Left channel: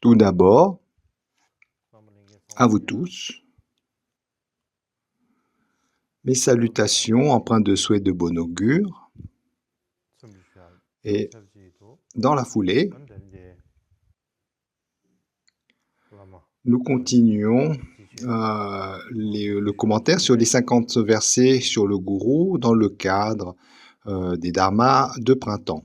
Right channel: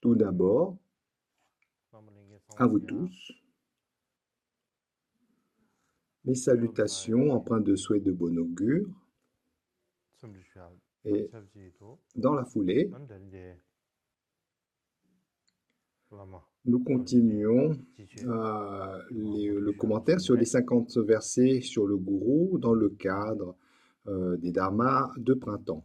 Tout d'abord, à vous tous, mes salutations empreintes de souhaits de bon augure. Et dans la foulée, nous continuons le commentaire sur les 50 versets sur le gourou dans le cadre des dharmas de printemps.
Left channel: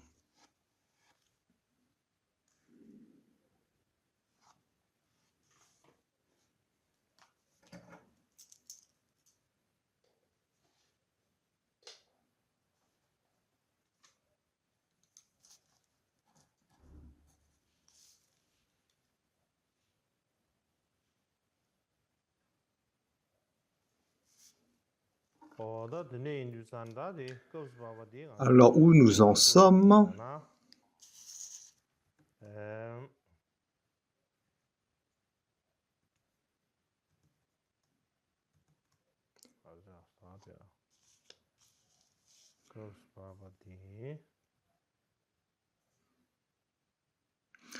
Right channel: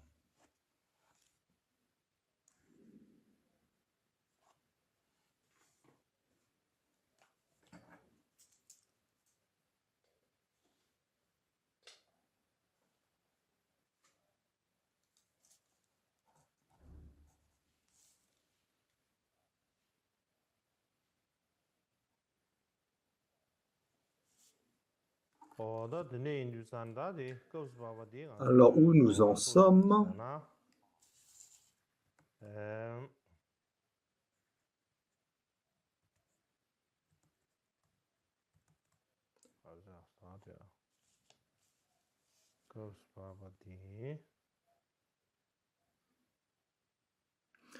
Alors, où nous en sommes?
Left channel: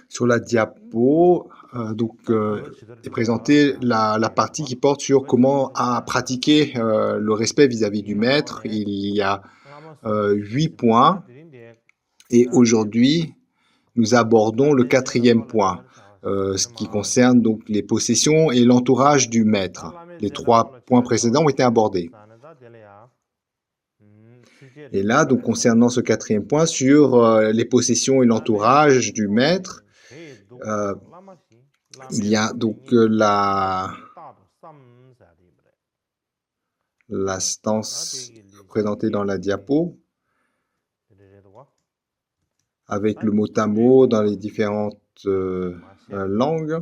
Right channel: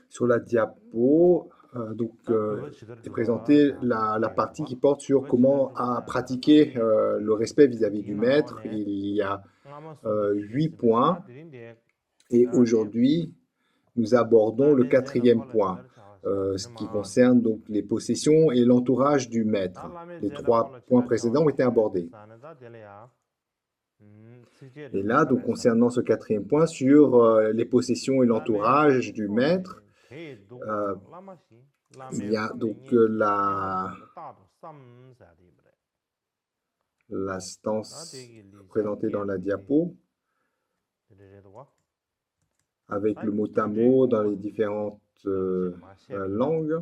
Sur la diapo, est présentée la partie qui porte sur comment pratiquer le respect vis-à-vis du maître. Il y a 8 points et aujourd'hui, nous abordons le 4e point, ce qui concerne donc les possessions et l'entourage du maître. Les 3 points précédents ont été abordés. Et là, donc, concernant ce 4e point sur les possessions et l'entourage du maître, il y a donc la stance présentée dans la diapo avec le mot à mot dans les différentes langues.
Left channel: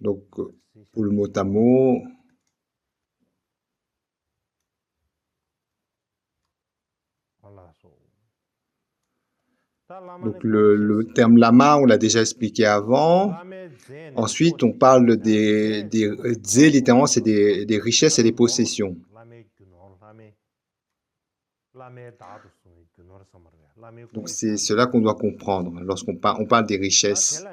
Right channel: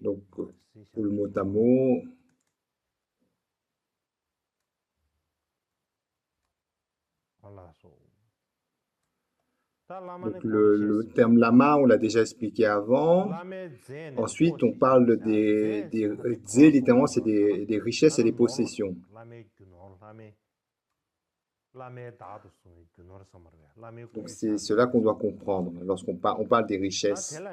Donc, pour le mot à mot, donc le terme lama, on l'a déjà expliqué avant. Ensuite, on parle des zé, littéralement, c'est des richesses et des possessions. Donc, c'est cela qu'on doit comprendre lorsqu'on parle des richesses.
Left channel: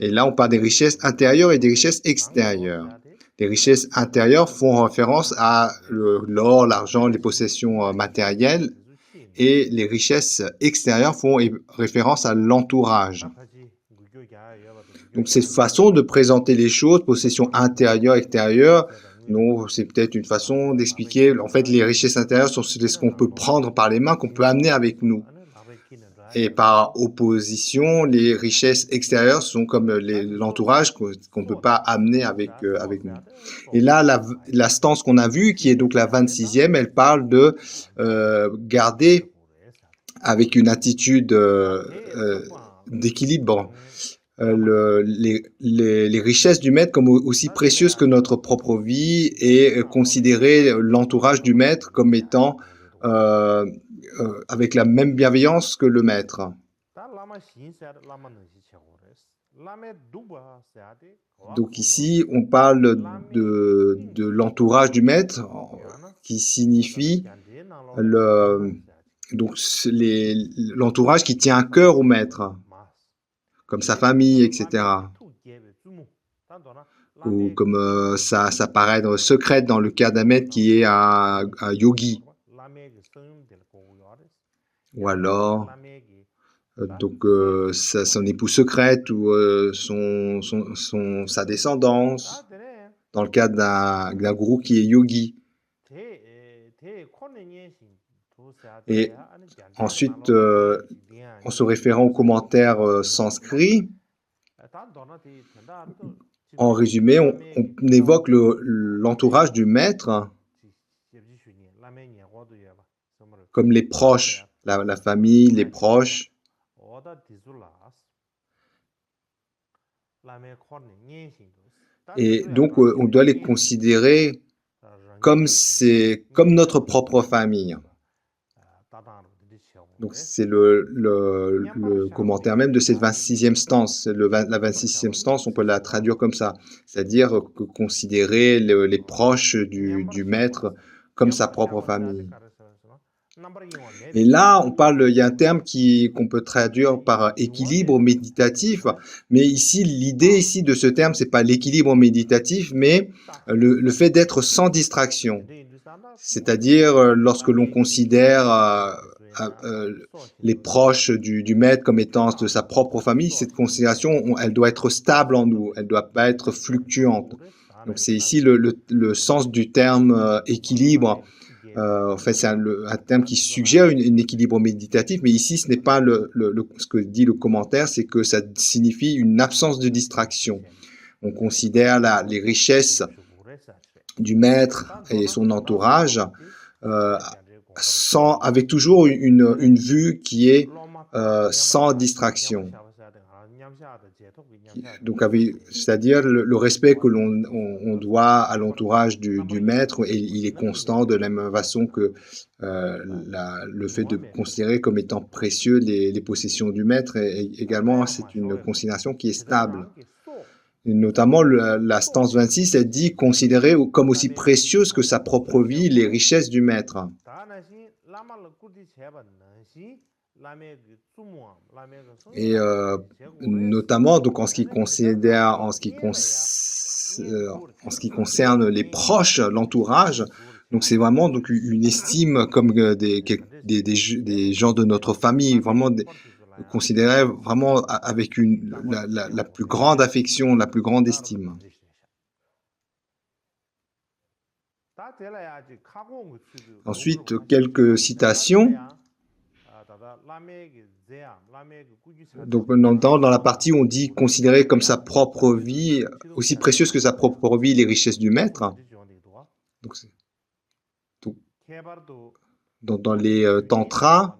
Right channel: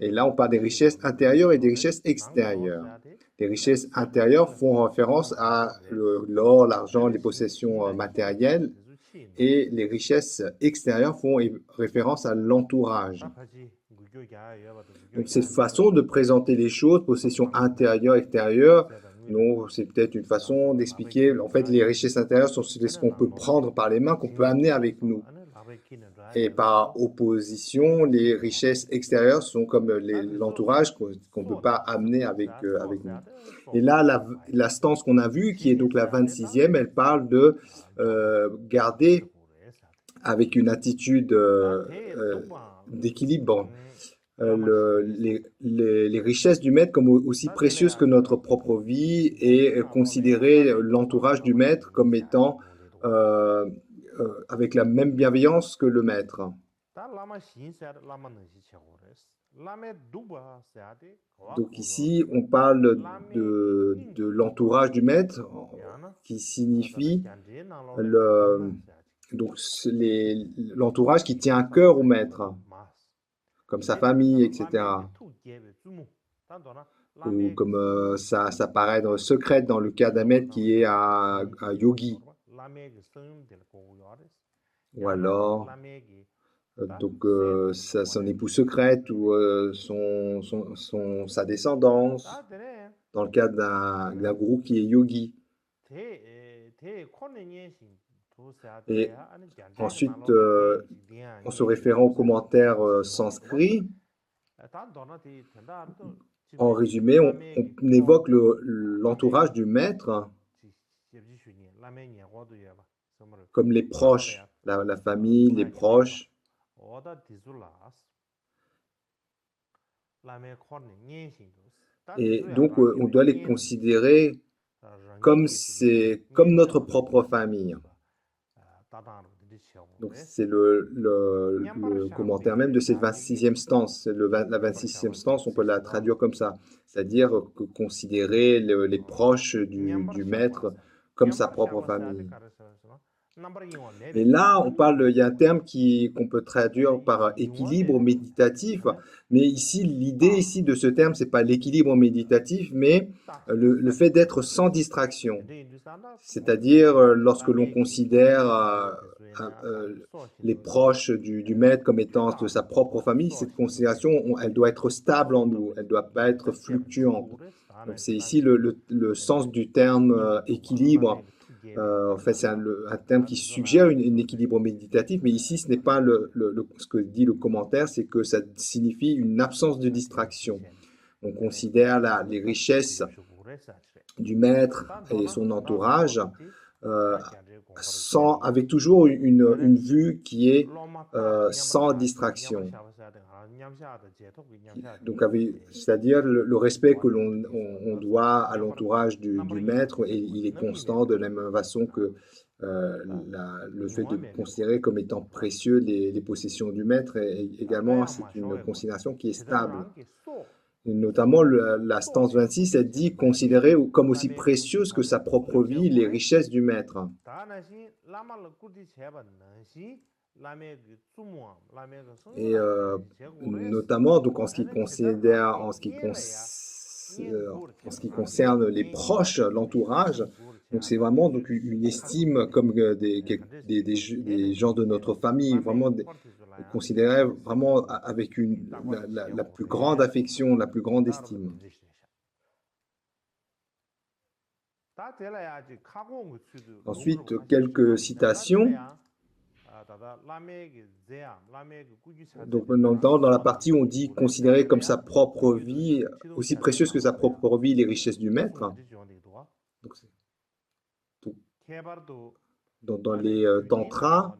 Et là, on parle des richesses intérieures et des richesses extérieures. Les richesses intérieures font référence à l'or, l'argent, les possessions matérielles. Et les richesses extérieures font référence à l'entourage. Donc, cette façon de présenter les choses, possession intérieure, extérieure, c'est peut-être une façon d'expliquer. En fait, les richesses intérieures sont ce qu'on peut prendre par les mains, qu'on peut amener avec nous. Et par opposition, les richesses extérieures sont comme l'entourage qu'on ne peut pas amener avec nous. Et là, la stance qu'on a vue, qui est donc la 26e, elle parle de garder avec une attitude d'équilibre les richesses du maître comme aussi précieuses que notre propre vie et considérer l'entourage du maître comme étant avec la même bienveillance que le maître. Donc ici, on parle de l'entourage du maître, qui signifie l'entourage qui tient à cœur au maître, comme sa famille, etc. Ou comme ça paraît secrète dans le cas d'un maître qui est un yogi. Ou alors, son épouse secrète ou sa descendance, dans le cas d'un gourou qui est yogi. Et ensuite, en se référant aux commentaires sanscrits, en résumé, on évoque l'entourage du maître comme les proches, la famille, les proches. Et donc, on doit les considérer comme notre propre famille. Donc, c'est le commentaire même de cette 26e stance. La 26e stance, on peut la traduire comme ça, c'est-à-dire que considérer les proches du maître comme sa propre famille. Et là, il y a un terme qu'on peut traduire par équilibre méditatif, mais ici, l'idée ici de ce terme, c'est pas l'équilibre méditatif, mais le fait d'être sans distraction. C'est-à-dire, lorsque l'on considère les proches du maître comme étant de sa propre famille, cette considération, elle doit être stable en nous, elle doit pas être fluctuante. Donc, c'est ici le sens du terme équilibre. En fait, c'est un terme qui suggère un équilibre méditatif, mais ici, ce n'est pas ce que dit le commentaire, c'est que ça signifie une absence de distraction. On considère les richesses du maître et son entourage avec toujours une vue qui est sans distraction. Donc, c'est-à-dire le respect que on doit à l'entourage du maître, et il est constant de la même façon que le fait de considérer comme étant précieux les possessions du maître, et également, c'est une considération qui est stable. Et notamment, la stance 26, elle dit considérer comme aussi précieuses que sa propre vie les richesses du maître. Et notamment, donc en ce qui concerne les proches, l'entourage, donc c'est vraiment donc une estime comme des gens de notre famille, vraiment considérés vraiment avec la plus grande affection, la plus grande estime. Ensuite, quelques citations. Donc, dans la partie où on dit considérer comme sa propre vie, aussi précieuse que sa propre vie, les richesses du maître. Donc, dans les tantras,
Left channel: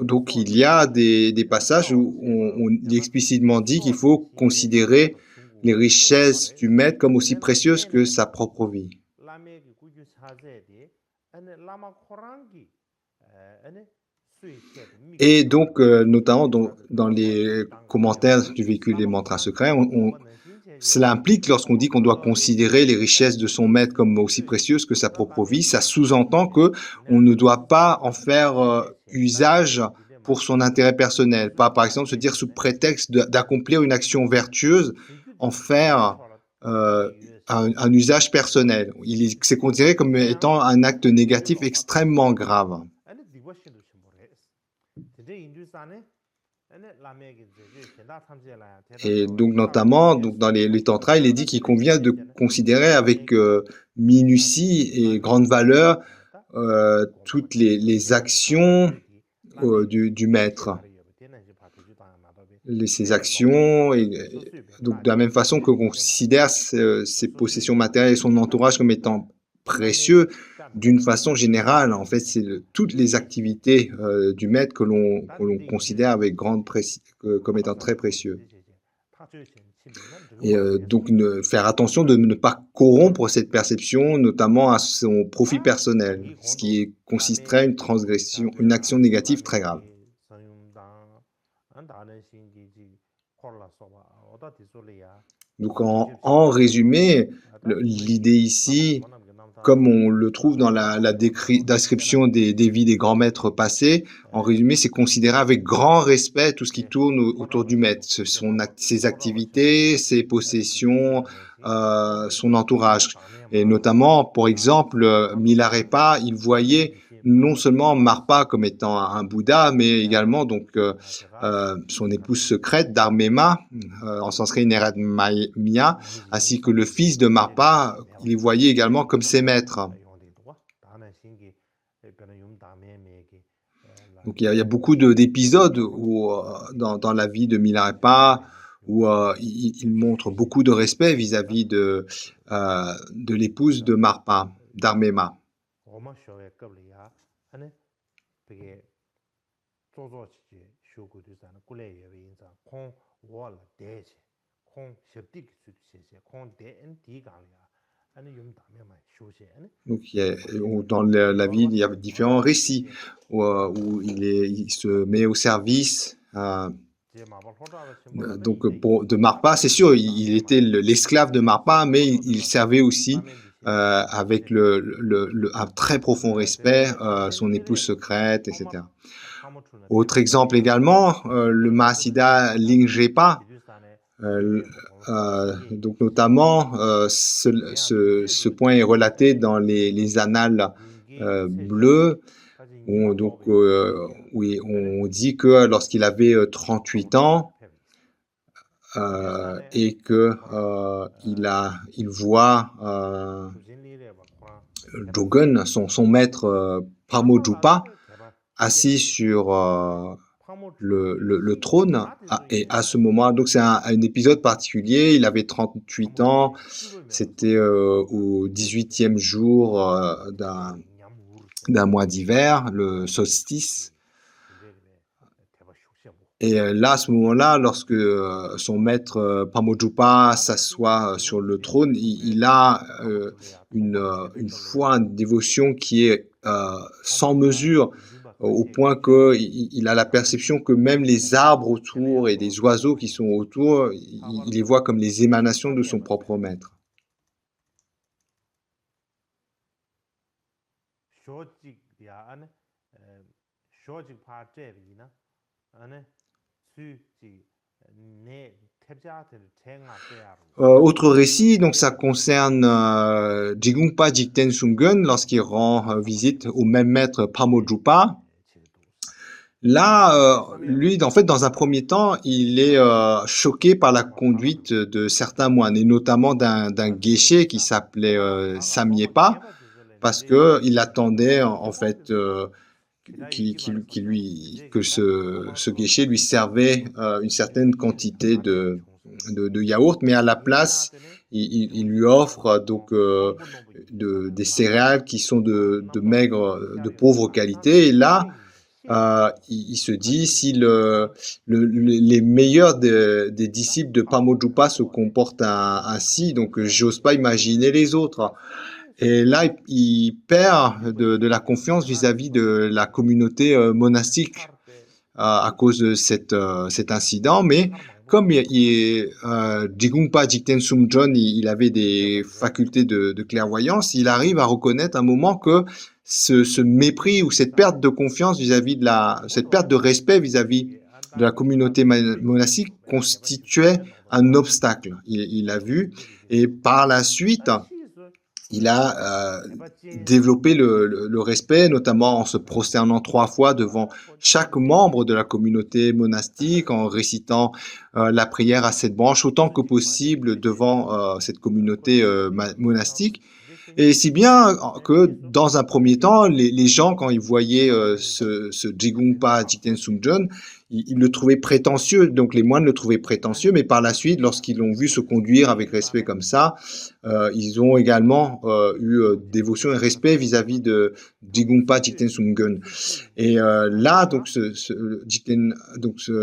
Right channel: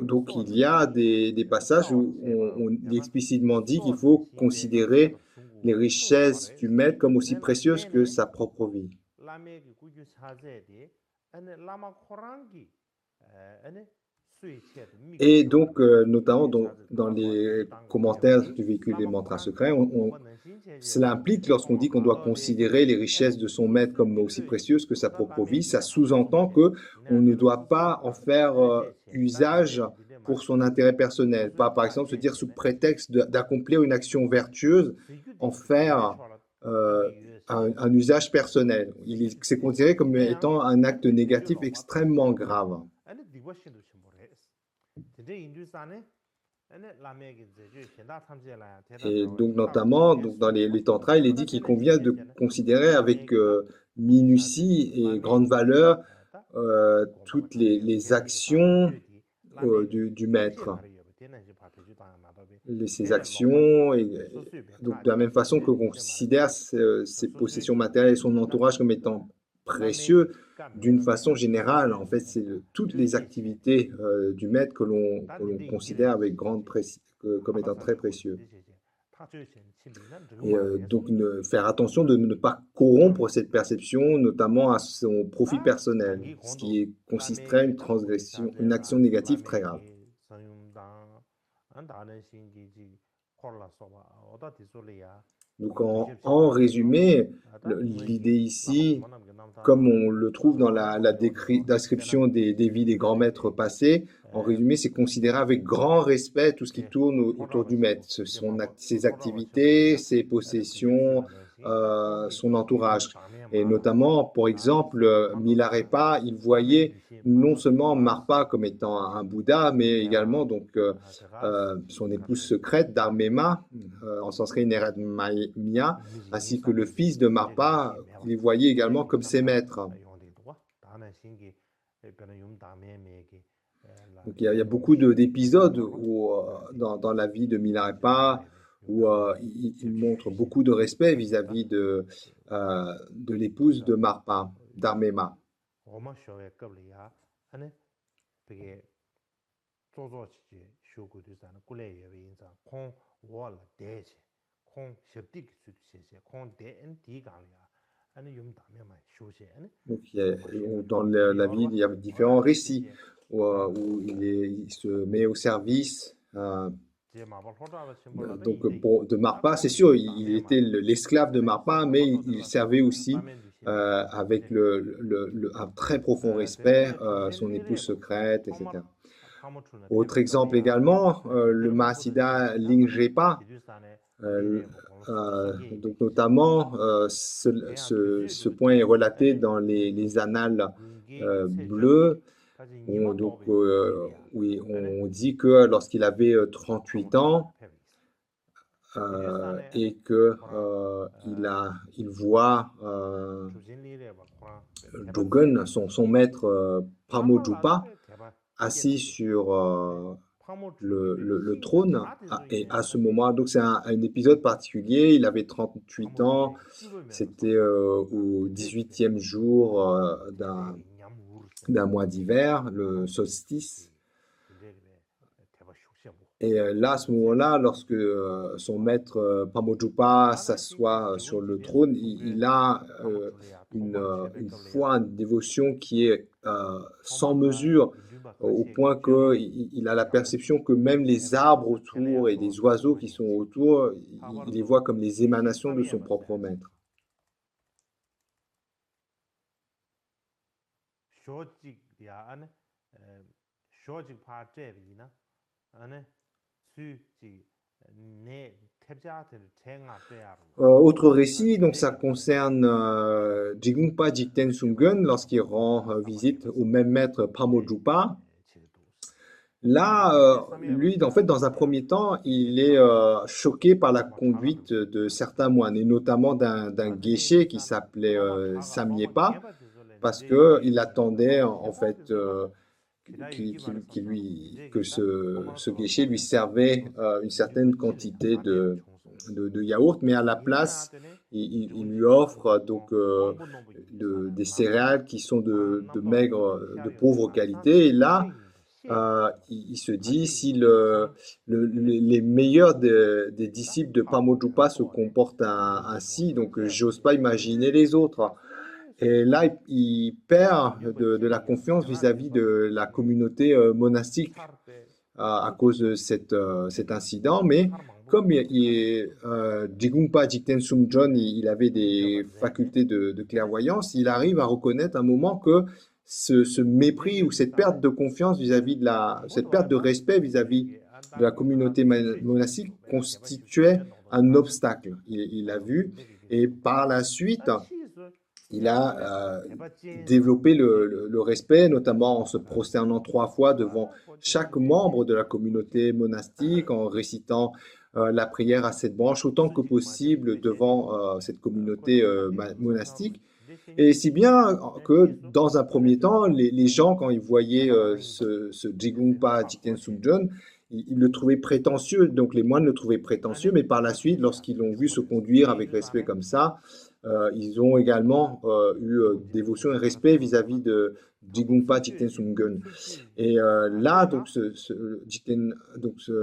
donc il y a des passages où on explicitement dit qu'il faut considérer les richesses du maître comme aussi précieuses que sa propre vie. Et donc, notamment dans les commentaires du véhicule des mantras secrets, cela implique, lorsqu'on dit qu'on doit considérer les richesses de son maître comme aussi précieuses que sa propre vie, ça sous-entend que on ne doit pas en faire usage pour son intérêt personnel. Pas, par exemple, se dire sous prétexte d'accomplir une action vertueuse, en faire un usage personnel. C'est considéré comme étant un acte négatif extrêmement grave. Et donc, notamment, dans les tantras, il est dit qu'il convient de considérer avec minutie et grande valeur toutes les actions du maître. Ses actions, donc de la même façon que l'on considère ses possessions matérielles et son entourage comme étant précieux, d'une façon générale, en fait, c'est toutes les activités du maître que l'on considère avec comme étant très précieux. Et donc, faire attention de ne pas corrompre cette perception, notamment à son profit personnel, ce qui consisterait une transgression, une action négative très grave. Donc, en résumé, l'idée ici, comme on le trouve dans la description des vies des grands maîtres passés, en résumé, c'est considérer avec grand respect tout ce qui tourne autour du maître, ses activités, ses possessions, son entourage. Et notamment, pour exemple, Milarepa, il voyait non seulement Marpa comme étant un Bouddha, mais également donc son épouse secrète, Dharmema, en sanskrit Neradmaya, ainsi que le fils de Marpa, il les voyait également comme ses maîtres. Donc il y a beaucoup d'épisodes dans la vie de Milarepa où il montre beaucoup de respect vis-à-vis de l'épouse de Marpa, Dharmema. Donc, dans la ville, il y a différents récits où il se met au service. Donc, de Marpa, c'est sûr, il était l'esclave de Marpa, mais il servait aussi avec un très profond respect son épouse secrète, etc. Autre exemple également, le Mahasiddha Lingjepa. Donc notamment, ce point est relaté dans les annales bleues, où on dit que lorsqu'il avait 38 ans et que il voit Jogen, son maître Pramojupa, assis sur le trône, et à ce moment, donc c'est un épisode particulier, il avait 38 ans, c'était au 18e jour d'un mois d'hiver, le solstice. Et là, à ce moment-là, lorsque son maître Pramojupa s'assoit sur le trône, il a une foi, une dévotion qui est sans mesure, au point qu'il a la perception que même les arbres autour et les oiseaux qui sont autour, il les voit comme les émanations de son propre maître. Autre récit, donc ça concerne Jigungpa Jigten Sumgun lorsqu'il rend visite au même maître Pramojupa. Là, lui, en fait, dans un premier temps, il est choqué par la conduite de certains moines, et notamment d'un geshe qui s'appelait Samyepa, parce qu'il attendait en fait que ce geshe lui servait une certaine quantité de yaourt, mais à la place, il lui offre donc des céréales qui sont de pauvre qualité. Et là, il se dit, si les meilleurs des disciples de Pramojupa se comportent ainsi, donc j'ose pas imaginer les autres. Et là, il perd de la confiance vis-à-vis de la communauté monastique à cause de cet incident. Mais comme Jigungpa Jigten Sumjon, il avait des facultés de clairvoyance, il arrive à reconnaître un moment que ce mépris ou cette perte de confiance vis-à-vis cette perte de respect vis-à-vis de la communauté monastique constituait un obstacle. Il l'a vu, et par la suite, il a développé le respect, notamment en se prosternant 3 fois devant chaque membre de la communauté monastique, en récitant la prière à 7 branches autant que possible devant cette communauté monastique. Et si bien que, dans un premier temps, les gens, quand ils voyaient ce Jigungpa Jigten Sumjon, ils le trouvaient prétentieux, donc les moines le trouvaient prétentieux, mais par la suite, lorsqu'ils l'ont vu se conduire avec respect comme ça, ils ont également eu dévotion et respect vis-à-vis de Jigungpa Jigten Sumgon. Et là, donc ce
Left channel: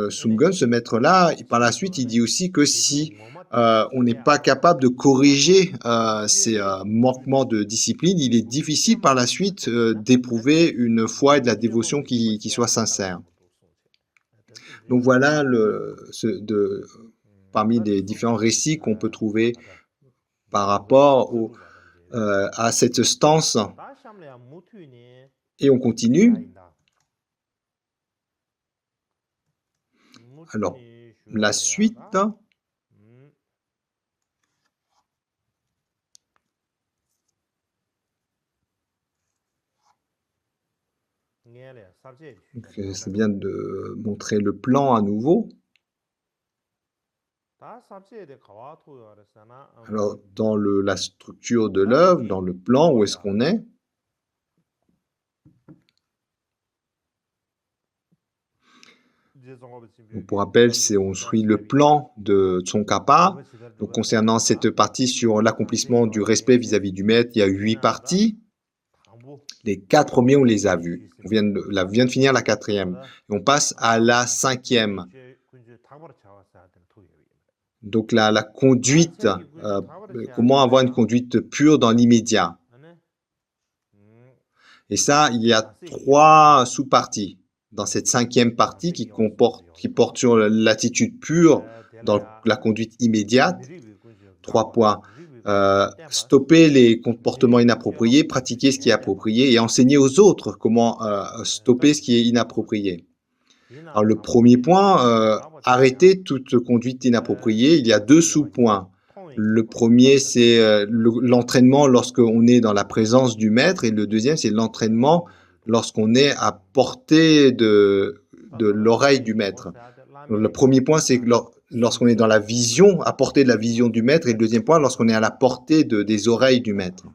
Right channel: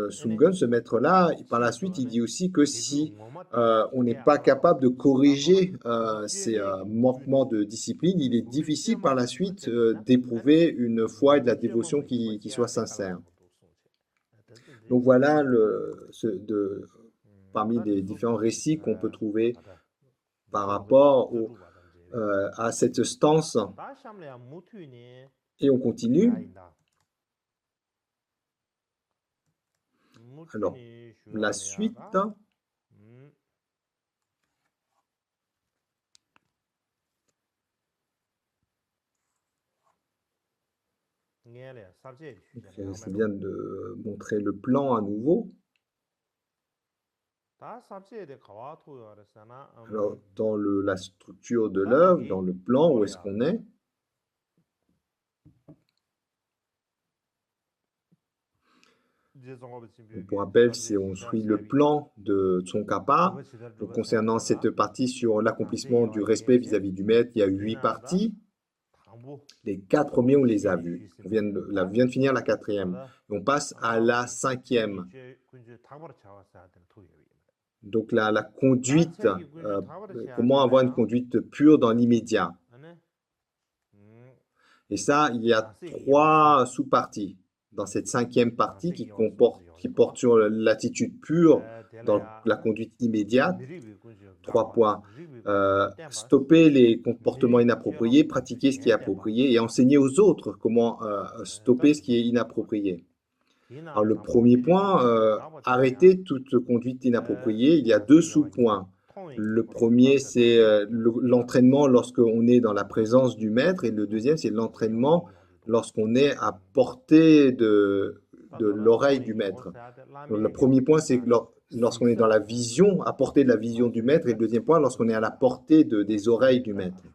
Sumgon, ce maître-là, par la suite, il dit aussi que si on n'est pas capable de corriger ces manquements de discipline, il est difficile par la suite d'éprouver une foi et de la dévotion qui soit sincère. Donc voilà parmi les différents récits qu'on peut trouver par rapport à cette stance. Et on continue. Alors, la suite. C'est bien de montrer le plan à nouveau. Alors, dans la structure de l'œuvre, dans le plan, où est-ce qu'on est? Pour rappel, on suit le plan de Tsongkhapa. Donc, concernant cette partie sur l'accomplissement du respect vis-à-vis du maître, il y a 8 parties. Les 4 premiers, on les a vus. On vient de finir la 4e. On passe à la 5e. Donc la conduite, comment avoir une conduite pure dans l'immédiat. Et ça, il y a 3 sous-parties dans cette 5e partie qui porte sur l'attitude pure dans la conduite immédiate. 3 points. Stopper les comportements inappropriés, pratiquer ce qui est approprié et enseigner aux autres comment stopper ce qui est inapproprié. Alors le premier point, arrêter toute conduite inappropriée. Il y a 2 sous-points. Le premier, c'est l'entraînement lorsqu'on est dans la présence du maître, et le deuxième, c'est l'entraînement lorsqu'on est à portée de l'oreille du maître. Donc, le premier point, c'est lorsqu'on est dans la vision, à portée de la vision du maître, et le deuxième point, lorsqu'on est à la portée des oreilles du maître.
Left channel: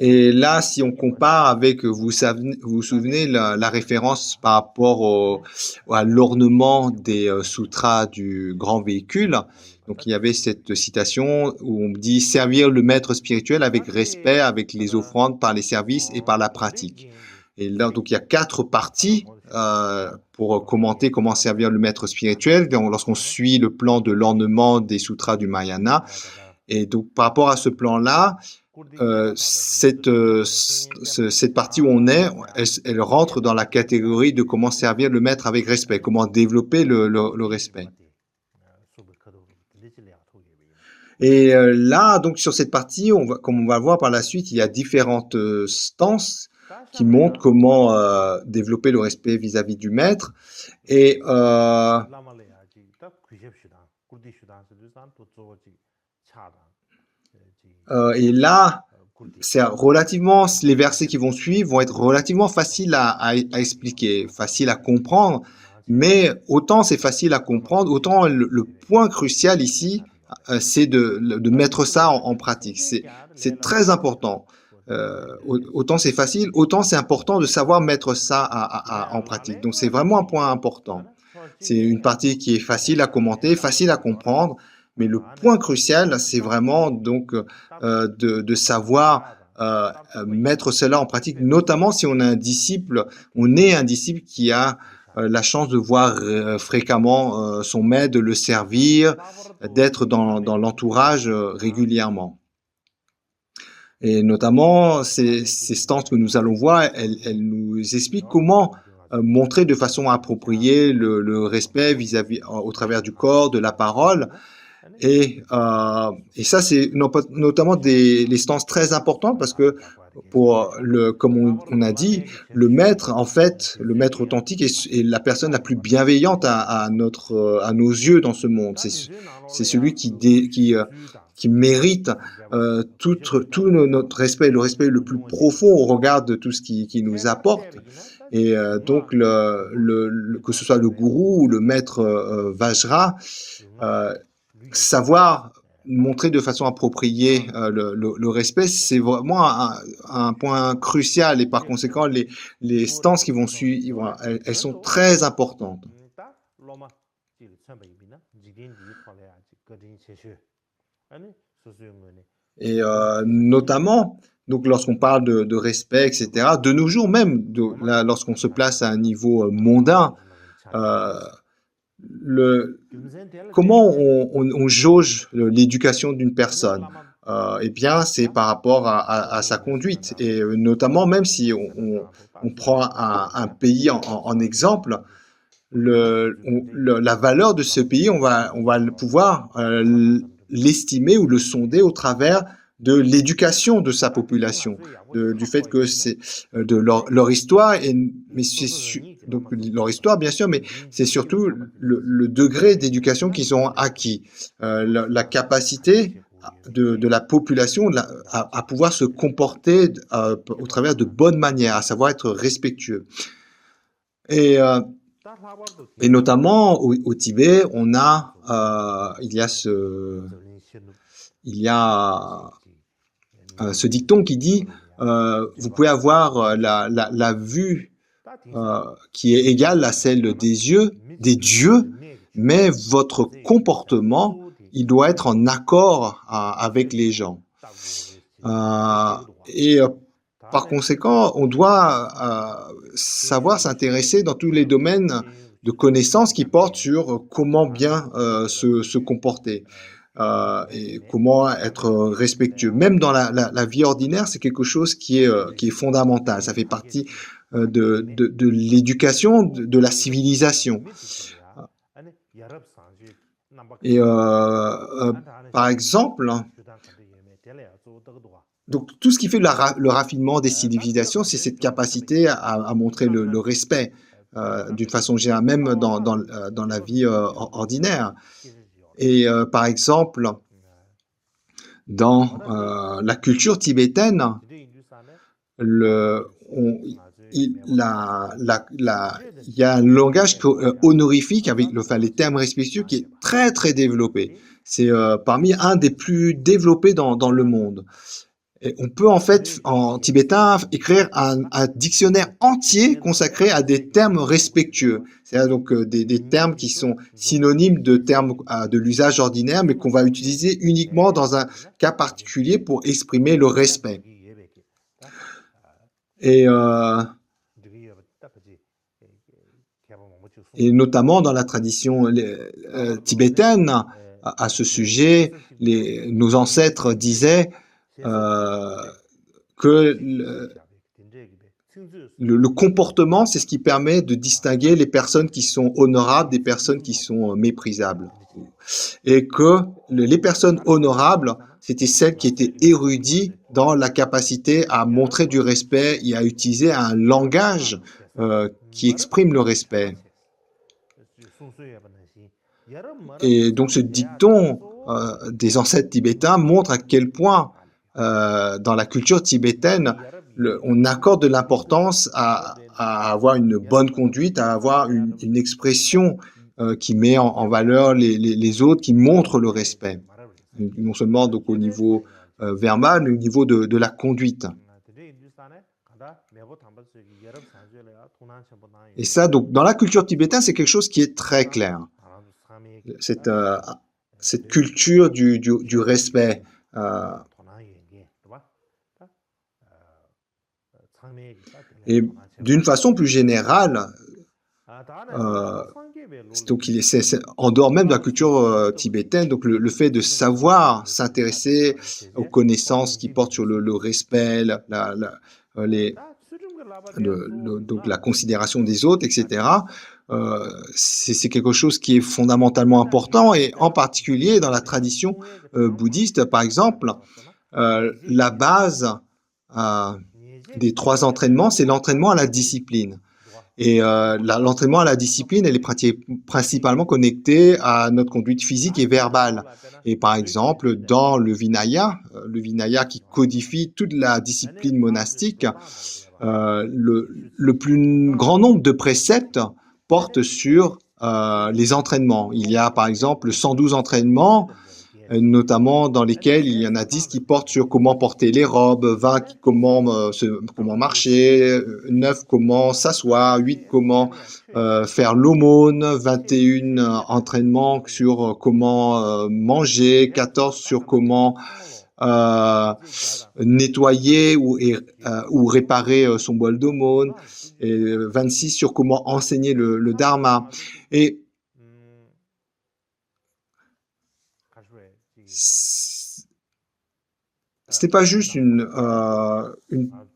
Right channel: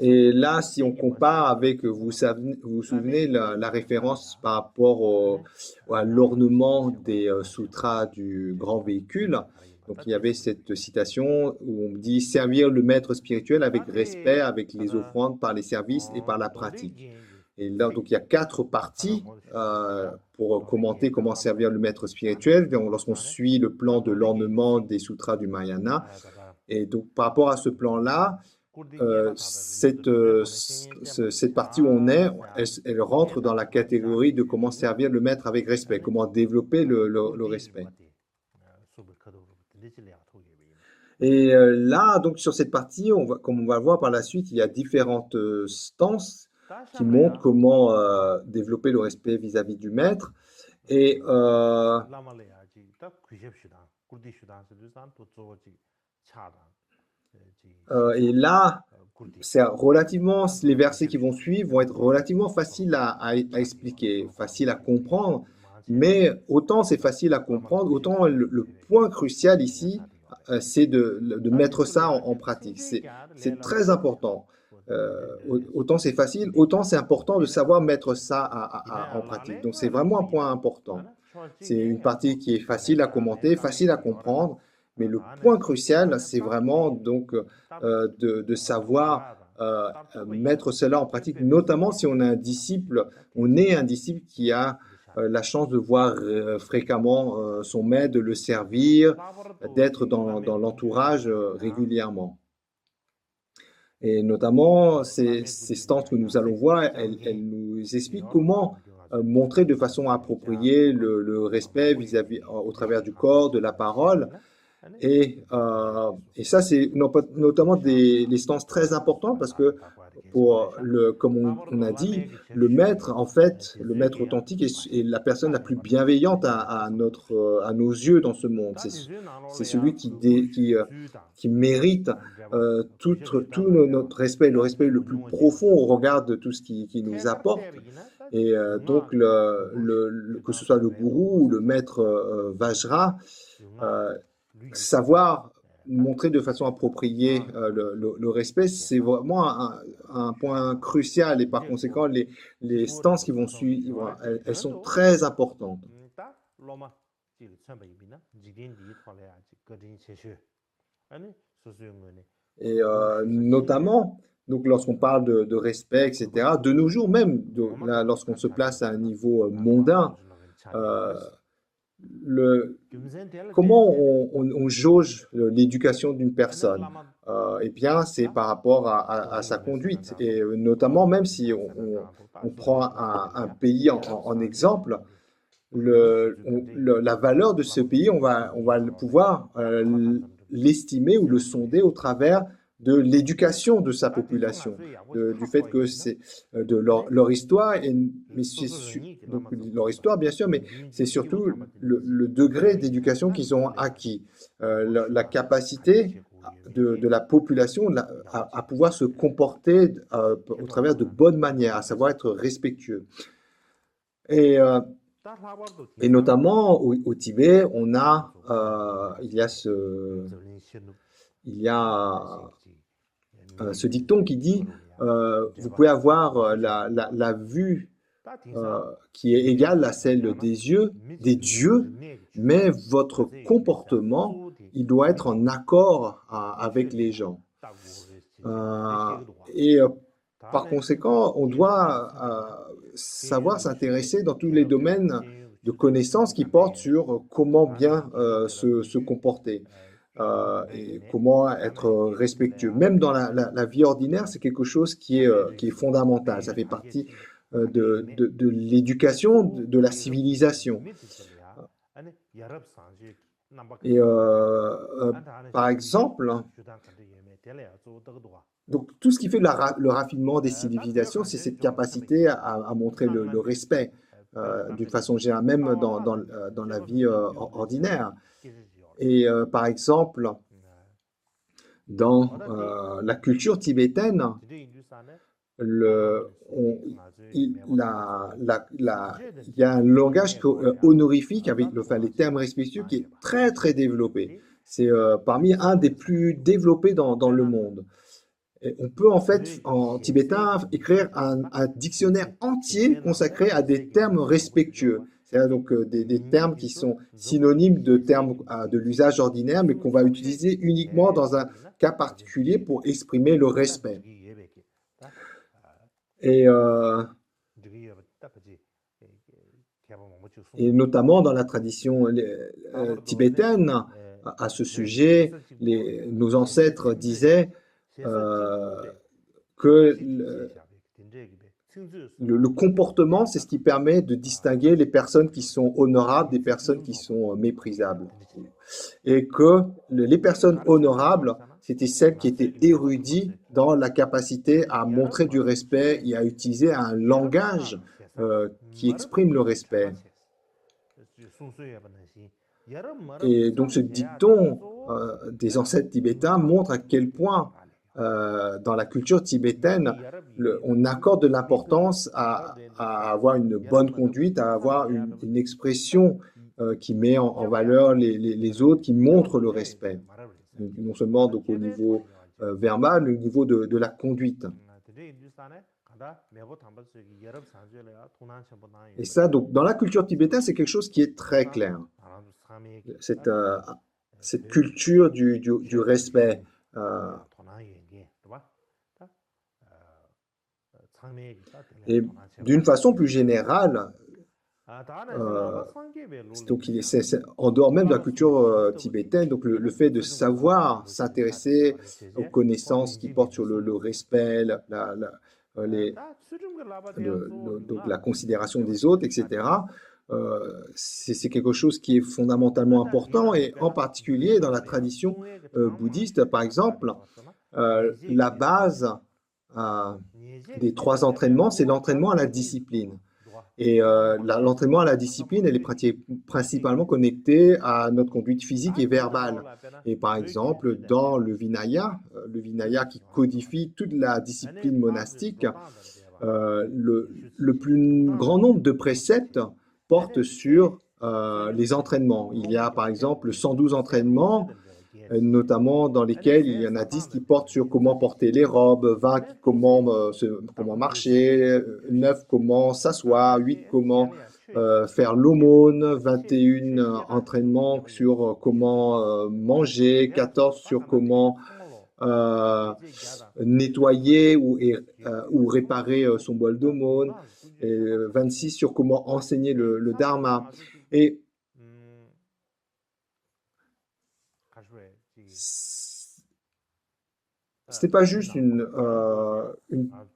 Et là, si on compare avec, vous vous souvenez, la référence par rapport à l'ornement des sutras du grand véhicule. Donc, il y avait cette citation où on dit « servir le maître spirituel avec respect, avec les offrandes, par les services et par la pratique ». Et là, donc, il y a 4 parties pour commenter comment servir le maître spirituel lorsqu'on suit le plan de l'ornement des sutras du Mahayana. Et donc, par rapport à ce plan-là, cette partie où on est, elle rentre dans la catégorie de comment servir le maître avec respect, comment développer le respect. Et là, donc sur cette partie, comme on va voir par la suite, il y a différentes stances qui montrent comment développer le respect vis-à-vis du maître. Et là, les versets qui vont suivre vont être relativement faciles à expliquer, faciles à comprendre, mais autant c'est facile à comprendre, autant le point crucial ici, c'est de mettre ça en pratique. C'est très important. Autant c'est facile, autant c'est important de savoir mettre ça en pratique. Donc c'est vraiment un point important. C'est une partie qui est facile à commenter, facile à comprendre, mais le point crucial, c'est vraiment donc de savoir mettre cela en pratique, notamment si on est un disciple qui a la chance de voir fréquemment son maître, de le servir, d'être dans l'entourage régulièrement. Et notamment, ces stances que nous allons voir, elles nous expliquent comment montrer de façon appropriée le respect au travers du corps, de la parole. Et ça, c'est notamment les stances très importantes parce que, comme on a dit, le maître, en fait, le maître authentique est la personne la plus bienveillante à nos yeux dans ce monde. C'est celui qui mérite tout notre respect, le respect le plus profond au regard de tout ce qu'il nous apporte. Et donc, que ce soit le gourou ou le maître Vajra, savoir montrer de façon appropriée le respect, c'est vraiment un point crucial, et par conséquent, les stances qui vont suivre, elles sont très importantes. Et notamment, donc lorsqu'on parle de respect, etc., de nos jours même, lorsqu'on se place à un niveau mondain, comment on jauge l'éducation d'une personne? Eh bien, c'est par rapport à sa conduite. Et notamment, même si on prend un pays en exemple, la valeur de ce pays, on va pouvoir l'estimer ou le sonder au travers de l'éducation de sa population, du fait que c'est de leur histoire, donc leur histoire bien sûr, mais c'est surtout le degré d'éducation qu'ils ont acquis, la capacité de la population à pouvoir se comporter au travers de bonnes manières, à savoir être respectueux. Et notamment au Tibet, il y a ce dicton qui dit vous pouvez avoir la vue qui est égale à celle des dieux, mais votre comportement, il doit être en accord avec les gens. Et par conséquent, on doit savoir s'intéresser dans tous les domaines de connaissances qui portent sur comment bien se comporter et comment être respectueux. Même dans la vie ordinaire, c'est quelque chose qui est fondamental. Ça fait partie de l'éducation, de la civilisation. Et par exemple, donc tout ce qui fait le raffinement des civilisations, c'est cette capacité à montrer le respect d'une façon générale, même dans la vie ordinaire. Et par exemple, dans la culture tibétaine, il y a un langage honorifique avec les termes respectueux qui est très très développé. C'est parmi un des plus développés dans le monde. Et on peut en fait, en tibétain, écrire un dictionnaire entier consacré à des termes respectueux. C'est-à-dire donc des termes qui sont synonymes de termes de l'usage ordinaire, mais qu'on va utiliser uniquement dans un cas particulier pour exprimer le respect. Et notamment dans la tradition tibétaine, à ce sujet, nos ancêtres disaient que le comportement, c'est ce qui permet de distinguer les personnes qui sont honorables des personnes qui sont méprisables. Et que les personnes honorables, c'était celles qui étaient érudites dans la capacité à montrer du respect et à utiliser un langage qui exprime le respect. Et donc ce dicton des ancêtres tibétains montre à quel point dans la culture tibétaine, on accorde de l'importance à avoir une bonne conduite, à avoir une expression qui met en valeur les autres, qui montre le respect. Non seulement donc, au niveau verbal, mais au niveau de la conduite. Et ça, donc, dans la culture tibétaine, c'est quelque chose qui est très clair. Cette culture du respect. Et d'une façon plus générale, donc c'est en dehors même de la culture tibétaine, donc le fait de savoir s'intéresser aux connaissances qui portent sur le respect, donc la considération des autres, etc., c'est quelque chose qui est fondamentalement important, et en particulier dans la tradition bouddhiste, par exemple, la base des 3 entraînements, c'est l'entraînement à la discipline. Et l'entraînement à la discipline, elle est principalement connectée à notre conduite physique et verbale. Et par exemple, dans le Vinaya qui codifie toute la discipline monastique, le plus grand nombre de préceptes portent sur les entraînements. Il y a par exemple 112 entraînements, notamment dans lesquels il y en a 10 qui portent sur comment porter les robes, 20 comment marcher, 9 comment s'asseoir, 8 comment faire l'aumône, 21 entraînements sur comment manger, 14 sur comment nettoyer ou réparer son bol d'aumône, et 26 sur comment enseigner le dharma. Et c'était pas juste une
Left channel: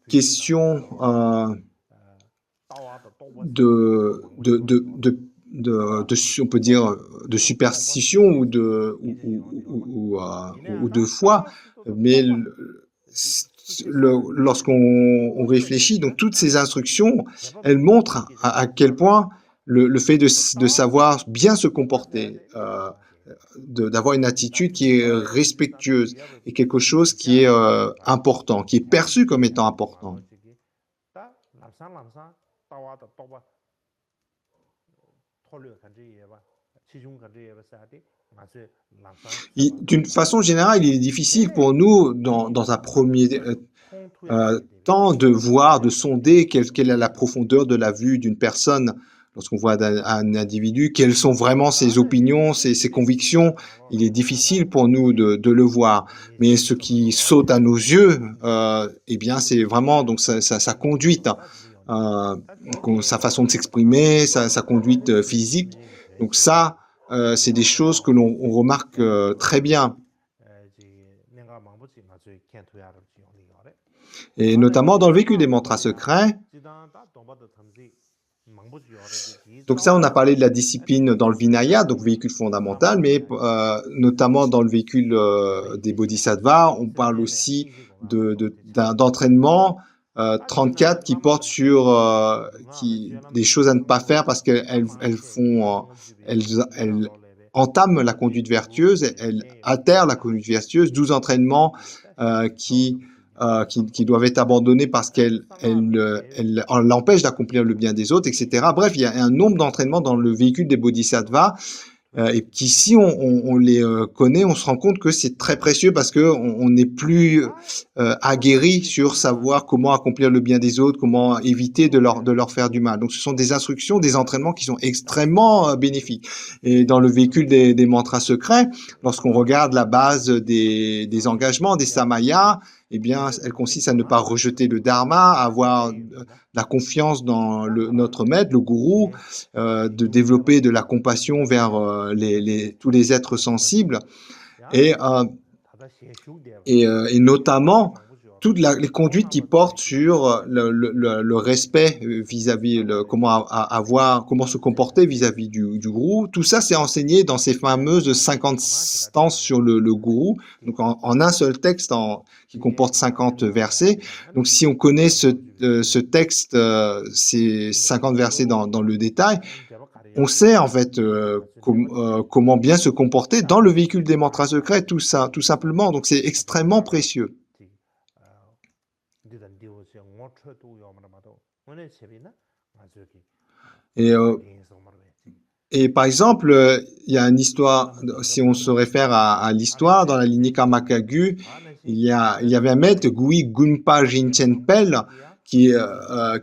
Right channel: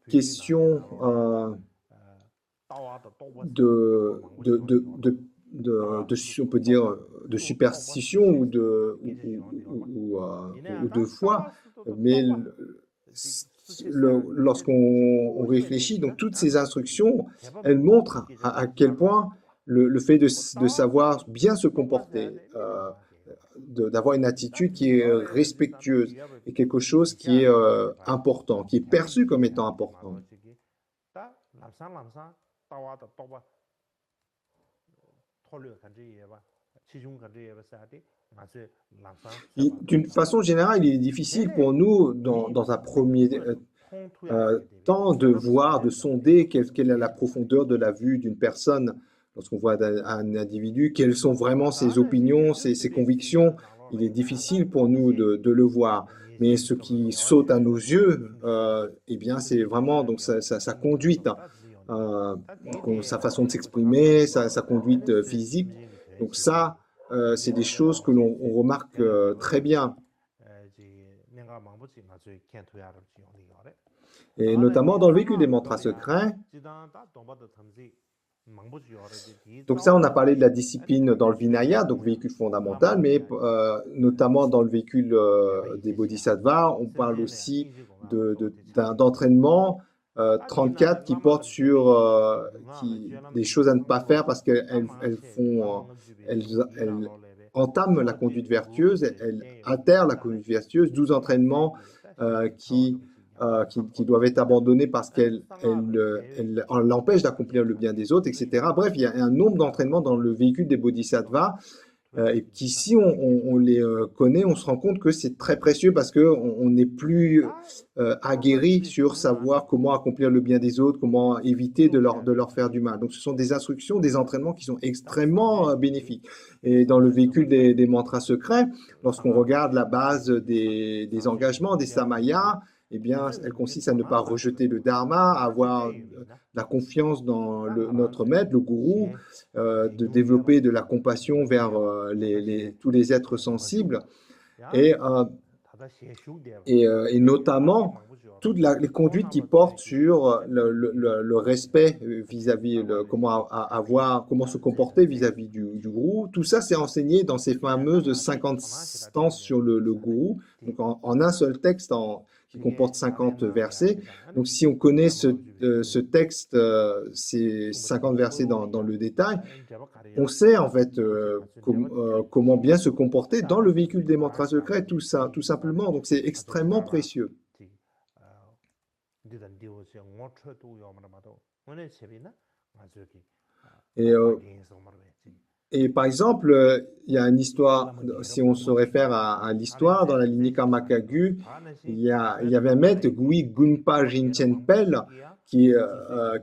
question on peut dire, de superstition ou de foi, mais lorsqu'on réfléchit, donc toutes ces instructions, elles montrent à quel point le fait de savoir bien se comporter, d'avoir une attitude qui est respectueuse, et quelque chose qui est important, qui est perçu comme étant important. D'une façon générale, il est difficile pour nous, dans un premier temps, de voir, de sonder quelle est la profondeur de la vue d'une personne Lorsqu'on voit un individu, quelles sont vraiment ses opinions, ses convictions, il est difficile pour nous de le voir. Mais ce qui saute à nos yeux, eh bien, c'est vraiment donc sa conduite, sa façon de s'exprimer, sa conduite physique. Donc ça, c'est des choses que l'on remarque très bien. Et notamment dans le véhicule des mantras secrets. Donc ça, on a parlé de la discipline dans le Vinaya, donc véhicule fondamental, mais notamment dans le véhicule des bodhisattvas, on parle aussi d'entraînement 34 qui porte sur des choses à ne pas faire parce qu'elles entament la conduite vertueuse, elles altèrent la conduite vertueuse, 12 entraînements qui doivent être abandonnés parce qu'elles l'empêchent d'accomplir le bien des autres, etc. Bref, il y a un nombre d'entraînements dans le véhicule des bodhisattvas et qui, si on les connaît, on se rend compte que c'est très précieux parce qu'on n'est plus aguerri sur savoir comment accomplir le bien des autres, comment éviter de leur faire du mal. Donc, ce sont des instructions, des entraînements qui sont extrêmement bénéfiques. Et dans le véhicule des mantras secrets, lorsqu'on regarde la base des engagements, des samayas, eh bien, elle consiste à ne pas rejeter le dharma, à avoir la confiance dans notre maître, le gourou, de développer de la compassion vers tous les êtres sensibles et notamment toutes les conduites qui portent sur le respect vis-à-vis, comment se comporter vis-à-vis du gourou. Tout ça, c'est enseigné dans ces fameuses 50 stances sur le gourou, donc en un seul texte qui comporte 50 versets. Donc, si on connaît ce texte, ces 50 versets dans le détail, on sait en fait comment bien se comporter dans le véhicule des mantras secrets, tout simplement. Donc, c'est extrêmement précieux. Et par exemple, il y a une histoire, si on se réfère à l'histoire, dans la lignée Karmakagu, il y avait un maître, Gui Gunpa Rinchen-Pel, qui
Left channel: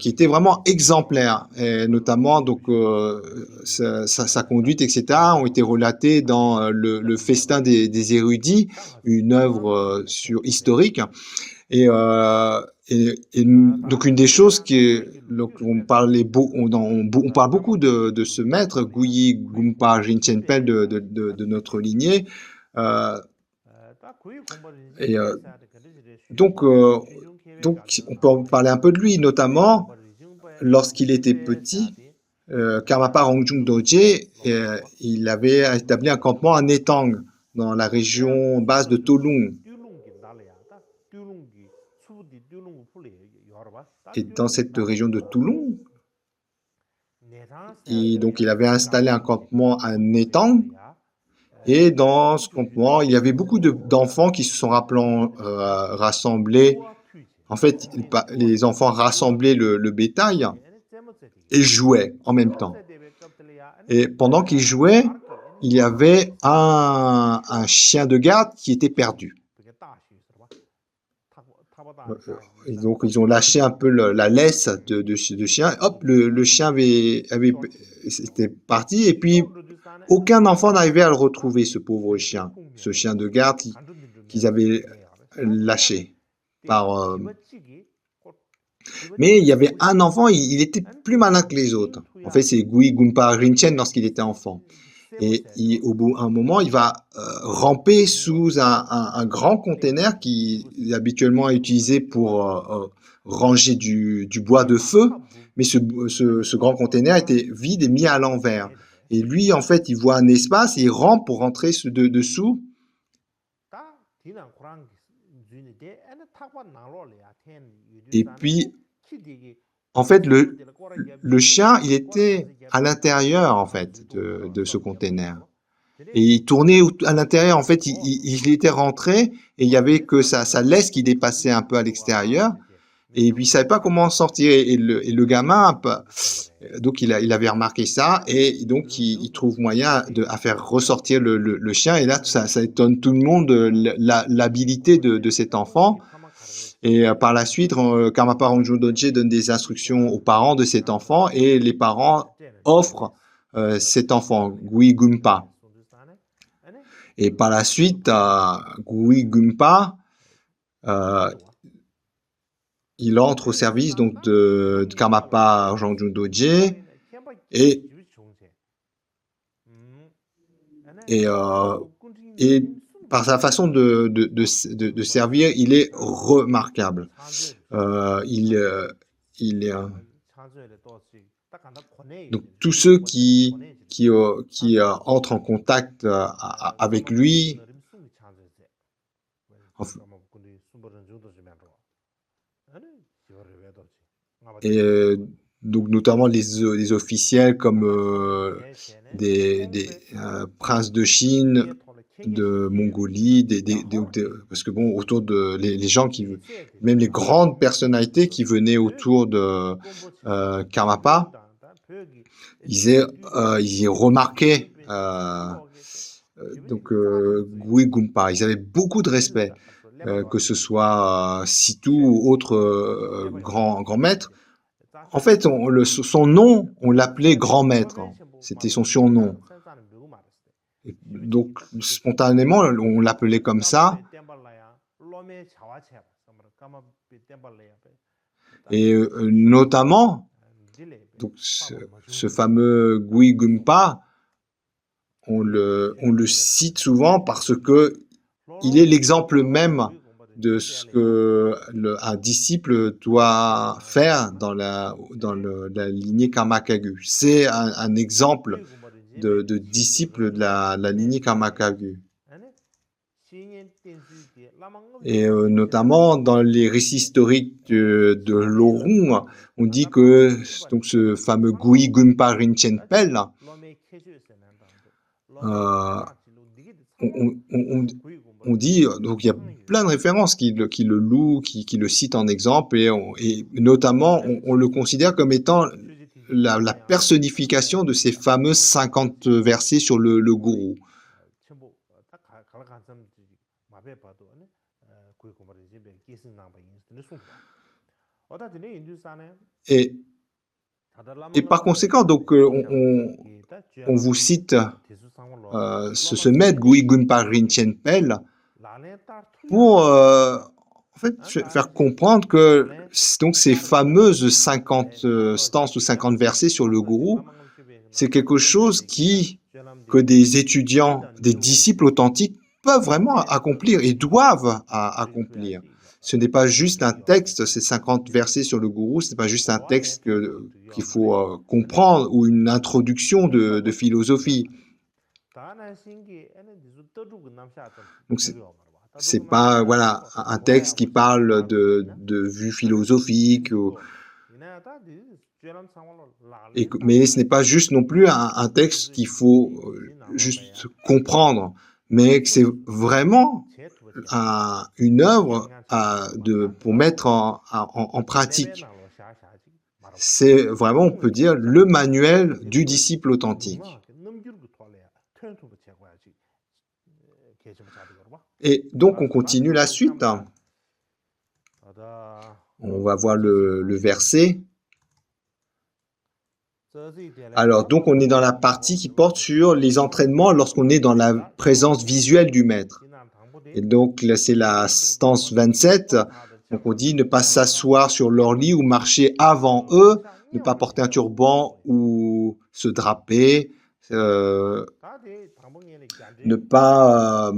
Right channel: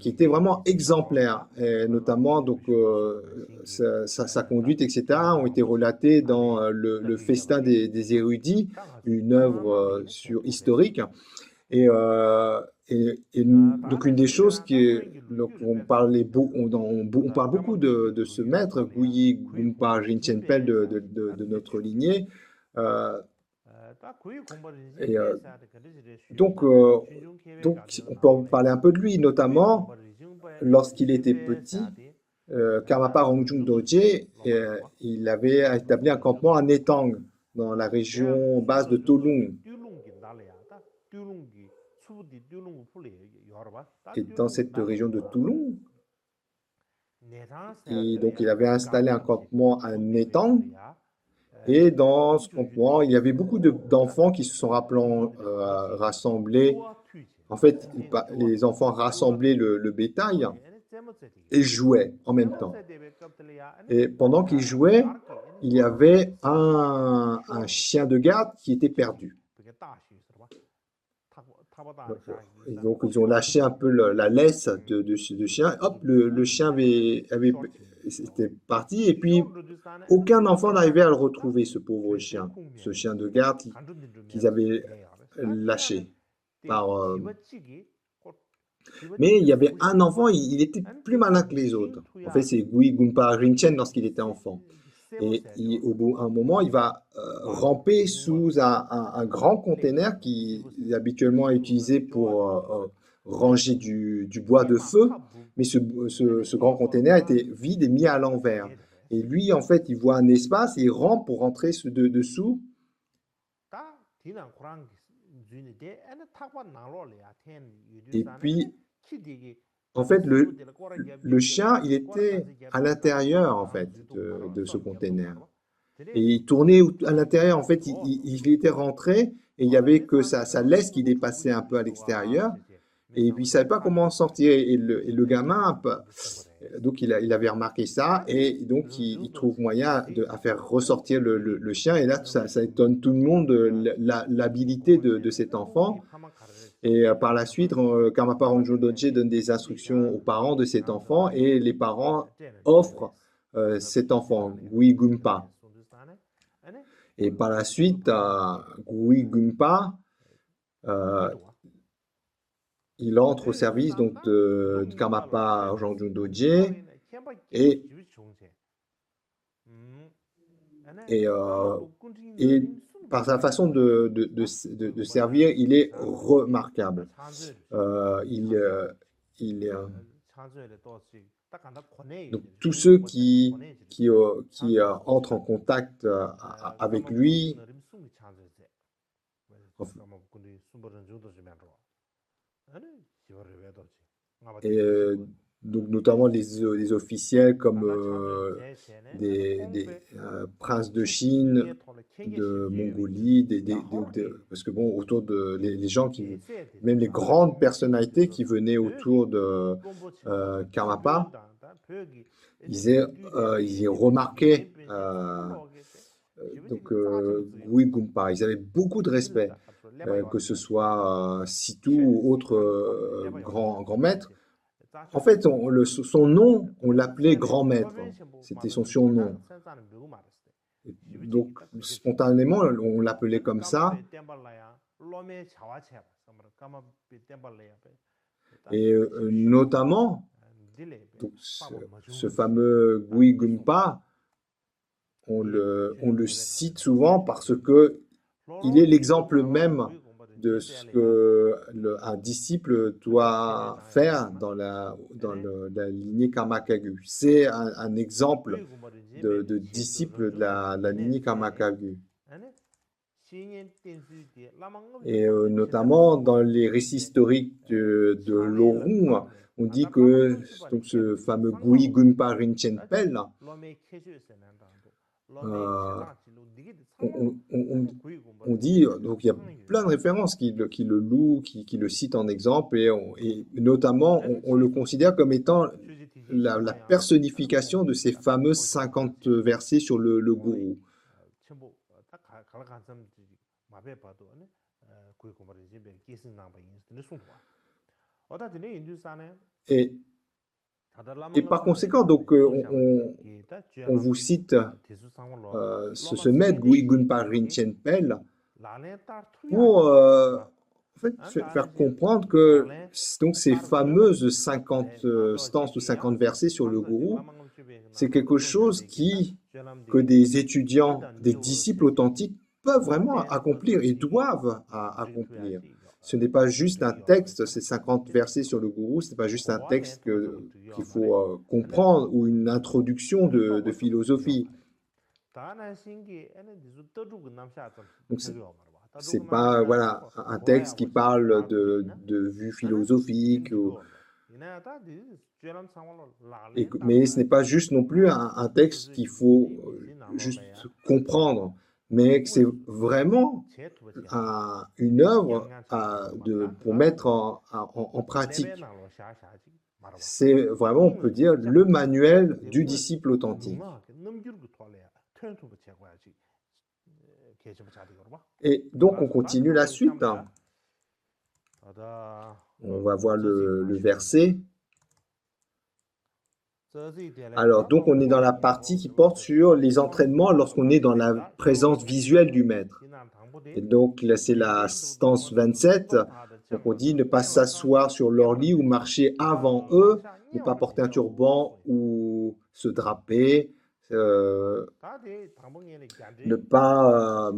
était vraiment exemplaire, et notamment donc sa conduite, etc., ont été relatées dans le Festin des érudits, une œuvre historique. Et donc une des choses on parle beaucoup de ce maître, Guyi Gumpa Rinchen-Pel de notre lignée. Donc on peut en parler un peu de lui, notamment lorsqu'il était petit, Karmapa Rongjung Dorje, il avait établi un campement à Netang, dans la région basse de Tolung. Et dans cette région de Toulon, donc il avait installé un campement à Netang, et dans ce campement, il y avait beaucoup d'enfants qui se sont rassemblés. En fait, les enfants rassemblaient le bétail et jouaient en même temps. Et pendant qu'ils jouaient, il y avait un chien de garde qui était perdu. Et donc, ils ont lâché un peu la laisse de chien. Hop, le chien c'était parti. Et puis, aucun enfant n'arrivait à le retrouver, ce pauvre chien. Ce chien de garde qu'ils avaient lâché. Mais il y avait un enfant, il était plus malin que les autres. En fait, c'est Gui Gunpa Rinchen lorsqu'il était enfant. Et au bout d'un moment, il va ramper sous un grand container qui habituellement est utilisé pour ranger du bois de feu. Mais ce grand container était vide et mis à l'envers. Et lui, en fait, il voit un espace et il rampe pour rentrer dessous. Et puis, en fait, le chien, il était à l'intérieur, en fait, de ce container. Et il tournait à l'intérieur. En fait, il était rentré et il n'y avait que sa laisse qui dépassait un peu à l'extérieur. Et puis, il ne savait pas comment sortir. Et le gamin, donc, il avait remarqué ça. Et donc, il trouve moyen à faire ressortir le chien. Et là, ça étonne tout le monde, l'habilité de cet enfant. Et par la suite, Karmapa Rangjo Dorje donne des instructions aux parents de cet enfant. Et les parents offrent cet enfant, Gui Gumpa. Et par la suite, Gui Gumpa, il entre au service donc, de Karmapa Rangjo Dorje et par sa façon de servir, il est remarquable. Donc, tous ceux qui entrent en contact avec lui, et donc notamment les officiels comme des princes de Chine, de Mongolie, parce que bon, autour de les gens même les grandes personnalités qui venaient autour de Karmapa, ils remarquaient donc Gui Gumpa. Ils avaient beaucoup de respect, que ce soit Situ ou autre grand maître. En fait, son nom, on l'appelait grand maître. C'était son surnom. Et donc, spontanément, on l'appelait comme ça. Et notamment, donc, ce fameux Gui Gumpa, on le cite souvent parce que il est l'exemple même de ce qu'un disciple doit faire dans la lignée Karma Kagyu. C'est un exemple de disciple de la lignée Karma Kagyu. Et notamment dans les récits historiques de Lorong, on dit que donc, ce fameux Gui Gumpa Rinchen Pel, on dit, donc il y a plein de références qui le louent, qui le citent en exemple, et notamment on le considère comme étant la personnification de ces fameux 50 versets sur le gourou. Et par conséquent, donc, on vous cite ce maître Gui Gumpa Rinchen Pel pour en fait, faire comprendre que donc, ces fameuses 50 stances ou 50 versets sur le gourou, c'est quelque chose que des étudiants, des disciples authentiques peuvent vraiment accomplir et doivent accomplir. Ce n'est pas juste un texte, ces 50 versets sur le gourou, ce n'est pas juste un texte qu'il faut comprendre ou une introduction de philosophie. Donc, c'est pas voilà, un texte qui parle de vue philosophique, mais ce n'est pas juste non plus un texte qu'il faut juste comprendre, mais que c'est vraiment une œuvre pour mettre en pratique. C'est vraiment, on peut dire, le manuel du disciple authentique. Et donc, on continue la suite. On va voir le verset. Alors, donc, on est dans la partie qui porte sur les entraînements lorsqu'on est dans la présence visuelle du maître. Et donc, là, c'est la stance 27. Donc, on dit ne pas s'asseoir sur leur lit ou marcher avant eux, ne pas porter un turban ou se draper, ne pas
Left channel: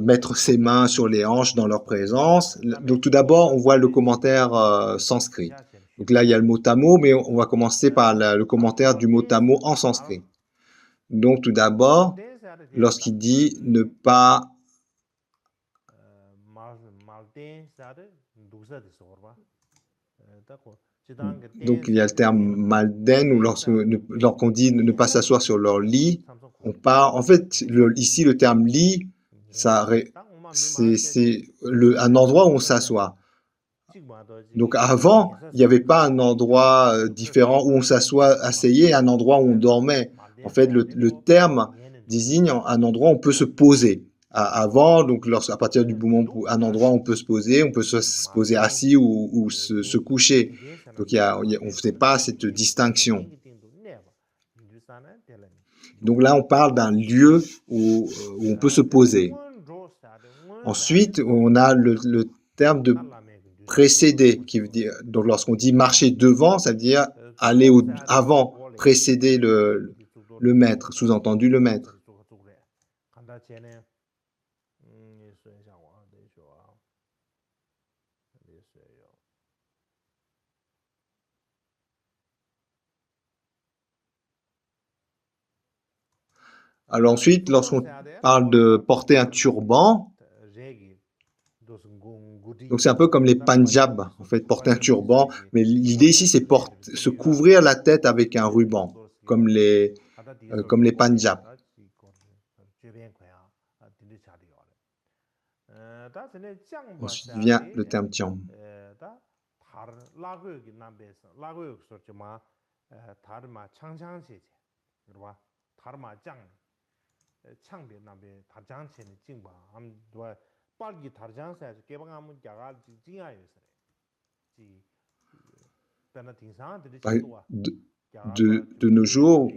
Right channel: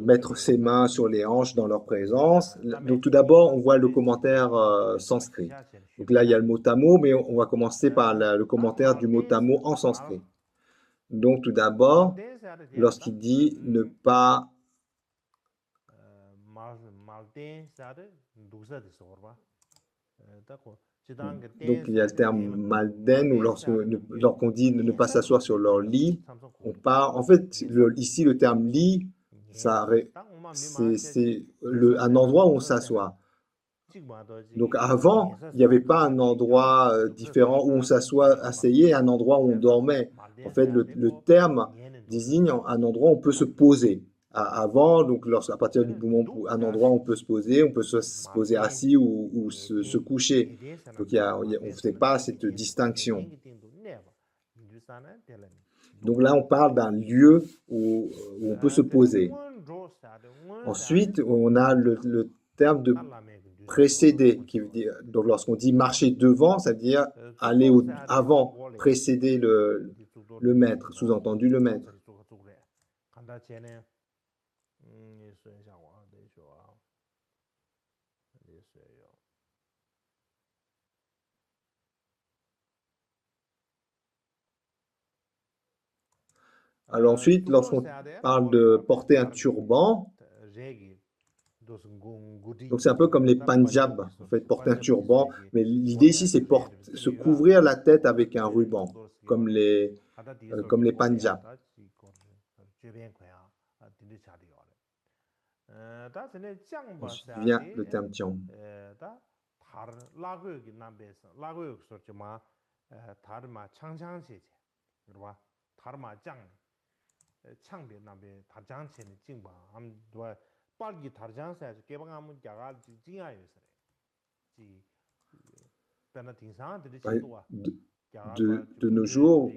mettre ses mains sur les hanches dans leur présence. Donc, tout d'abord, on voit le commentaire sanskrit. Donc là, il y a le mot tamo, mais on va commencer par le commentaire du mot tamo en sanskrit. Donc, tout d'abord, lorsqu'il dit ne pas... Donc, il y a le terme malden, ou lorsqu'on dit ne pas s'asseoir sur leur lit, on part... En fait, ici, le terme lit, c'est un endroit où on s'assoit. Donc avant, il n'y avait pas un endroit différent où on s'assoit, asseyait, et un endroit où on dormait. En fait, le terme désigne un endroit où on peut se poser. Avant, donc à partir du moment où un endroit où on peut se poser, on peut se poser assis ou se coucher. Donc on ne faisait pas cette distinction. Donc là, on parle d'un lieu où on peut se poser. Ensuite, on a le terme de précéder, qui veut dire, donc lorsqu'on dit marcher devant, ça veut dire aller avant, précéder le maître, sous-entendu le maître. Alors ensuite, lorsqu'on parle de porter un turban, donc c'est un peu comme les Panjab, en fait, porter un turban, mais l'idée ici c'est se couvrir la tête avec un ruban, comme les Panjab. Ensuite vient le terme tiam. De nos jours,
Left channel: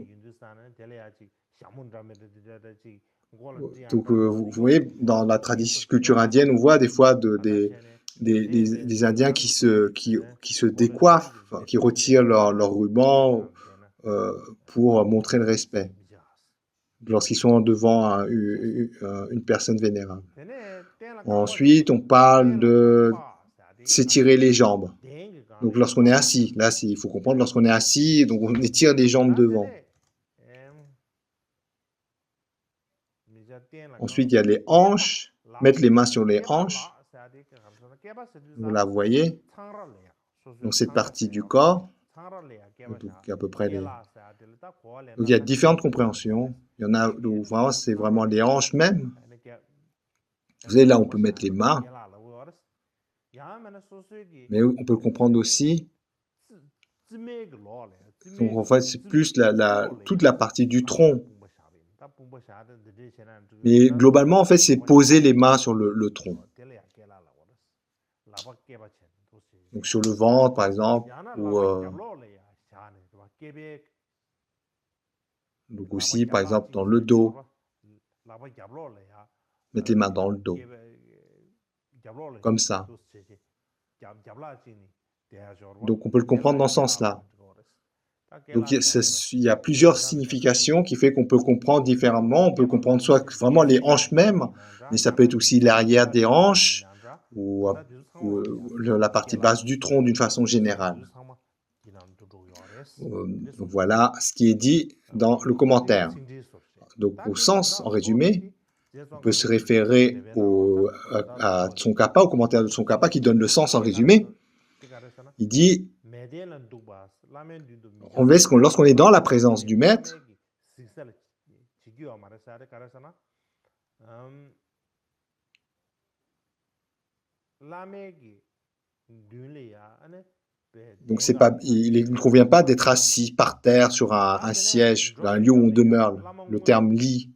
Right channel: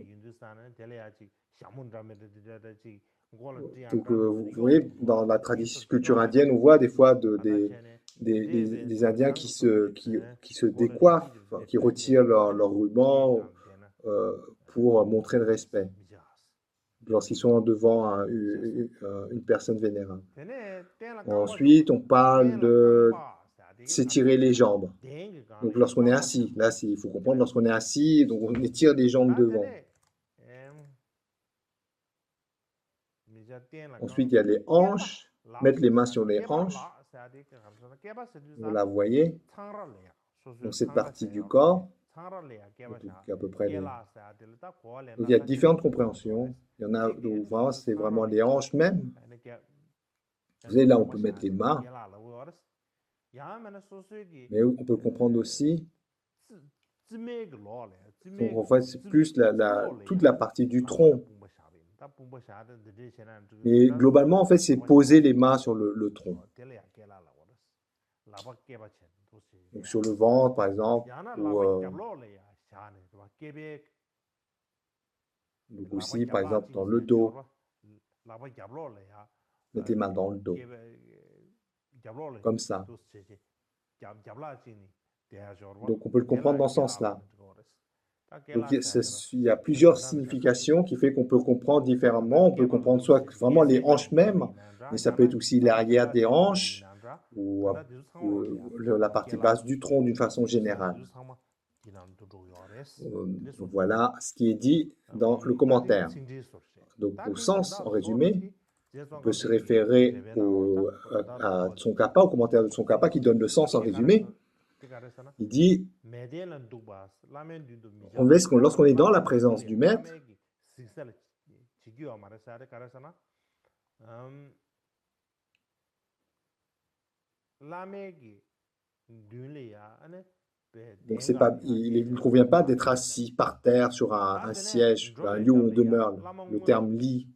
donc, vous voyez, dans la culture indienne, on voit des fois des Indiens qui se décoiffent, qui retirent leur ruban pour montrer le respect lorsqu'ils sont devant une personne vénérable. Ensuite, on parle de s'étirer les jambes. Donc, lorsqu'on est assis, là, il faut comprendre, lorsqu'on est assis, donc on étire les jambes devant. Ensuite, il y a les hanches, mettre les mains sur les hanches. Vous la voyez dans cette partie du corps. Donc, à peu près donc, il y a différentes compréhensions. Il y en a où vraiment, c'est vraiment les hanches même. Vous savez, là, on peut mettre les mains. Mais on peut le comprendre aussi. Donc, en fait, c'est plus toute la partie du tronc. Mais globalement, en fait, c'est poser les mains sur le tronc. Donc, sur le ventre, par exemple, ou donc aussi, par exemple, dans le dos. Mettre les mains dans le dos. Comme ça. Donc, on peut le comprendre dans ce sens-là. Donc, il y a plusieurs significations qui fait qu'on peut comprendre différemment. On peut comprendre soit vraiment les hanches même, mais ça peut être aussi l'arrière des hanches ou la partie basse du tronc d'une façon générale. Voilà ce qui est dit dans le commentaire. Donc, au sens, en résumé, on peut se référer à Tsongkhapa, au commentaire de Tsongkhapa qui donne le sens en résumé. Il dit, lorsqu'on est dans la présence du maître, donc il ne convient pas d'être assis par terre sur un siège, un lieu où on demeure, le terme lit.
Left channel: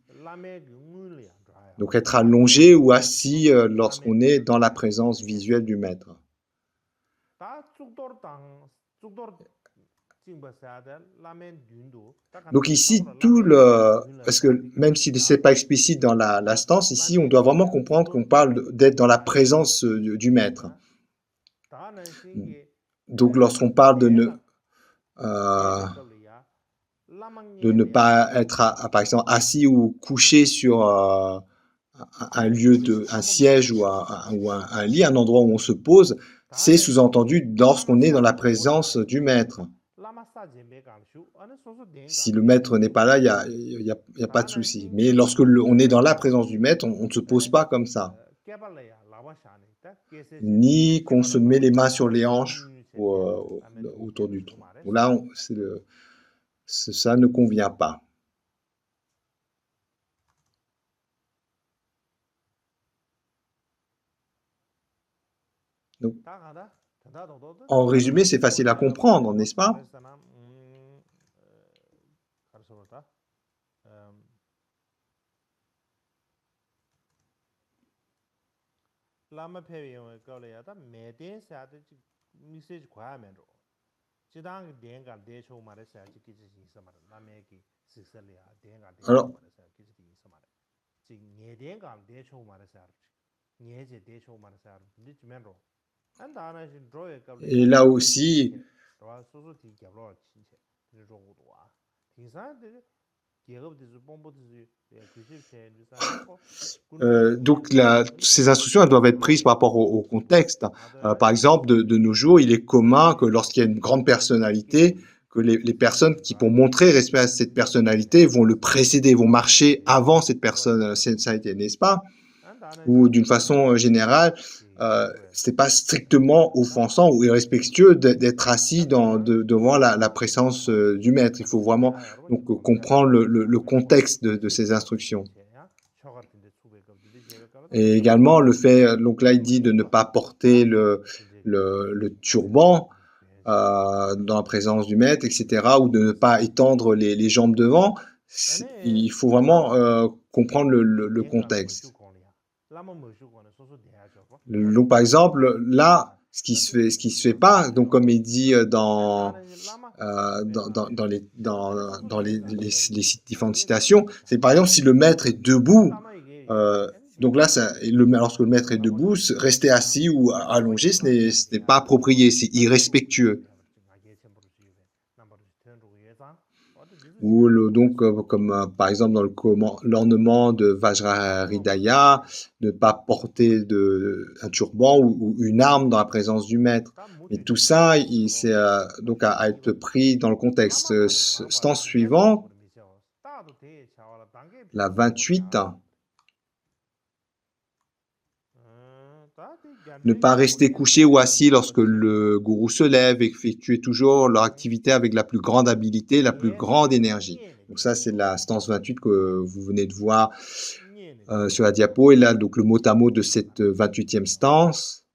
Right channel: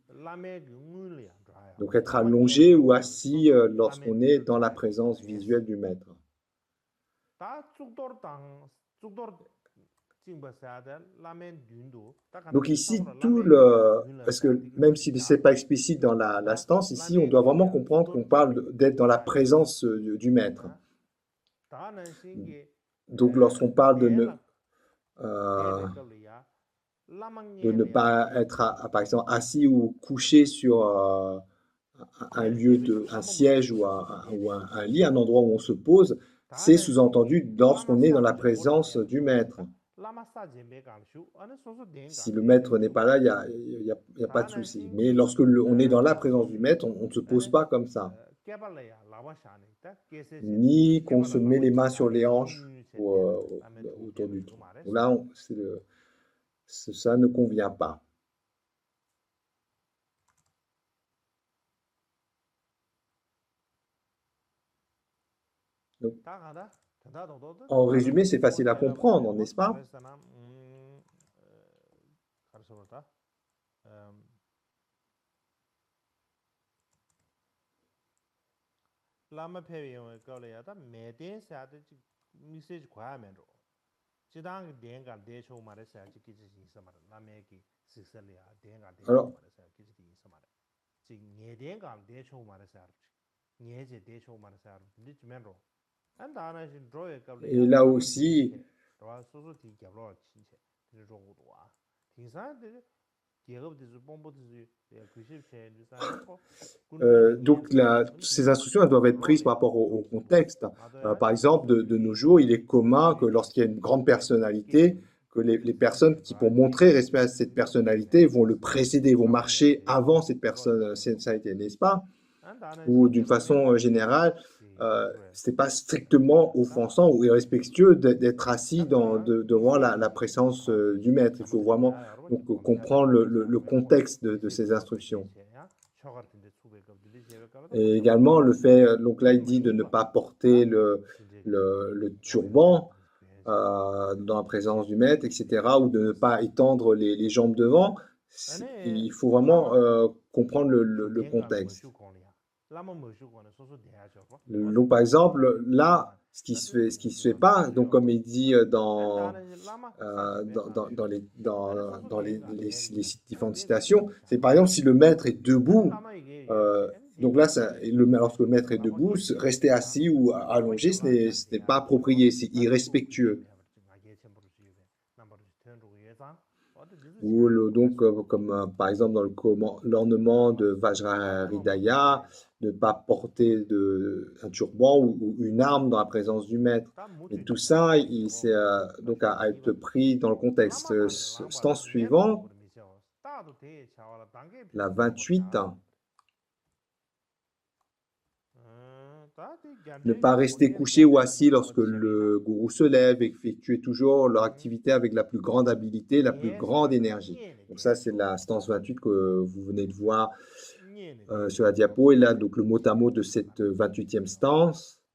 Donc être allongé ou assis lorsqu'on est dans la présence visuelle du maître. Donc ici, parce que même si ce n'est pas explicite dans la stance, ici on doit vraiment comprendre qu'on parle d'être dans la présence du maître. Donc lorsqu'on parle de ne pas être, par exemple, assis ou couché sur un siège ou un lit, un endroit où on se pose, c'est sous-entendu lorsqu'on est dans la présence du maître. Si le maître n'est pas là, il n'y a pas de souci. Mais lorsque on est dans la présence du maître, on ne se pose pas comme ça. Ni qu'on se met les mains sur les hanches ou autour du tronc. Là, ça ne convient pas. Donc, En résumé, c'est facile à comprendre, n'est-ce pas? Alors, et là aussi, donc ces instructions elles doivent être prises par rapport au contexte. Par exemple, de nos jours, il est commun que lorsqu'il y a une grande personnalité, que les personnes qui, pour montrer respect à cette personnalité, vont le précéder, vont marcher avant cette personnalité, n'est-ce pas? Ou d'une façon générale, c'est pas strictement offensant ou irrespectueux d'être assis devant la présence du maître. Il faut vraiment donc, comprendre le contexte de ces instructions. Et également le fait, donc là il dit de ne pas porter le turban dans la présence du maître, etc., ou de ne pas étendre les jambes devant. Il faut vraiment comprendre le contexte. Donc, par exemple, là, ce qui se fait pas, donc comme il dit dans les différentes citations, c'est par exemple si le maître est debout, donc là, lorsque le maître est debout, rester assis ou allongé, ce n'est pas approprié, c'est irrespectueux. Ou donc, comme par exemple dans l'ornement de Vajrahridaya, ne pas porter un turban ou une arme dans la présence du maître. Et tout ça, c'est donc à être pris dans le contexte. Stance suivante, la 28. Ne pas rester couché ou assis lorsque le gourou se lève, effectuer toujours leur activité avec la plus grande habileté, la plus grande énergie. Donc ça, c'est la stance 28 que vous venez de voir sur la diapo. Et là, donc le mot à mot de cette 28e stance.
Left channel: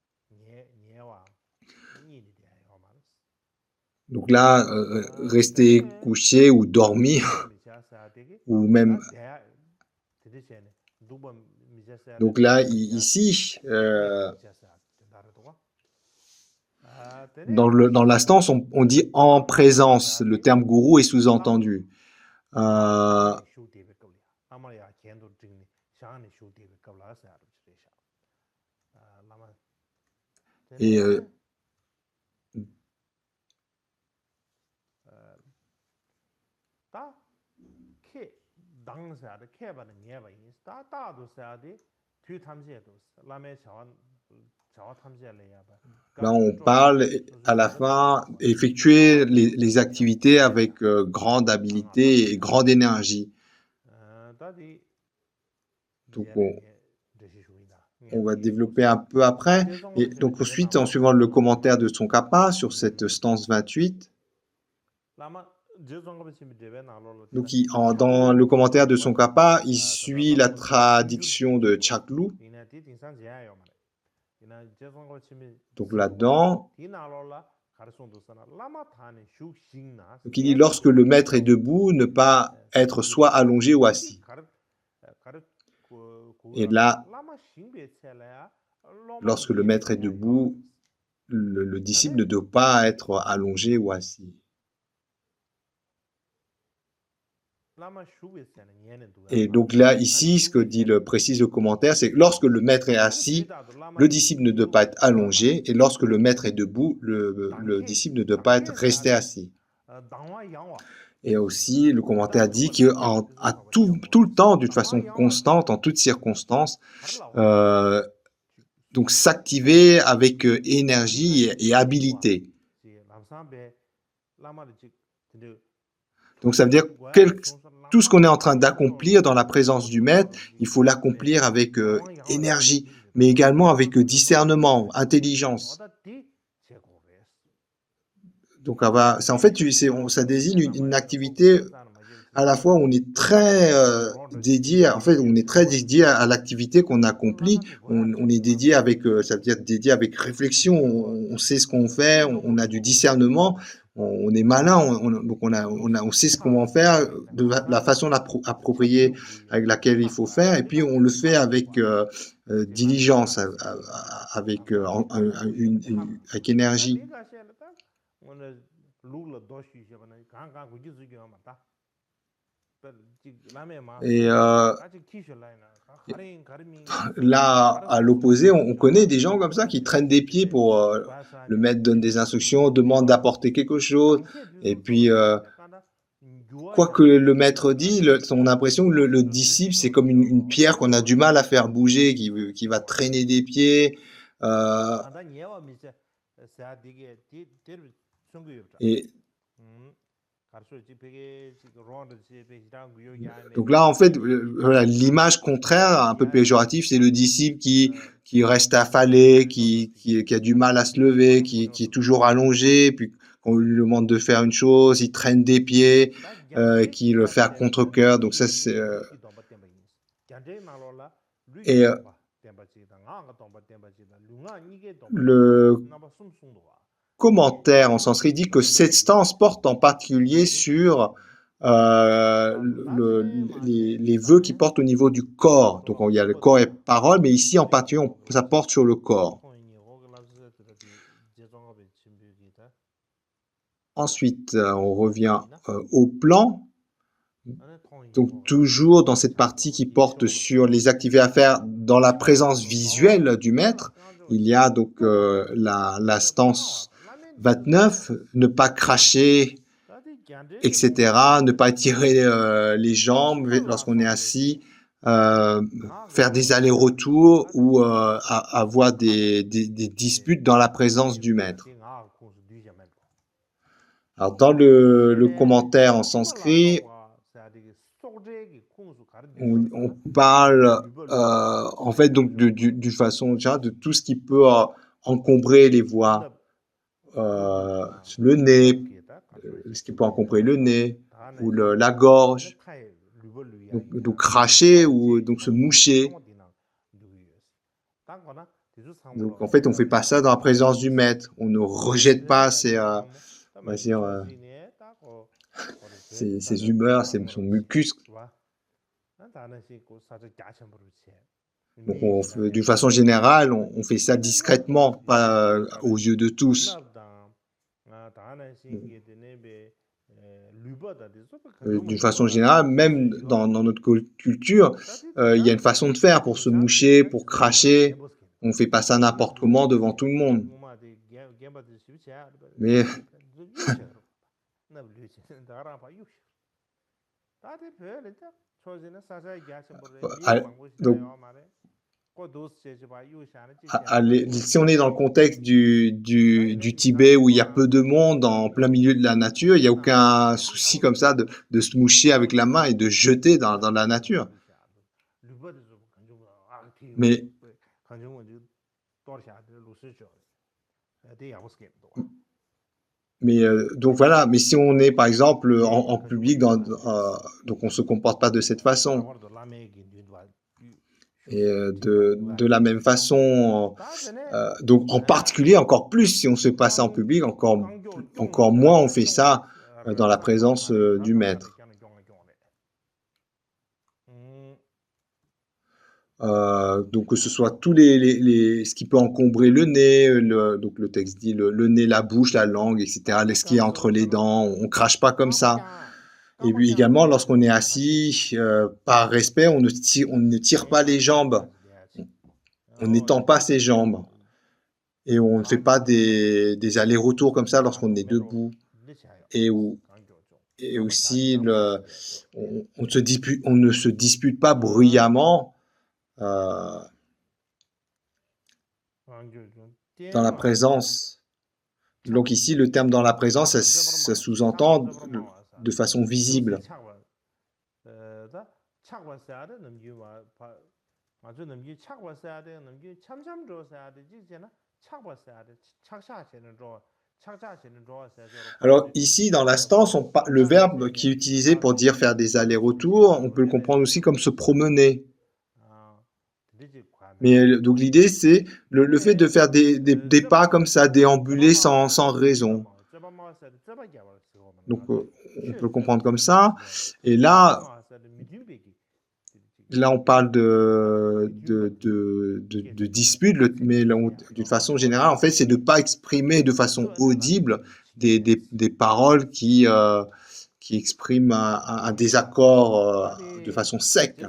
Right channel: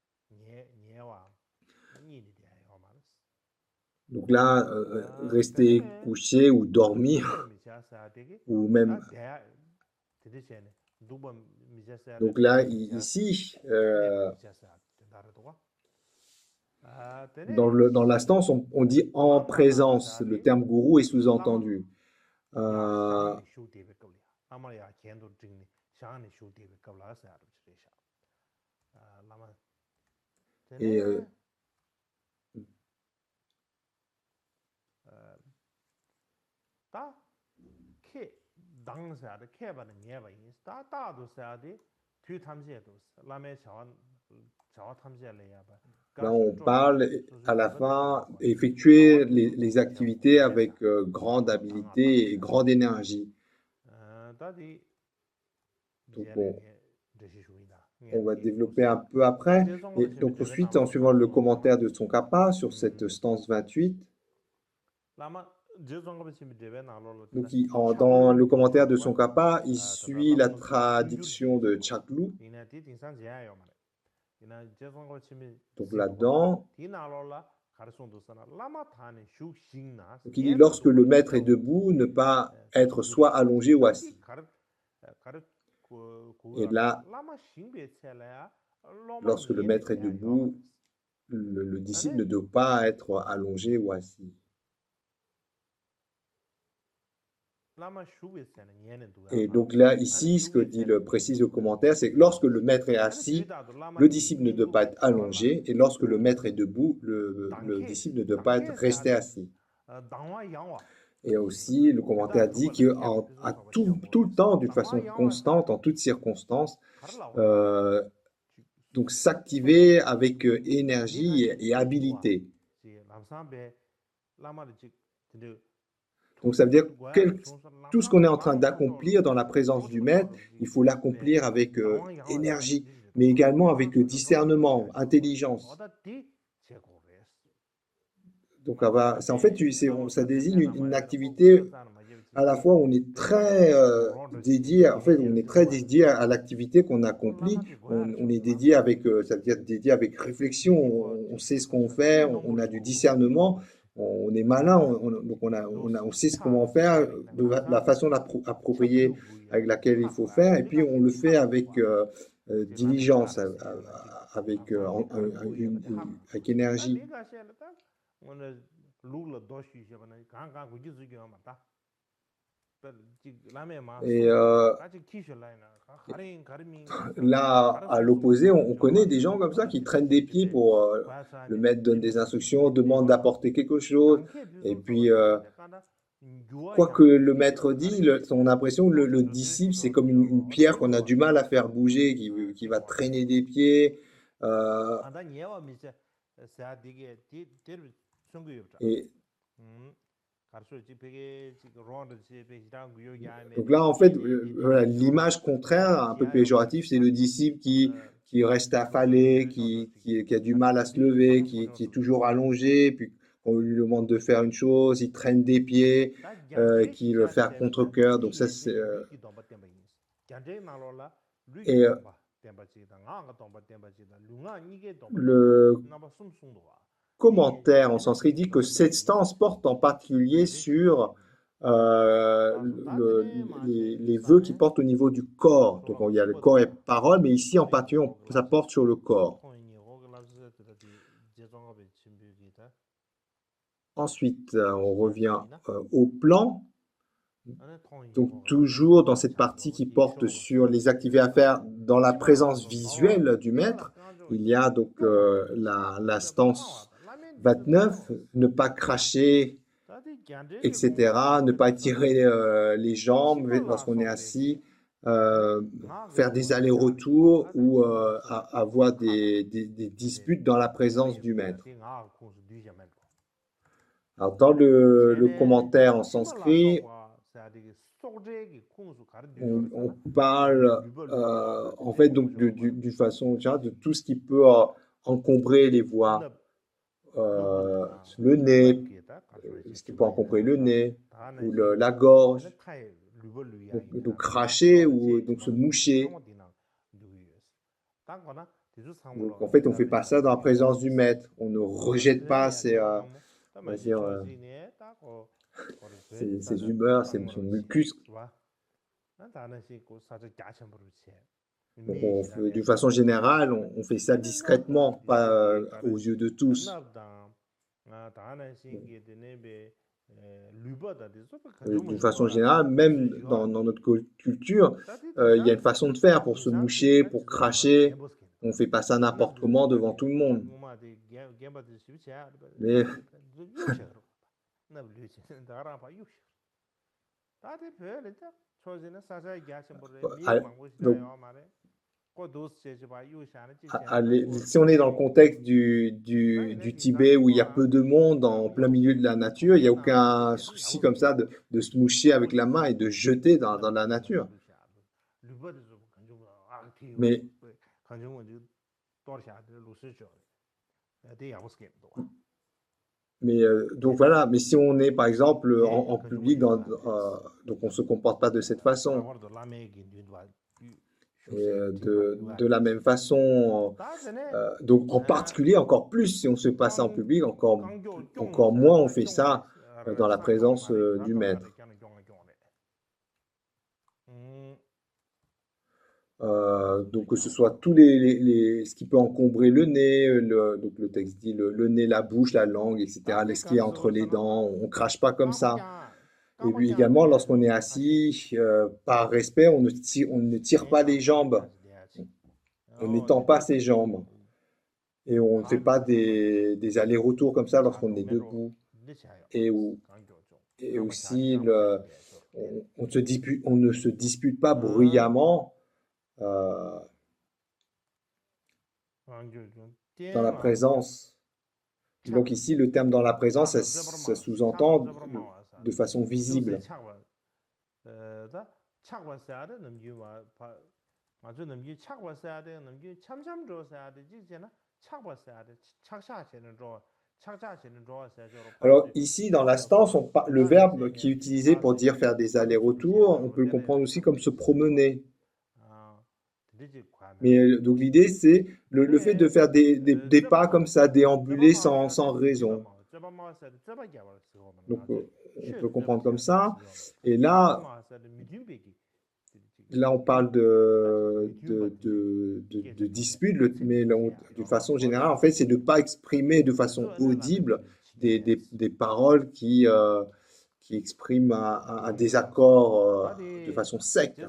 Donc là, rester couché ou dormir, ou même... Donc là, ici, dans la stance, on dit en présence. Le terme gourou est sous-entendu. Et là, on parle à la fin, effectuer les activités avec grande habileté et grande énergie. Donc, on va développer un peu après. Et donc, ensuite, en suivant le commentaire de Tsongkhapa sur cette stance 28, donc, dans le commentaire de Tsongkhapa, il suit la traduction de Chaklu. Donc là-dedans, donc il dit lorsque le maître est debout, ne pas être soit allongé ou assis. Et là, lorsque le maître est debout, le disciple ne doit pas être allongé ou assis. Et donc là, ici, ce que précise le commentaire, c'est que lorsque le maître est assis, le disciple ne doit pas être allongé, et lorsque le maître est debout, le disciple ne doit pas être resté assis. Et aussi, le commentaire dit qu'à tout le temps, d'une façon constante, en toutes circonstances, donc s'activer avec énergie et habileté. Donc ça veut dire tout ce qu'on est en train d'accomplir dans la présence du maître, il faut l'accomplir avec énergie, mais également avec discernement, intelligence. Donc en fait, ça désigne une activité à la fois on est très dédié, en fait, on est très dédié à l'activité qu'on accomplit. On est dédié avec, ça veut dire dédié avec réflexion. On sait ce qu'on fait, on a du discernement, on est malin, donc on sait ce qu'on va faire, de la façon appropriée avec laquelle il faut faire, et puis on le fait avec diligence, avec, avec énergie. Et là, à l'opposé, on connaît des gens comme ça qui traînent des pieds pour le maître donne des instructions, demande d'apporter quelque chose, et puis quoi que le maître dit, on a l'impression que le disciple, c'est comme une pierre qu'on a du mal à faire bouger, qui va traîner des pieds. euh, et donc là, en fait, voilà, l'image contraire, un peu péjorative, c'est le disciple qui reste affalé, qui a du mal à se lever, qui est toujours allongé, puis on lui demande de faire une chose, il traîne des pieds, qui le fait à contre-cœur. Donc ça, c'est et le commentaire en sanskrit dit que cette stance porte en particulier sur les vœux qui portent au niveau du corps. Donc il y a le corps et parole, mais ici en particulier, ça porte sur le corps. Ensuite, on revient au plan. Donc toujours dans cette partie qui porte sur les activités à faire dans la présence visuelle du maître, il y a donc la stance 29, ne pas cracher, etc., ne pas étirer les jambes lorsqu'on est assis, euh, faire des allers-retours ou avoir des disputes dans la présence du maître. Alors dans le commentaire en sanskrit, on parle en fait donc d'une façon générale de tout ce qui peut encombrer les voies, le nez, ce qui peut encombrer le nez ou la gorge, donc cracher ou donc se moucher. Donc en fait on fait pas ça dans la présence du maître, on ne rejette pas on va dire, ses humeurs, son mucus. Donc, d'une façon générale, on fait ça discrètement, pas aux yeux de tous. D'une façon générale, même dans notre culture, il y a une façon de faire pour se moucher, pour cracher. On ne fait pas ça n'importe comment devant tout le monde. Mais donc, si on est dans le contexte du Tibet où il y a peu de monde en plein milieu de la nature, il n'y a aucun souci comme ça de se moucher avec la main et de jeter dans la nature. Mais, donc voilà, mais si on est par exemple en public, donc on ne se comporte pas de cette façon. Et de la même façon, donc en particulier encore plus si on se fait pas ça en public, encore moins on fait ça dans la présence du maître. Donc que ce soit tous ce qui peut encombrer le nez, donc le texte dit le nez, la bouche, la langue, etc. Ce qui est entre les dents, on crache pas comme ça. Et puis également, lorsqu'on est assis, par respect, on ne tire pas les jambes, on n'étend pas ses jambes. Et on ne fait pas des allers-retours comme ça lorsqu'on est debout. Et, et aussi, on ne se dispute pas bruyamment dans la présence. Donc ici, le terme dans la présence, ça sous-entend de façon visible. Alors ici, dans la stance, le verbe qui est utilisé pour dire faire des allers-retours, on peut le comprendre aussi comme se promener. Mais donc l'idée, c'est le fait de faire des pas comme ça, déambuler sans raison. Donc on peut le comprendre comme ça. Et là on parle de dispute, mais d'une façon générale, en fait, c'est de ne pas exprimer de façon audible des paroles qui expriment un désaccord de façon sec.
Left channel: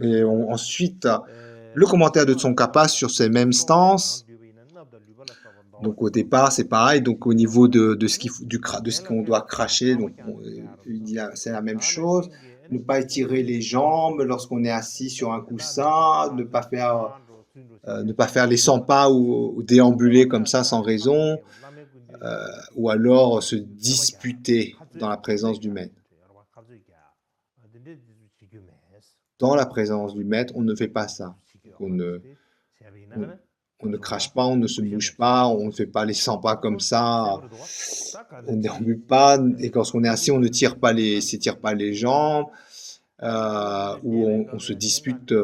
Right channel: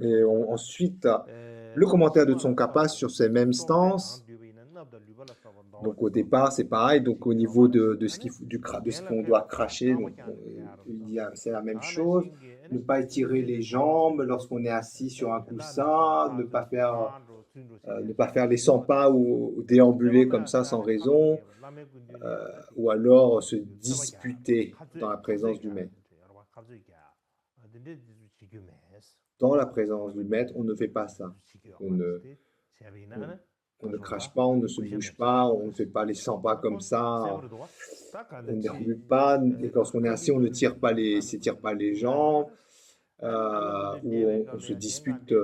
Et ensuite, le commentaire de Tsongkhapa sur ces mêmes stances. Donc au départ, c'est pareil. Donc au niveau de ce qu'on doit cracher, donc c'est la même chose. Ne pas étirer les jambes lorsqu'on est assis sur un coussin, ne pas faire les 100 pas ou déambuler comme ça sans raison, ou alors se disputer dans la présence du maître. Dans la présence du maître, on ne fait pas ça. On ne crache pas, on ne se bouge pas, on ne fait pas les 100 pas comme ça, on ne déambule pas, et lorsqu'on est assis, on ne s'étire pas les jambes, ou on se dispute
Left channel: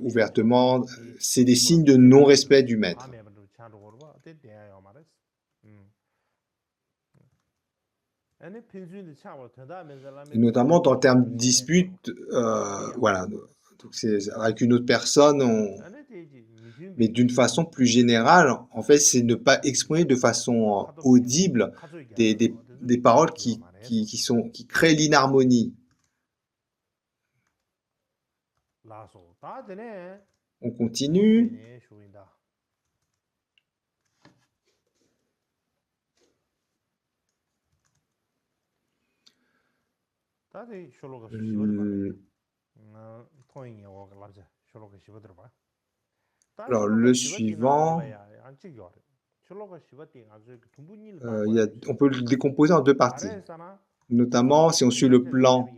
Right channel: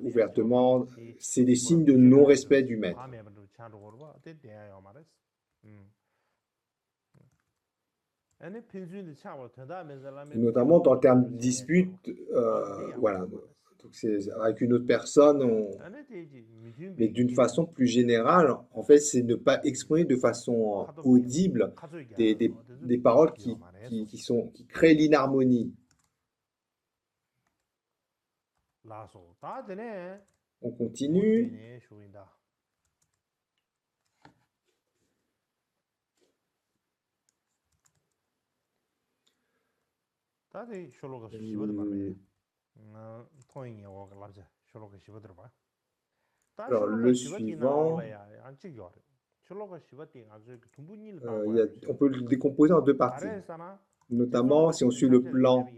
ouvertement. C'est des signes de non-respect du maître. Et notamment dans le terme dispute, voilà. Donc avec une autre personne, mais d'une façon plus générale, en fait, c'est ne pas exprimer de façon audible des paroles qui créent l'inharmonie. On continue. Alors, le suivant, on peut le décomposer en deux parties. Notamment, si on suit le plan,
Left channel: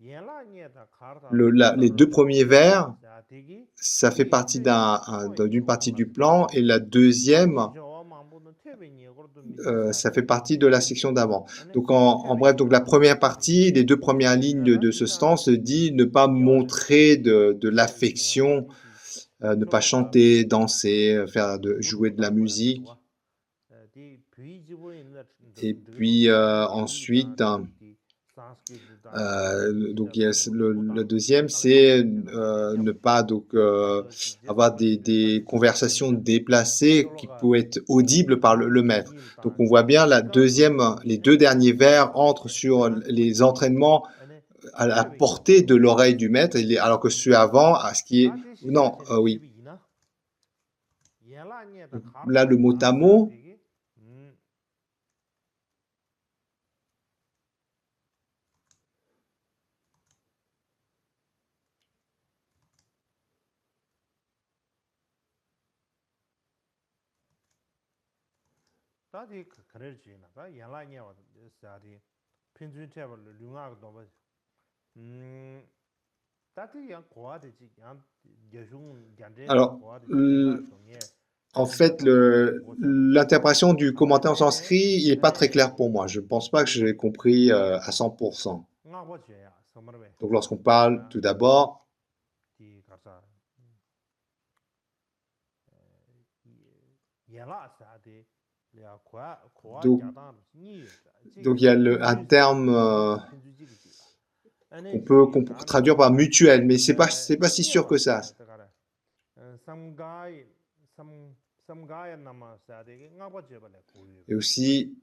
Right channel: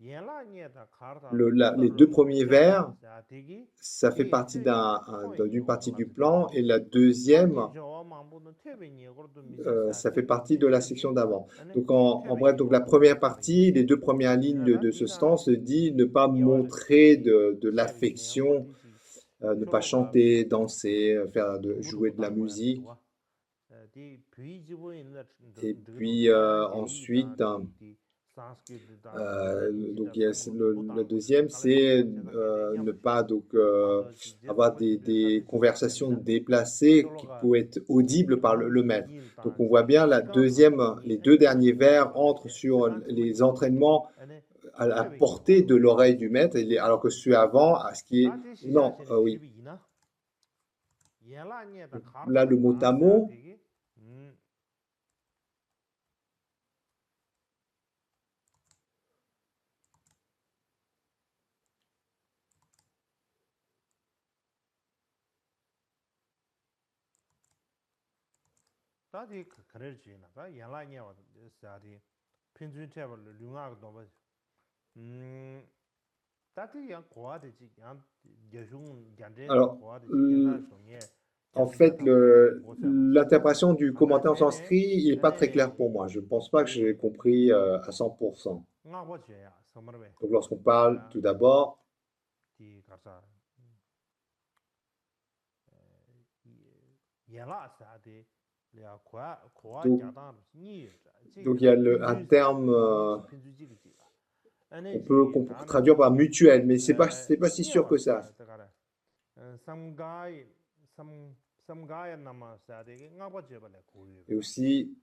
les deux premiers vers, ça fait partie d'une partie du plan, et la deuxième, ça fait partie de la section d'avant. Donc, en bref, donc la première partie, les deux premières lignes de ce stance dit ne pas montrer de l'affection, ne pas chanter, danser, jouer de la musique. Et puis ensuite, donc le deuxième, c'est ne pas avoir des conversations déplacées qui peuvent être audibles par le maître. Donc on voit bien les deux derniers vers entrent sur les entraînements à la portée de l'oreille du maître, alors que celui avant, à ce qui est... Non, oui. Donc, là, le mot à mot, alors, en fait, l'interprétation du commentaire en sanskrit, il n'est pas très clair pour moi. Je ne pense pas que je l'ai compris à 100%. Donc, lorsqu'on parle tout d'abord, donc il y a un terme, on peut traduire par mutuel, mais c'est pas si sûr que ça. Et aussi,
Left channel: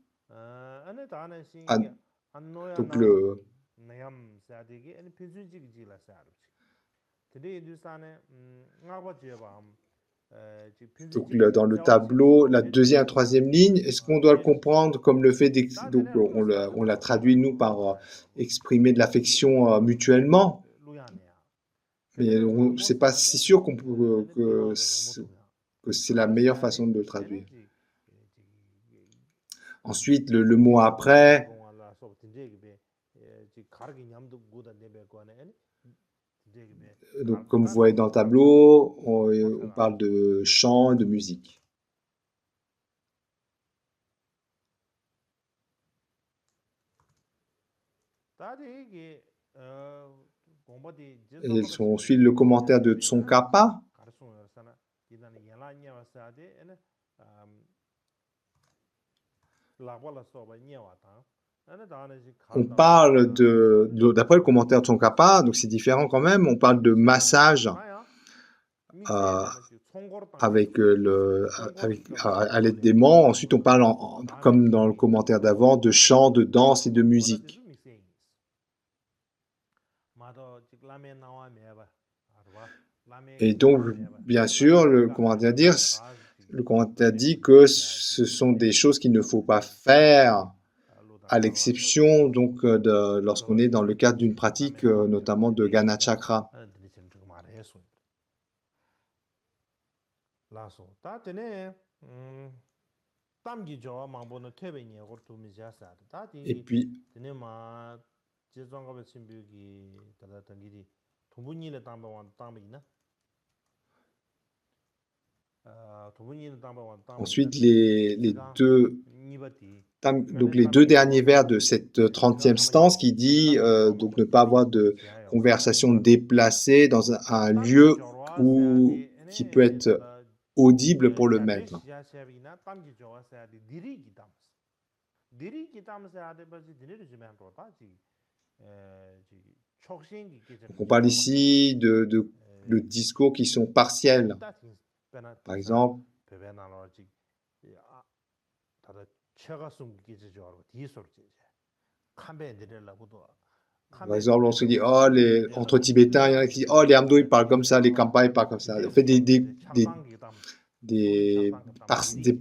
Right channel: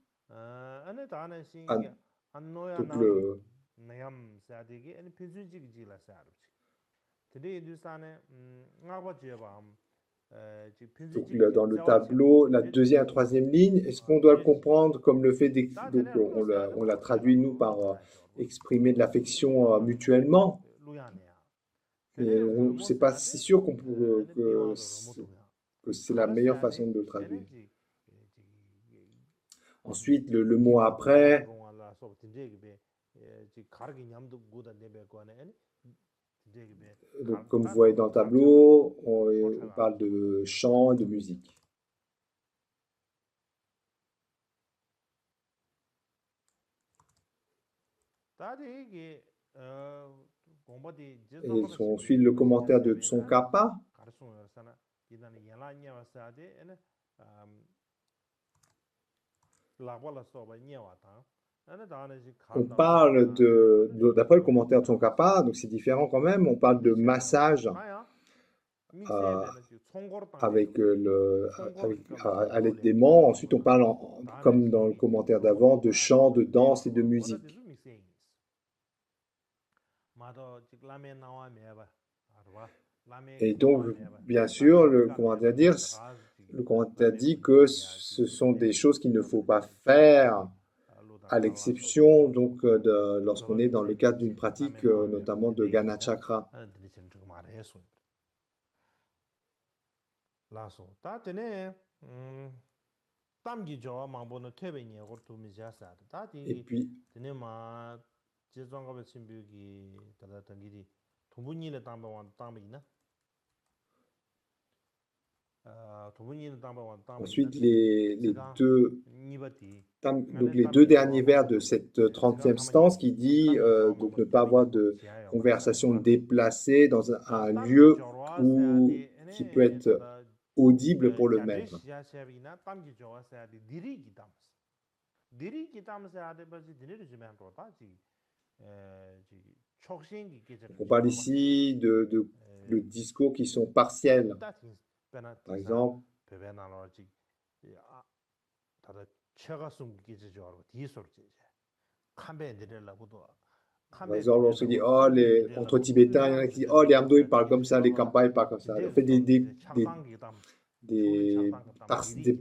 donc dans le tableau, la deuxième et troisième ligne, est-ce qu'on doit le comprendre comme le fait donc on l'a traduit nous par exprimer de l'affection mutuellement, mais c'est pas si sûr que c'est la meilleure façon de le traduire. Ensuite, le mot après, donc comme vous voyez dans le tableau, on parle de chant et de musique. Et on suit le commentaire de Tsongkhapa. On parle d'après le commentaire de Tsongkhapa, donc c'est différent quand même, on parle de massage avec à l'aide des mains. Ensuite, on parle, comme dans le commentaire d'avant, de chant, de danse et de musique. Et donc, bien sûr, le commentaire dit que ce sont des choses qu'il ne faut pas faire, à l'exception donc lorsqu'on est dans le cadre d'une pratique, notamment de Gana Chakra. Et puis, ensuite, les deux derniers vers de cette 30e stance qui dit donc ne pas avoir de conversation déplacée dans un lieu qui peut être audible pour le maître. On parle ici de discours qui sont partiels. Par exemple, on se dit, entre Tibétains, il y en a qui disent, les Amdo, ils parlent comme ça, les Kampa, ils parlent comme ça. On fait des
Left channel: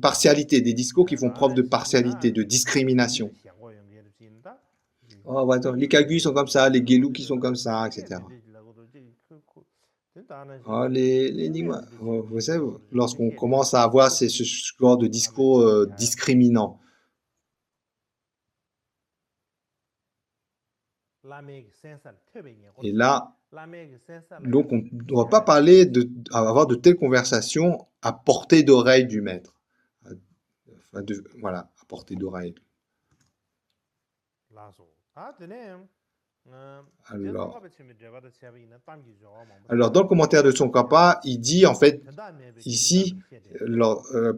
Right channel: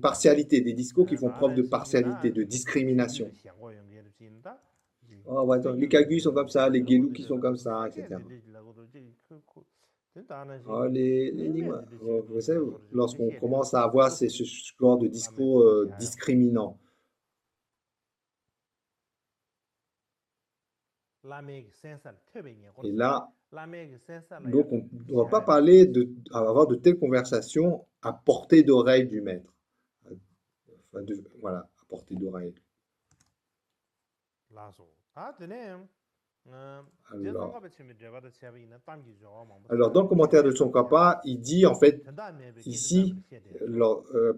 partialités, des discours qui font preuve de partialité, de discrimination. Les Kagus sont comme ça, les Gelou qui sont comme ça, etc. Vous savez, lorsqu'on commence à avoir ce genre de discours discriminants. Et là, donc on ne doit pas parler avoir de telles conversations à portée d'oreille du maître. Voilà, à portée d'oreille. Alors, dans le commentaire de Tsongkhapa, il dit en fait, ici,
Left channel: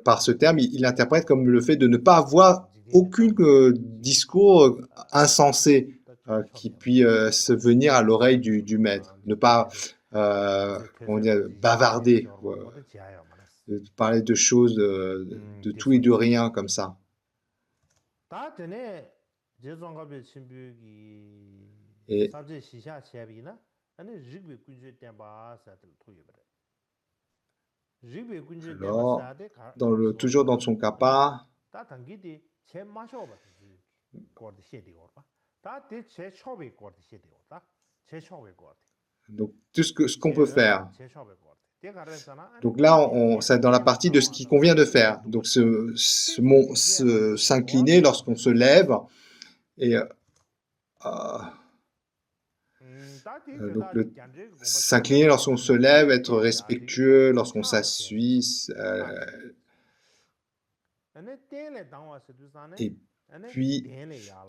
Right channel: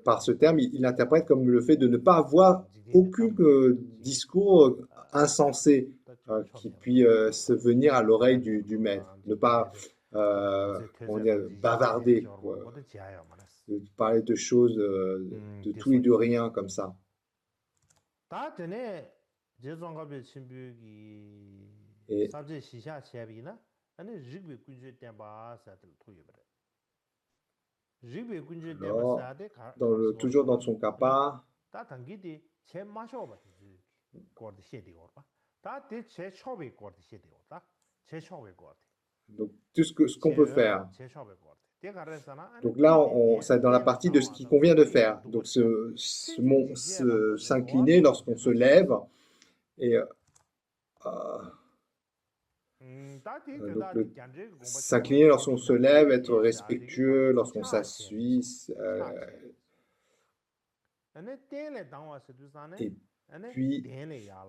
par ce terme, il interprète comme le fait de ne pas avoir aucun discours insensé qui puisse se venir à l'oreille du maître, ne pas bavarder, de parler de choses de tout et de rien comme ça. Et alors, toujours dans Tsongkhapa, donc tout ce qu'on peut faire. Donc là, c'est dans la partie de ce qui convient de faire. Donc s'incliner lorsqu'on se lève et s'incliner lorsqu'on se lève, être respectueux lorsqu'on s'assuit. Et puis,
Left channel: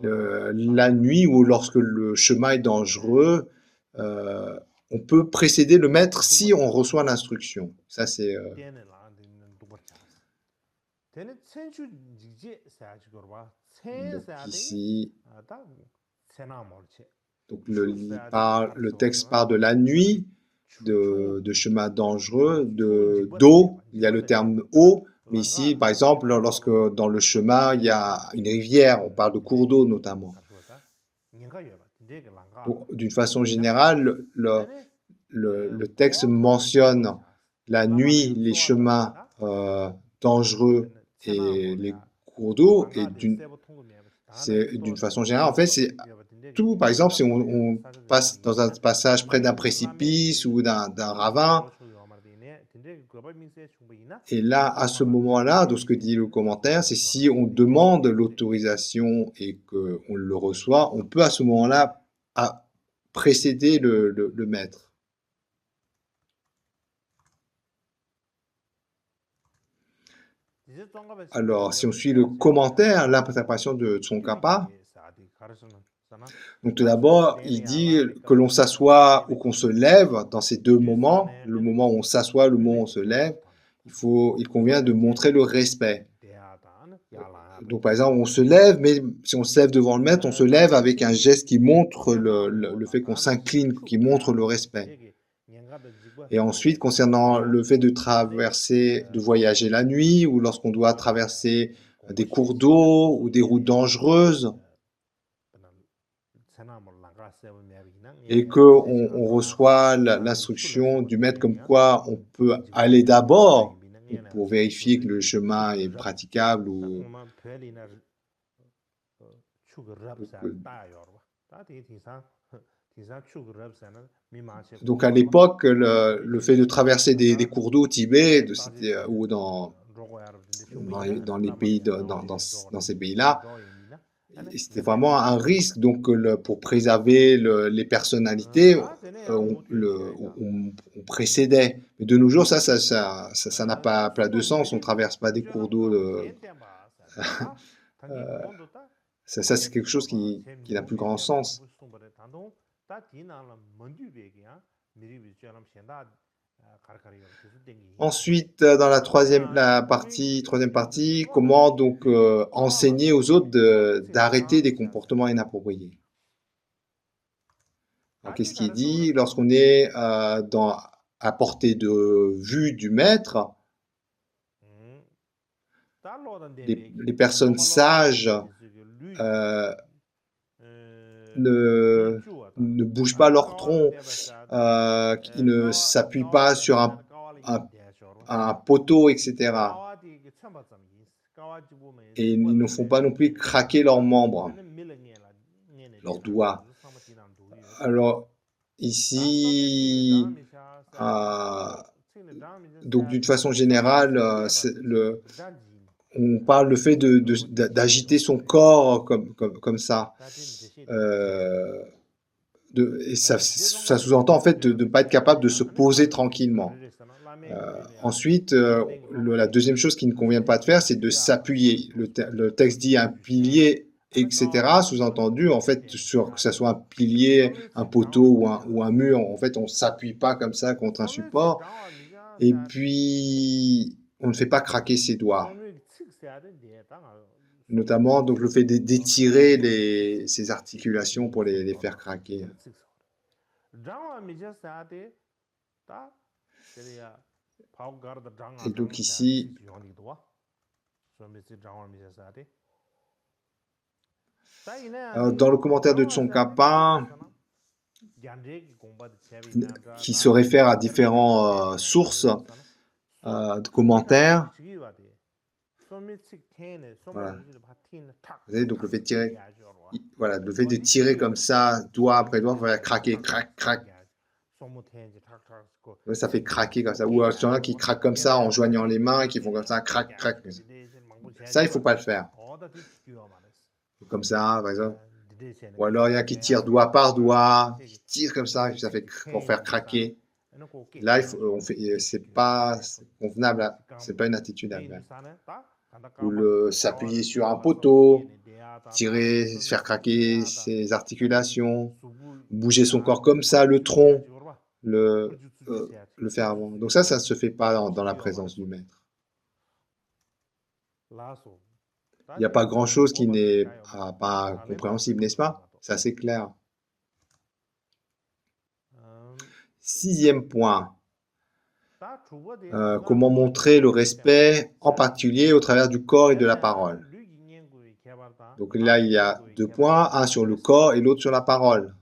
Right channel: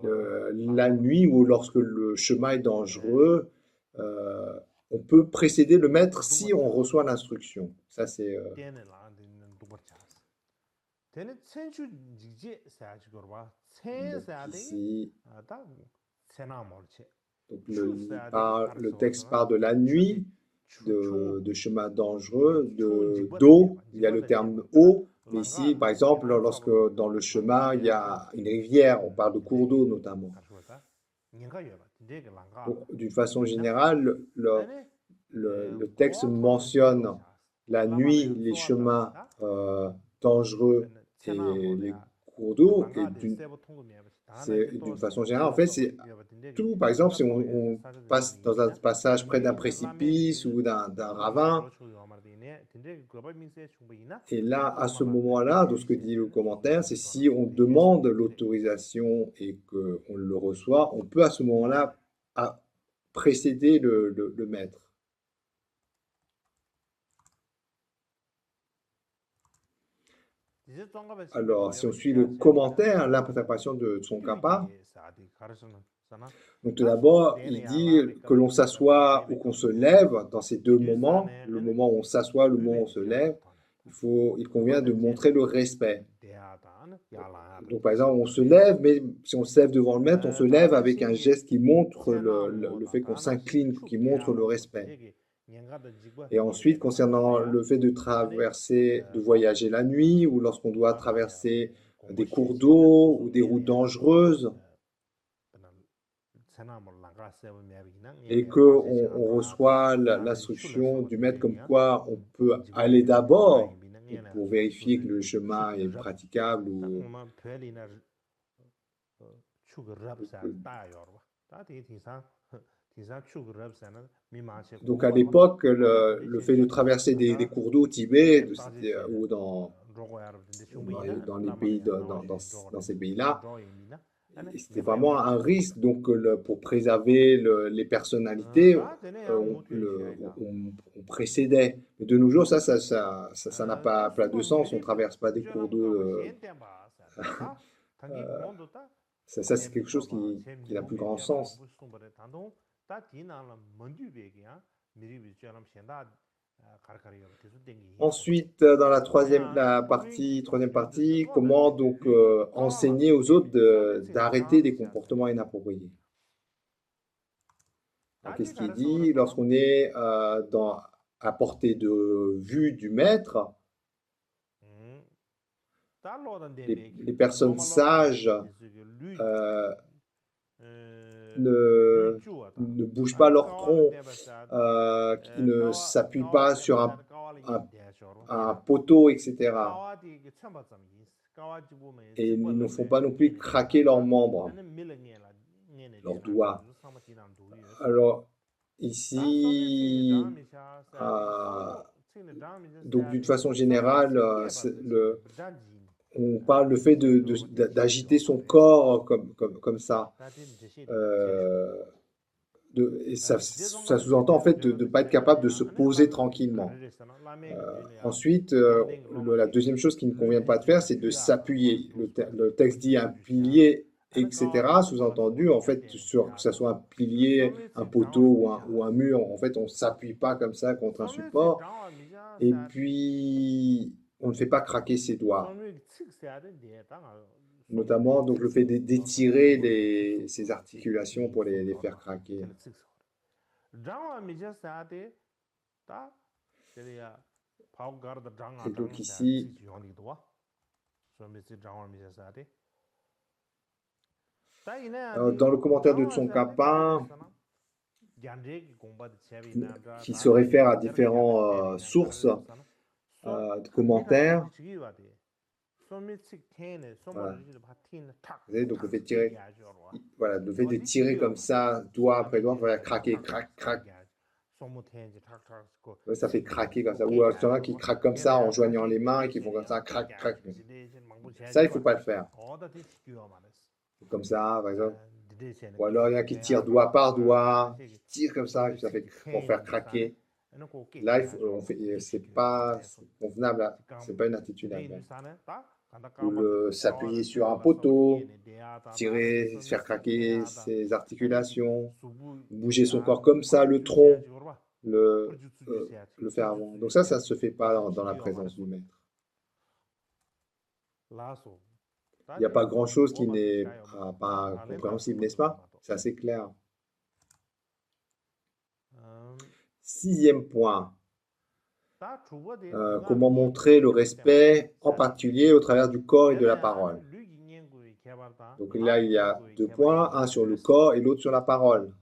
la nuit ou lorsque le chemin est dangereux, on peut précéder le maître si on reçoit l'instruction. Ça, c'est... ici, donc le texte part de la nuit, de chemin dangereux, d'eau, il y a le terme eau, mais ici, par exemple, lorsque dans le chemin, il y a une rivière, on parle de cours d'eau notamment. D'une façon générale, le texte mentionne la nuit, les chemins dangereux et les cours d'eau, et d'une façon générale, en fait, c'est tout. Par exemple, si on passe dans un passage près d'un précipice ou d'un ravin, et là, à ce moment-là, de ce que dit le commentaire, c'est si on demande l'autorisation et qu'on le reçoit, on peut à ce moment-là précéder le maître. Alors, si on suit le commentaire, l'interprétation de Tsongkhapa, Donc tout d'abord, il dit que l'on s'assoit ou qu'on se lève dans ces deux moments, le moment où on s'assoit, le moment où on se lève, il convient de montrer le respect. Donc par exemple, on se lève, mais si on se lève devant le maître, on se lève avec un geste qui montre le fait qu'on s'incline, qui montre le respect. Et ensuite, concernant le fait de traverser, de voyager la nuit, ou lorsqu'on doit traverser des cours d'eau ou des routes dangereuses, et qu'on reçoit l'instruction du maître comme quoi on peut aller d'abord pour vérifier que le chemin est praticable ou donc à l'époque le fait de traverser des cours d'eau au Tibet ou dans les pays dans ces pays-là, c'était vraiment un risque. Donc pour préserver les personnalités, on précédait. Mais de nos jours, ça n'a pas de sens. On ne traverse pas des cours d'eau. Ça c'est quelque chose qui n'a plus grand sens. Ensuite, dans la troisième partie, comment donc enseigner aux autres d'arrêter des comportements inappropriés. Qu'est-ce qu'il dit? Lorsqu'on est à portée de vue du maître, les personnes sages ne bougent pas leur tronc, qui ne s'appuient pas sur un poteau, etc. Et ils ne font pas non plus craquer leurs membres, leurs doigts. Alors, ici, donc d'une façon générale, on parle le fait d'agiter son corps comme ça. Et ça sous-entend en fait de ne pas être capable de se poser tranquillement. Ensuite, la deuxième chose qui ne convient pas de faire, c'est de s'appuyer. Le texte dit un pilier, etc. Sous-entendu, en fait, que ce soit un pilier, un poteau ou un mur, en fait, on ne s'appuie pas comme ça contre un support. Et puis, on ne fait pas craquer ses doigts. Notamment, donc, le fait d'étirer ses articulations pour les faire craquer. Et donc ici, dans le commentaire de Tsongkhapa, qui se réfère à différentes sources de commentaires, voilà. Vous voyez, donc le fait de tirer, voilà, le fait de tirer comme ça, doigt après doigt, faire craquer, crac, crac. Ça fait craquer comme ça. Ou il y en a qui craquent comme ça en joignant les mains et qui font comme ça, crac, crac. Ça, il ne faut pas le faire. Comme ça, par exemple. Ou alors il y en a qui tirent doigt par doigt, qui tirent comme ça fait pour faire craquer. Là, c'est pas convenable, c'est pas une attitude à faire. Ou s'appuyer sur un poteau, tirer, faire craquer ses articulations, bouger son corps comme ça, le tronc, le faire avant. Donc ça ne se fait pas dans la présence du maître. Il n'y a pas grand-chose qui n'est pas compréhensible, n'est-ce pas? C'est assez clair. Sixième point. Comment montrer le respect, en particulier au travers du corps et de la parole. Donc là, il y a deux points, un sur le corps et l'autre sur la parole.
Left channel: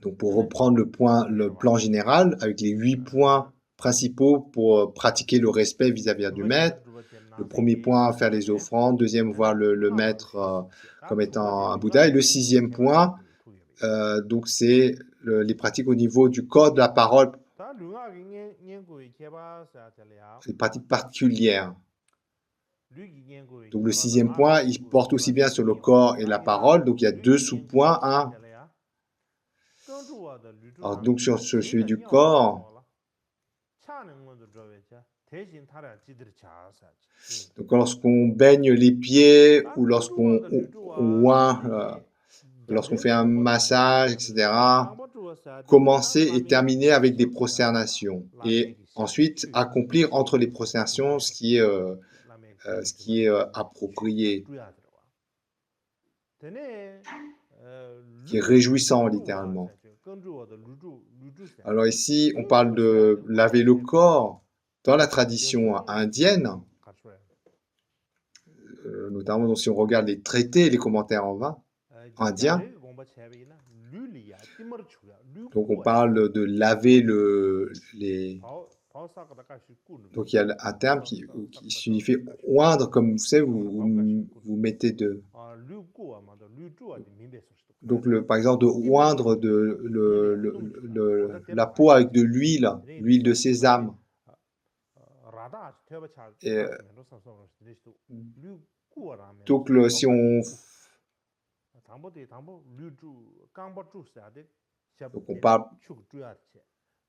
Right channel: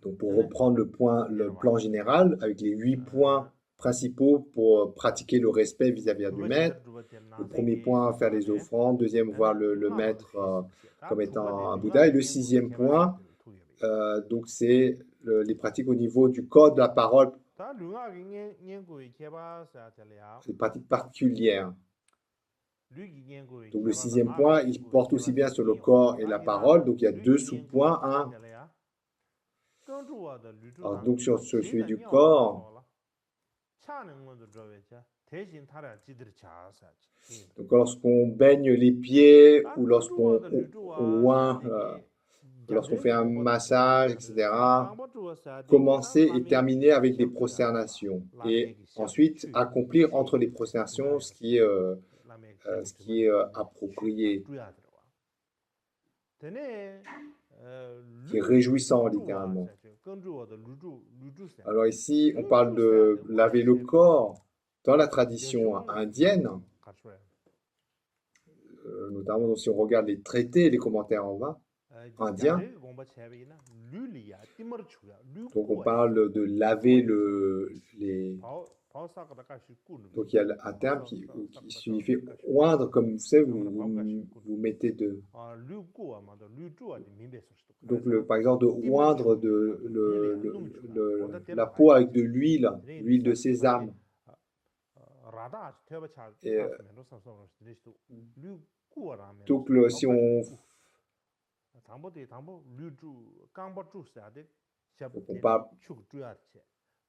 Donc pour reprendre le plan général, avec les 8 points principaux pour pratiquer le respect vis-à-vis du maître. Le premier point, faire les offrandes. Deuxième, voir le maître comme étant un Bouddha. Et le sixième point, donc c'est les pratiques au niveau du corps, de la parole, les pratiques particulières. Donc le sixième point, il porte aussi bien sur le corps et la parole. Donc il y a deux sous-points. Alors, donc sur celui du corps, Donc, lorsqu'on baigne les pieds ou lorsqu'on oint, lorsqu'on fait un massage, etc., commencer et terminer avec des prosternations. Et ensuite, accomplir entre les prosternations ce qui est approprié, qui est réjouissant littéralement. Alors ici, on parle de laver le corps dans la tradition indienne, notamment si on regarde les traités et les commentaires indiens. Donc on parle de laver les... Donc il y a un terme qui signifie oindre, comme vous savez, vous mettez de... Donc par exemple de oindre la peau avec de l'huile de sésame. Et, donc si on... Donc on parle...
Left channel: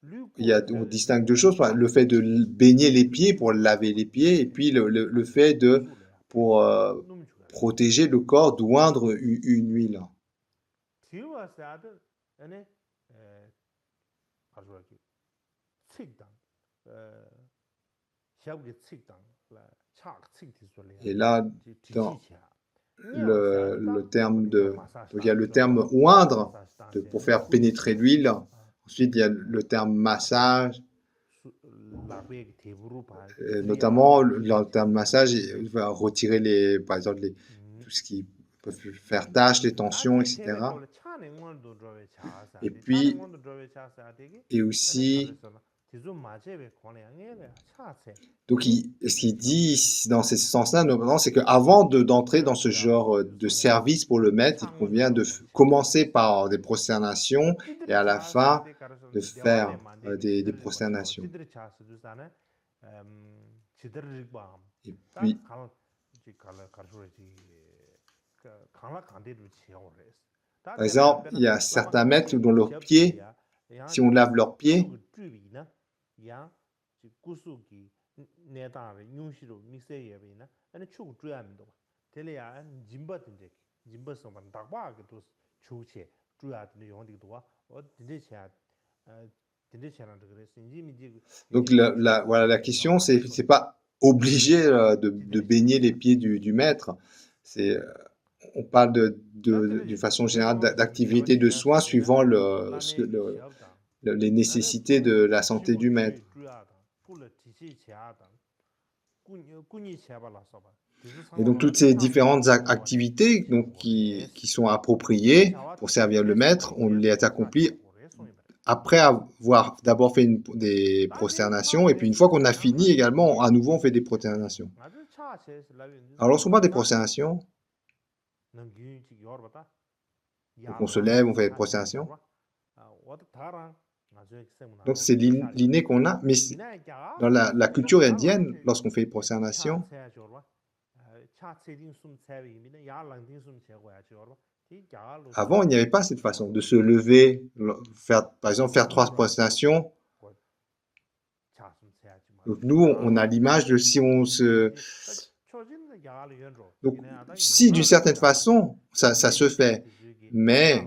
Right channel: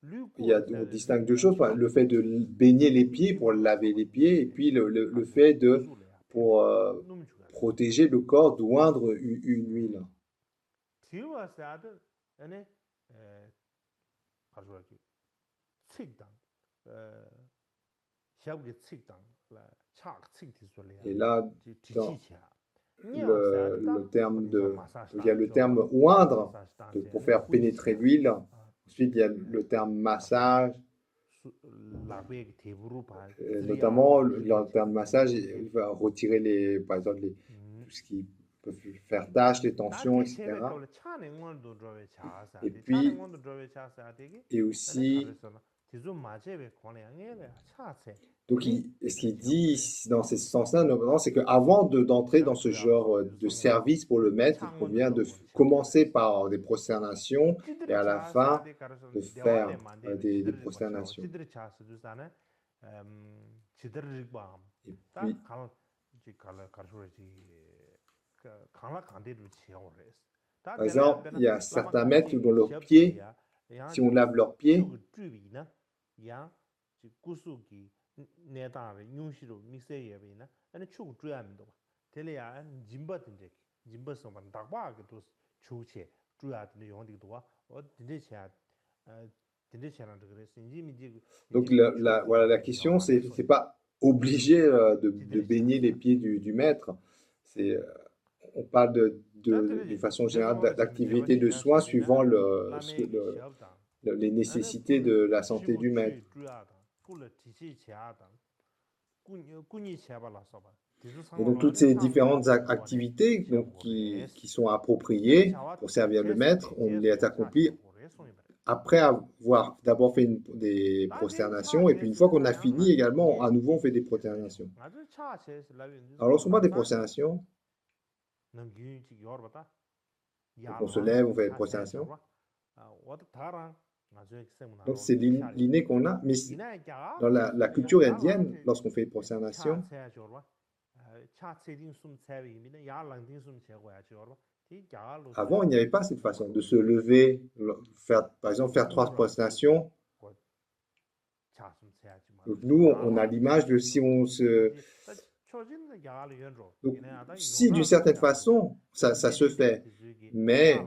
on distingue deux choses, le fait de baigner les pieds pour laver les pieds, et puis le fait pour protéger le corps, d'oindre une huile. Et là, dans le terme de... Donc il y a le terme oindre pour faire pénétrer l'huile. Ensuite, il y a le terme massage. Notamment, le terme massage, il va retirer par exemple, tout ce qui peut faire tâche, les tensions, etc. Et puis, et aussi, donc ce qu'il dit dans ce sens-là, c'est qu'avant d'entrer dans ce genre de service pour le maître, il convient de commencer par des prosternations et à la fin de faire des prosternations. Et puis, par exemple, il y a certains maîtres dont leurs pieds, si on lave leurs pieds, donc voilà, la question, c'est pas obligé de baigner les pieds du maître. On parle de façon générale d'activité de soins suivant les nécessités de la santé du maître. Et donc toutes ces différentes activités qui sont appropriées pour servir le maître, on les accomplit après avoir d'abord fait des prosternations, et puis une fois qu'on a fini également, à nouveau on fait des prosternations. Alors lorsqu'on parle des prosternations, donc on se lève, on fait des prosternations. Donc c'est l'inné qu'on a, mais dans la culture indienne, lorsqu'on fait des prosternations, avant il n'y avait pas cette façon de se lever, par exemple faire 3 prosternations. Donc nous, on a l'image de si on se... Donc, si d'une certaine façon, ça se fait, mais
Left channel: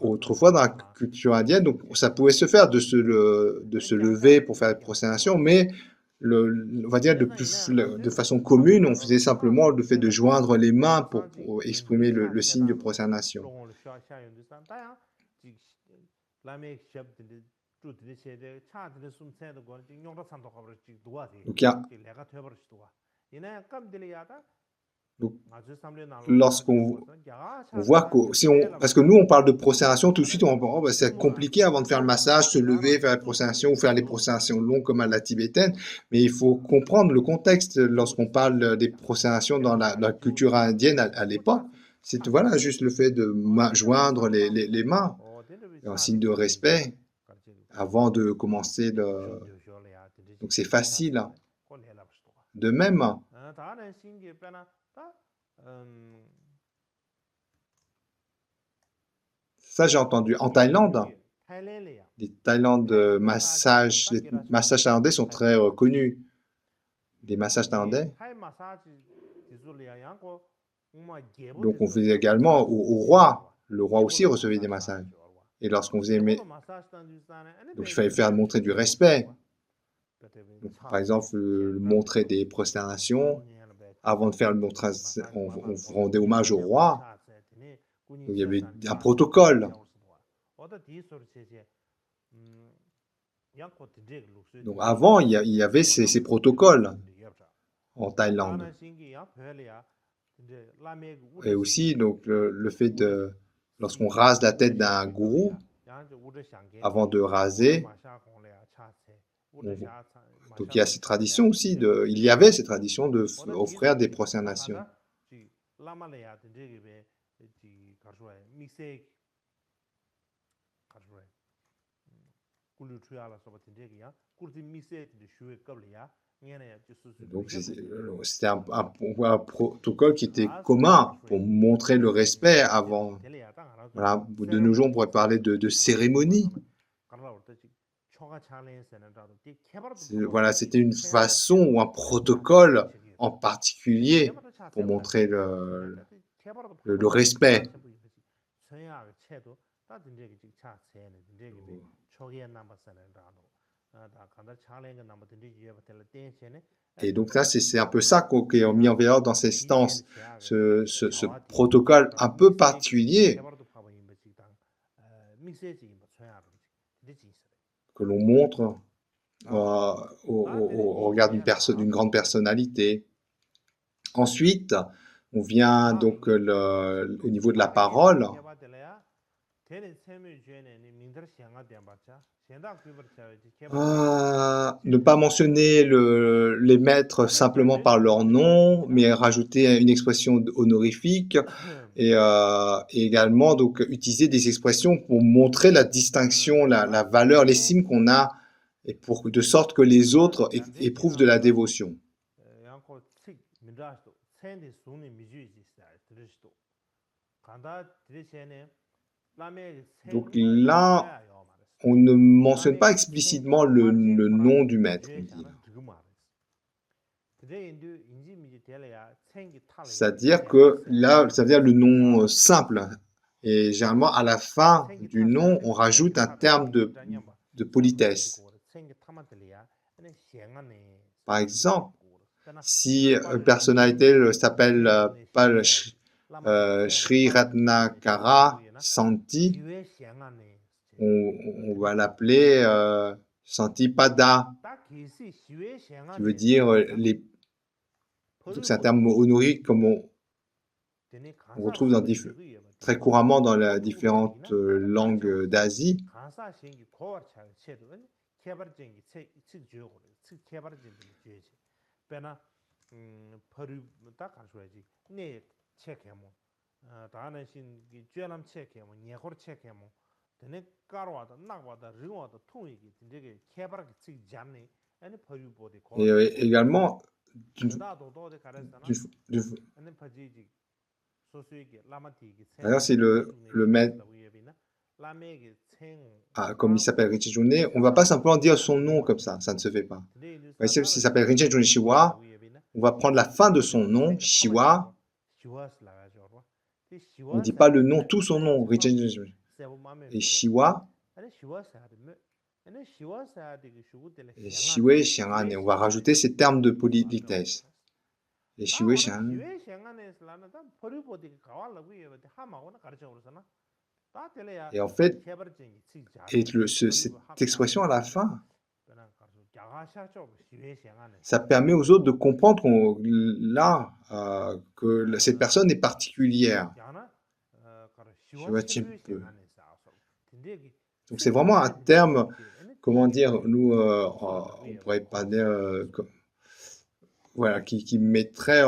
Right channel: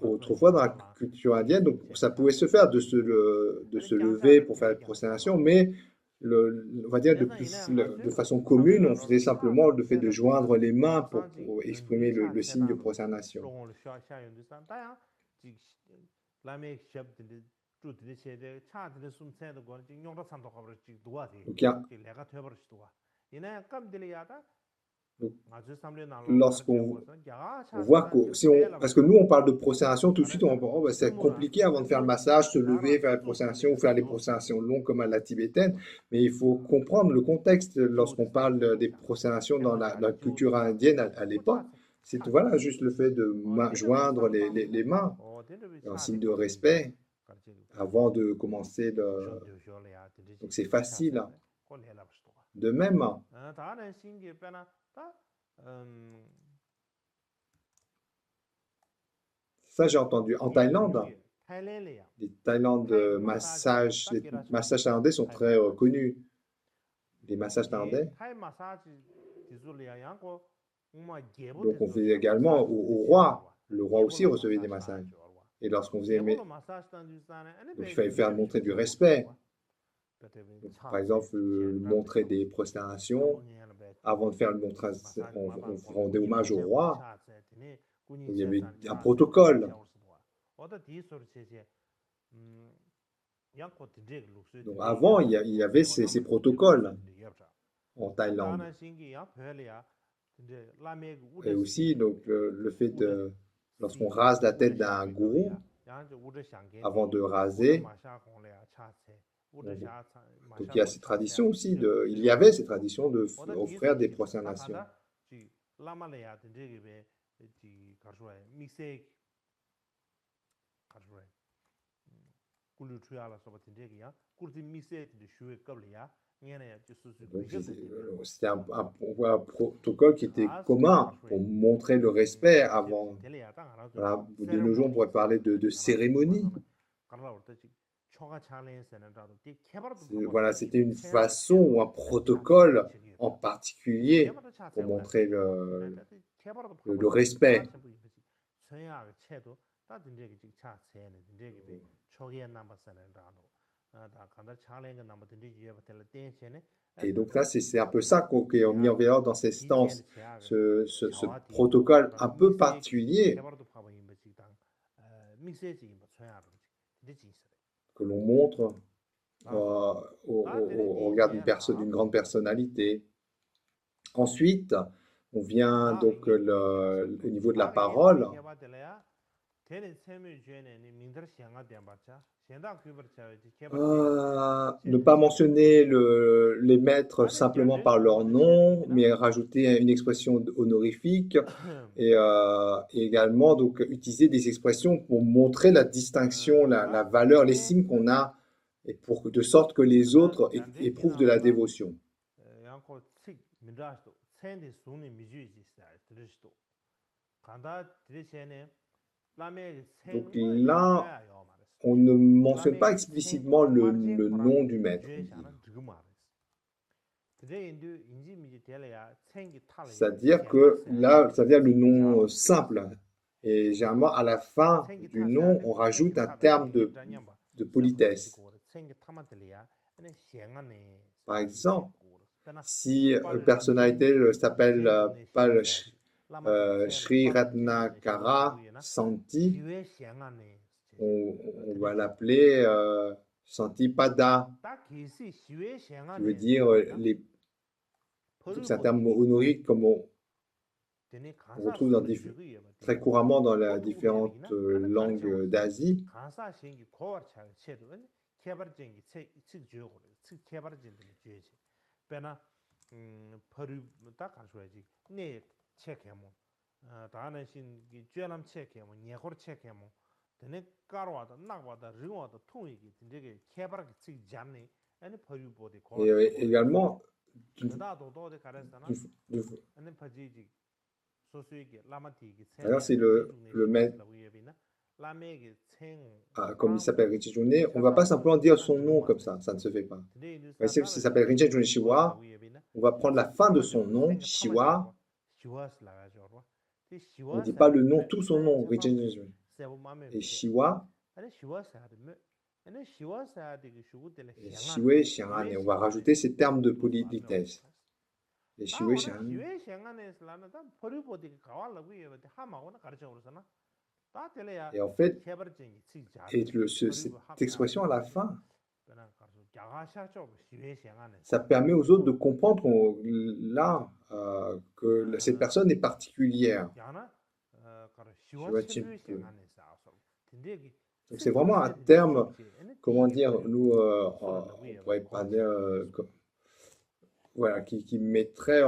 autrefois dans la culture indienne, donc ça pouvait se faire de se lever pour faire la prosternation, mais on va dire de façon commune, on faisait simplement le fait de joindre les mains pour exprimer le signe de prosternation. Donc, lorsqu'on voit parce que nous on parle de prosternation, tout de suite on va dire c'est compliqué avant de faire le massage, se lever, faire la prosternation ou faire les prosternations longues comme à la tibétaine, mais il faut comprendre le contexte lorsqu'on parle des prosternations dans la culture indienne à l'époque. C'est voilà, juste le fait de joindre les mains en signe de respect avant de commencer donc c'est facile. De même, ça j'ai entendu en Thaïlande, Les massages thaïlandais sont très connus. Les massages thaïlandais. Donc, on faisait également au roi. Le roi aussi recevait des massages. Et lorsqu'on faisait... Donc, il fallait montrer du respect. Donc, par exemple, montrer des prosternations. Avant de faire le montrage, on rendait hommage au roi. Donc, il y avait un protocole. Donc, avant, il y avait ces protocoles en Thaïlande. Et aussi, donc, le fait de, lorsqu'on rase la tête d'un gourou, avant de raser, donc il y a cette tradition aussi, il y avait cette tradition d'offrir des prosternations. Donc c'était un protocole qui était commun pour montrer le respect avant. Voilà, de nos jours, on pourrait parler de cérémonie. Voilà, c'était une façon ou un protocole en particulier pour montrer le respect. Et donc là, c'est un peu ça qui est mis en valeur dans ces stances, ce protocole un peu particulier que l'on montre au regard d'une grande personnalité. Ensuite, on vient donc au niveau de la parole. Ne pas mentionner les maîtres simplement par leur nom, mais rajouter une expression honorifique et également donc utiliser des expressions pour montrer la distinction, la valeur, l'estime qu'on a, et de sorte que les autres éprouvent de la dévotion. Donc là, on ne mentionne pas explicitement le nom du maître. C'est-à-dire que là, ça veut dire le nom simple. Et généralement, à la fin du nom, on rajoute un terme de politesse. Par exemple, si une personnalité s'appelle Sri Ratnakara Santi, on va l'appeler Santipada, qui veut dire c'est un terme honorifique comme on retrouve très couramment dans les différentes langues d'Asie. Et également, c'est le maître, comme il s'appelle Rinchen June, on ne va pas simplement dire son nom comme ça ne se fait pas. S'il s'appelle Rinchen June Shiwa, on va prendre la fin de son nom, Shiwa. On ne dit pas le nom, tout son nom, Rinchen June. Et Shiwa, et Shiwe Shiangane, on va rajouter ces termes de politesse. Et Shiwe Shiangane. Et en fait, cette expression à la fin, ça permet aux autres de comprendre que cette personne est particulière. Donc c'est vraiment un terme, comment dire, nous, on pourrait pas dire, voilà, qui mettrait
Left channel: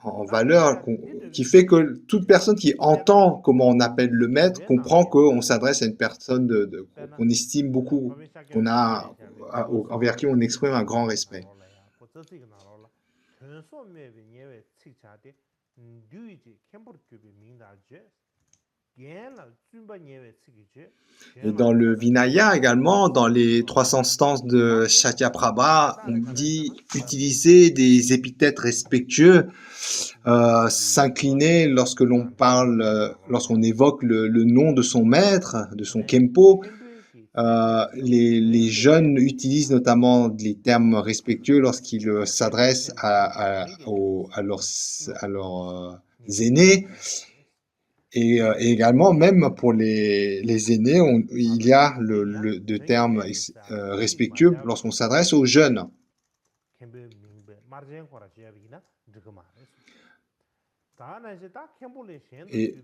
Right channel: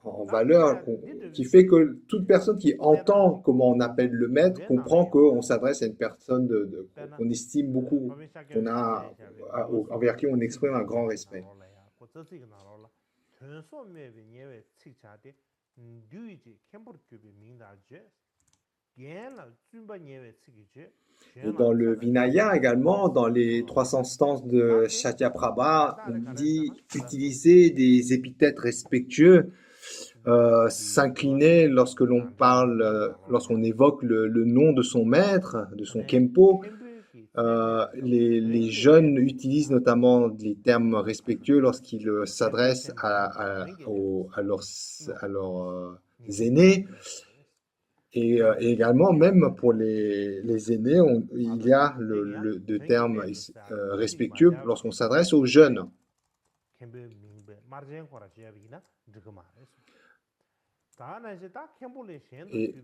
en valeur, qui fait que toute personne qui entend comment on appelle le maître comprend qu'on s'adresse à une personne qu'on estime beaucoup, envers qui on exprime un grand respect. Et dans le Vinaya également, dans les 300 stances de Shatyaprabha, on dit utiliser des épithètes respectueux, s'incliner lorsque l'on parle, lorsqu'on évoque le nom de son maître, de son Kempo. Les jeunes utilisent notamment les termes respectueux lorsqu'ils s'adressent à leurs aînés. Et également, même pour les aînés, il y a de termes respectueux lorsqu'on s'adresse aux jeunes. Et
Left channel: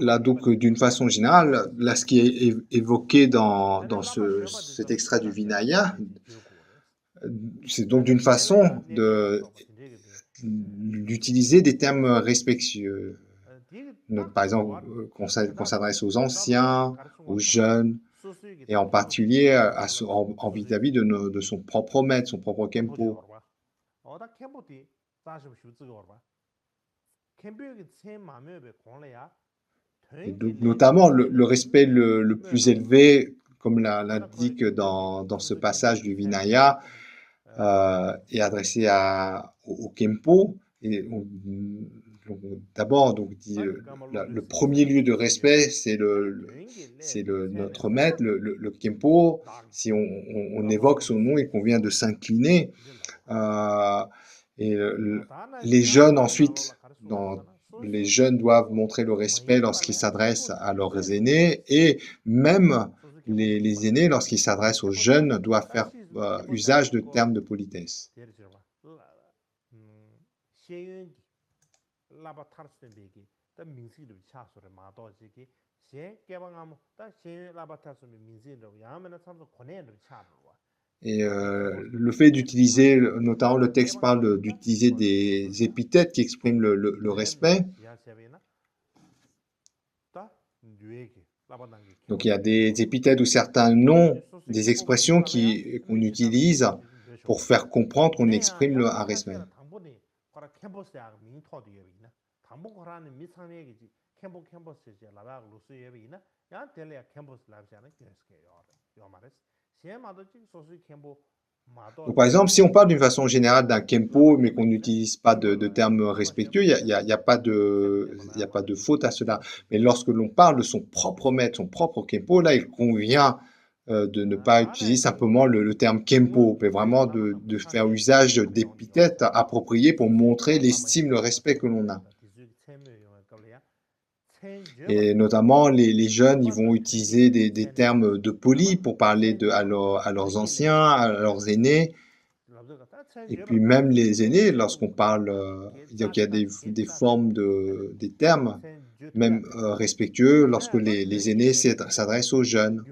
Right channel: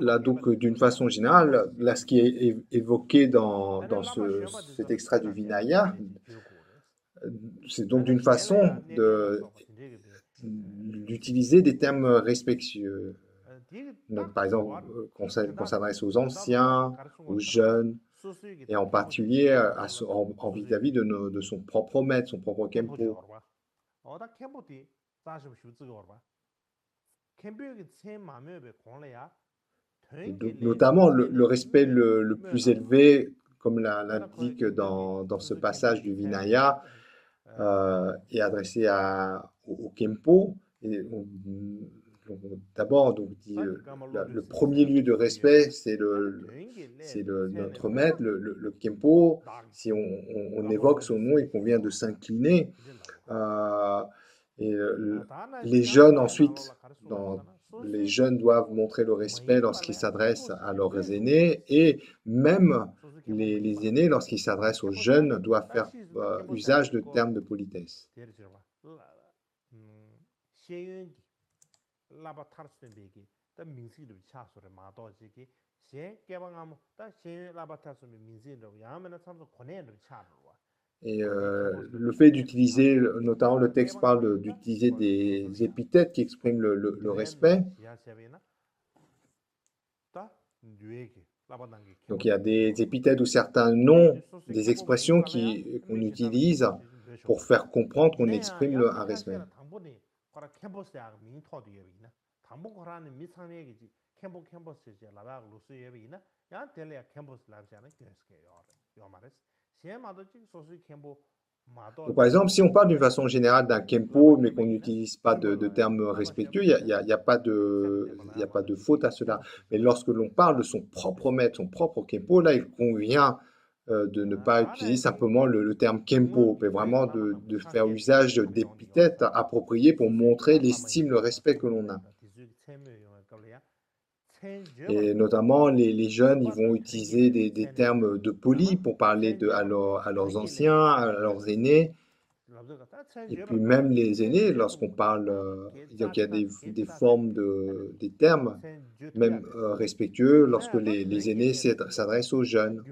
là, donc, d'une façon générale, là, ce qui est évoqué dans cet extrait du Vinaya, c'est donc d'une façon d'utiliser des termes respectueux. Par exemple, qu'on s'adresse aux anciens, aux jeunes, et en particulier vis-à-vis de son propre maître, son propre Kempo. Et donc, notamment, le respect le plus élevé, comme l'indique dans ce passage du Vinaya, est adressé au Kempo. Et d'abord, donc, dit, le premier lieu de respect, c'est notre maître, le Kempo. Si on évoque son nom et qu'on vient de s'incliner, et les jeunes ensuite, les jeunes doivent montrer le respect lorsqu'ils s'adressent à leurs aînés, et même les aînés, lorsqu'ils s'adressent aux jeunes, doivent faire usage de termes de politesse. Et le fait d'utiliser, notamment le texte parle d'utiliser des épithètes qui expriment le respect. Donc il y a des épithètes ou certains noms, des expressions qu'on utilise pour faire comprendre qu'on exprime un respect. Donc, par exemple, si on parle d'une façon générale d'un Kempo, mais qu'on n'utilise pas de termes respectueux, il n'y a pas de faute à cela. Mais lorsque l'on parle de son propre maître, son propre Kempo, là, il convient de ne pas utiliser simplement le terme Kempo, mais vraiment de faire usage d'épithètes appropriées pour montrer l'estime, le respect que l'on a. Et notamment, les jeunes, ils vont utiliser des termes de poli pour parler à leurs anciens, à leurs aînés. Et puis même les aînés, lorsqu'on parle, donc il y a des formes des termes, même respectueux, lorsque les aînés s'adressent aux jeunes.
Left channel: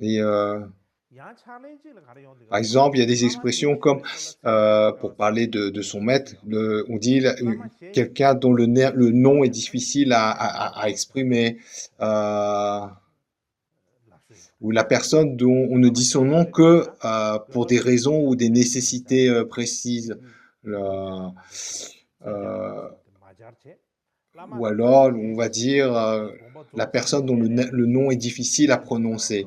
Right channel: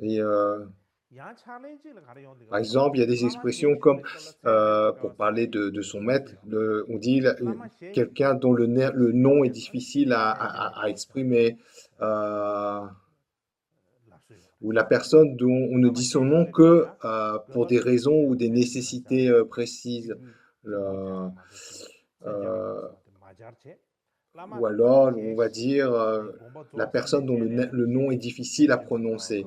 Et par exemple, il y a des expressions comme, pour parler de son maître, on dit quelqu'un dont le nom est difficile à exprimer, ou la personne dont on ne dit son nom que pour des raisons ou des nécessités précises. Ou alors, on va dire la personne dont le nom est difficile à prononcer.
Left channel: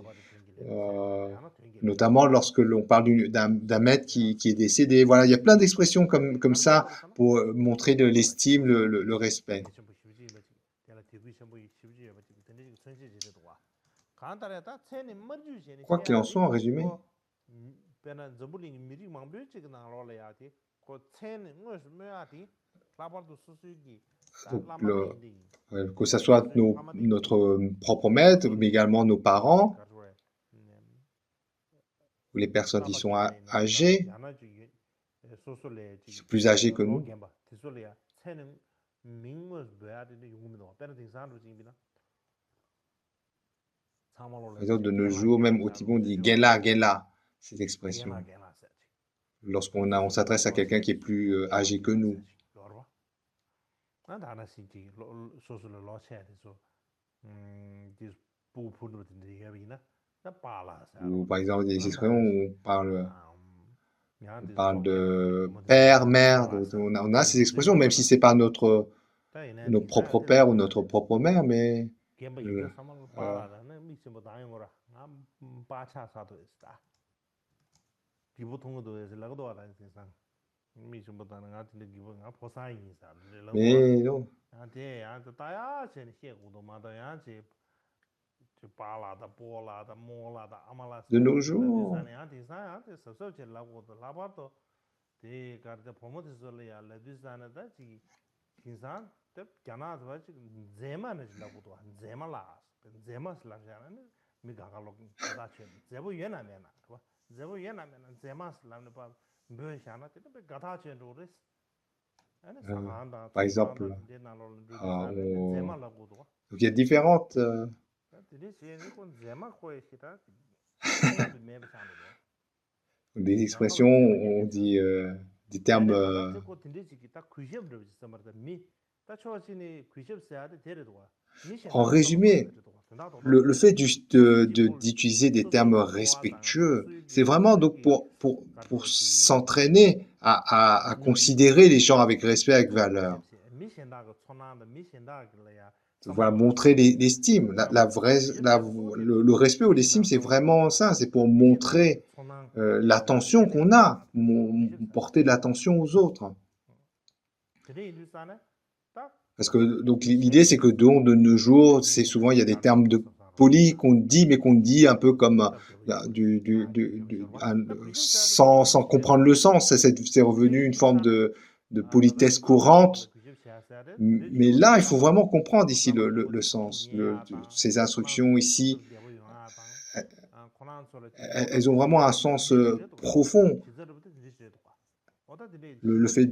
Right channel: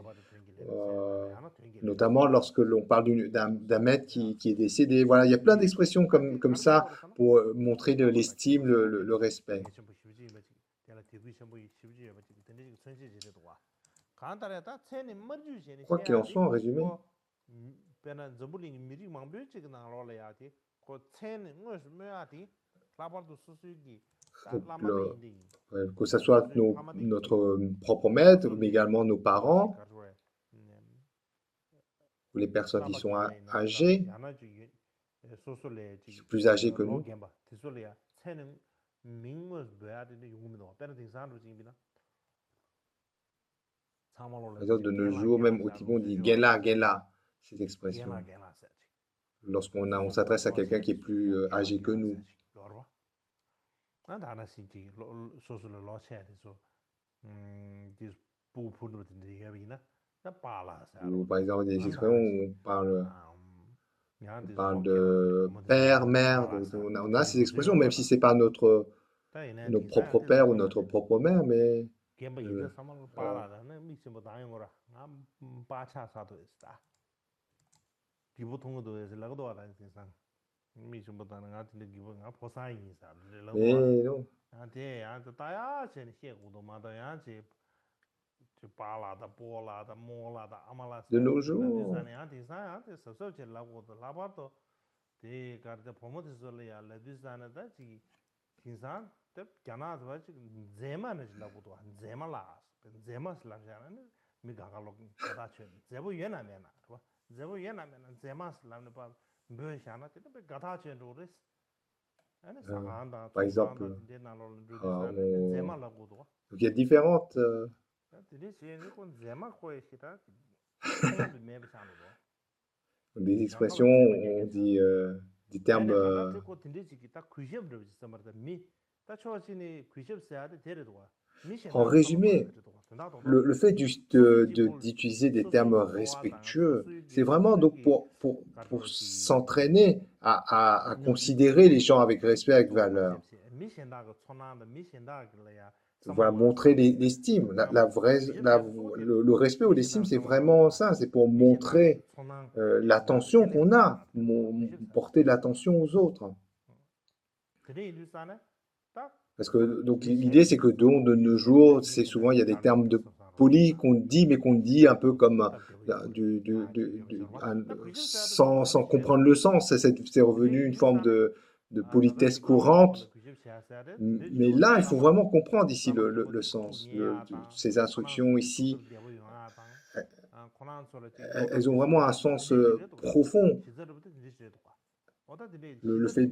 Notamment lorsque l'on parle d'un maître qui est décédé. Voilà, il y a plein d'expressions comme ça pour montrer de l'estime, le respect. Quoi qu'il en soit, en résumé. Donc, que ce soit notre propre maître, mais également nos parents, ou les personnes qui sont âgées, qui sont plus âgées que nous. Par exemple, de nos jours, même au Tibet, on dit Gela, Gela, cette expression. on s'adresse à quelqu'un qui est plus âgé que nous. Ou par exemple des expressions où on parle de père, mère, on a ces expressions, même si c'est pas notre propre père ou notre propre mère, mais mais non, de nos jours, par exemple, donc il y a différentes des expressions, on dit des termes. En résumé, le fait d'utiliser des termes respectueux, c'est vraiment donc pour s'entraîner à considérer les gens avec respect, avec valeur. Voilà, montrer l'estime. Le respect ou l'estime, c'est vraiment ça, c'est pour montrer l'attention qu'on a, porter de l'attention aux autres. Parce que donc l'idée, c'est que de nos jours, c'est souvent, il y a des termes polis qu'on dit, mais qu'on dit un peu comme sans comprendre le sens. C'est revenu une forme de politesse courante. Mais là, il faut vraiment comprendre ici le sens. Ces instructions ici, elles ont vraiment un sens profond. Le fait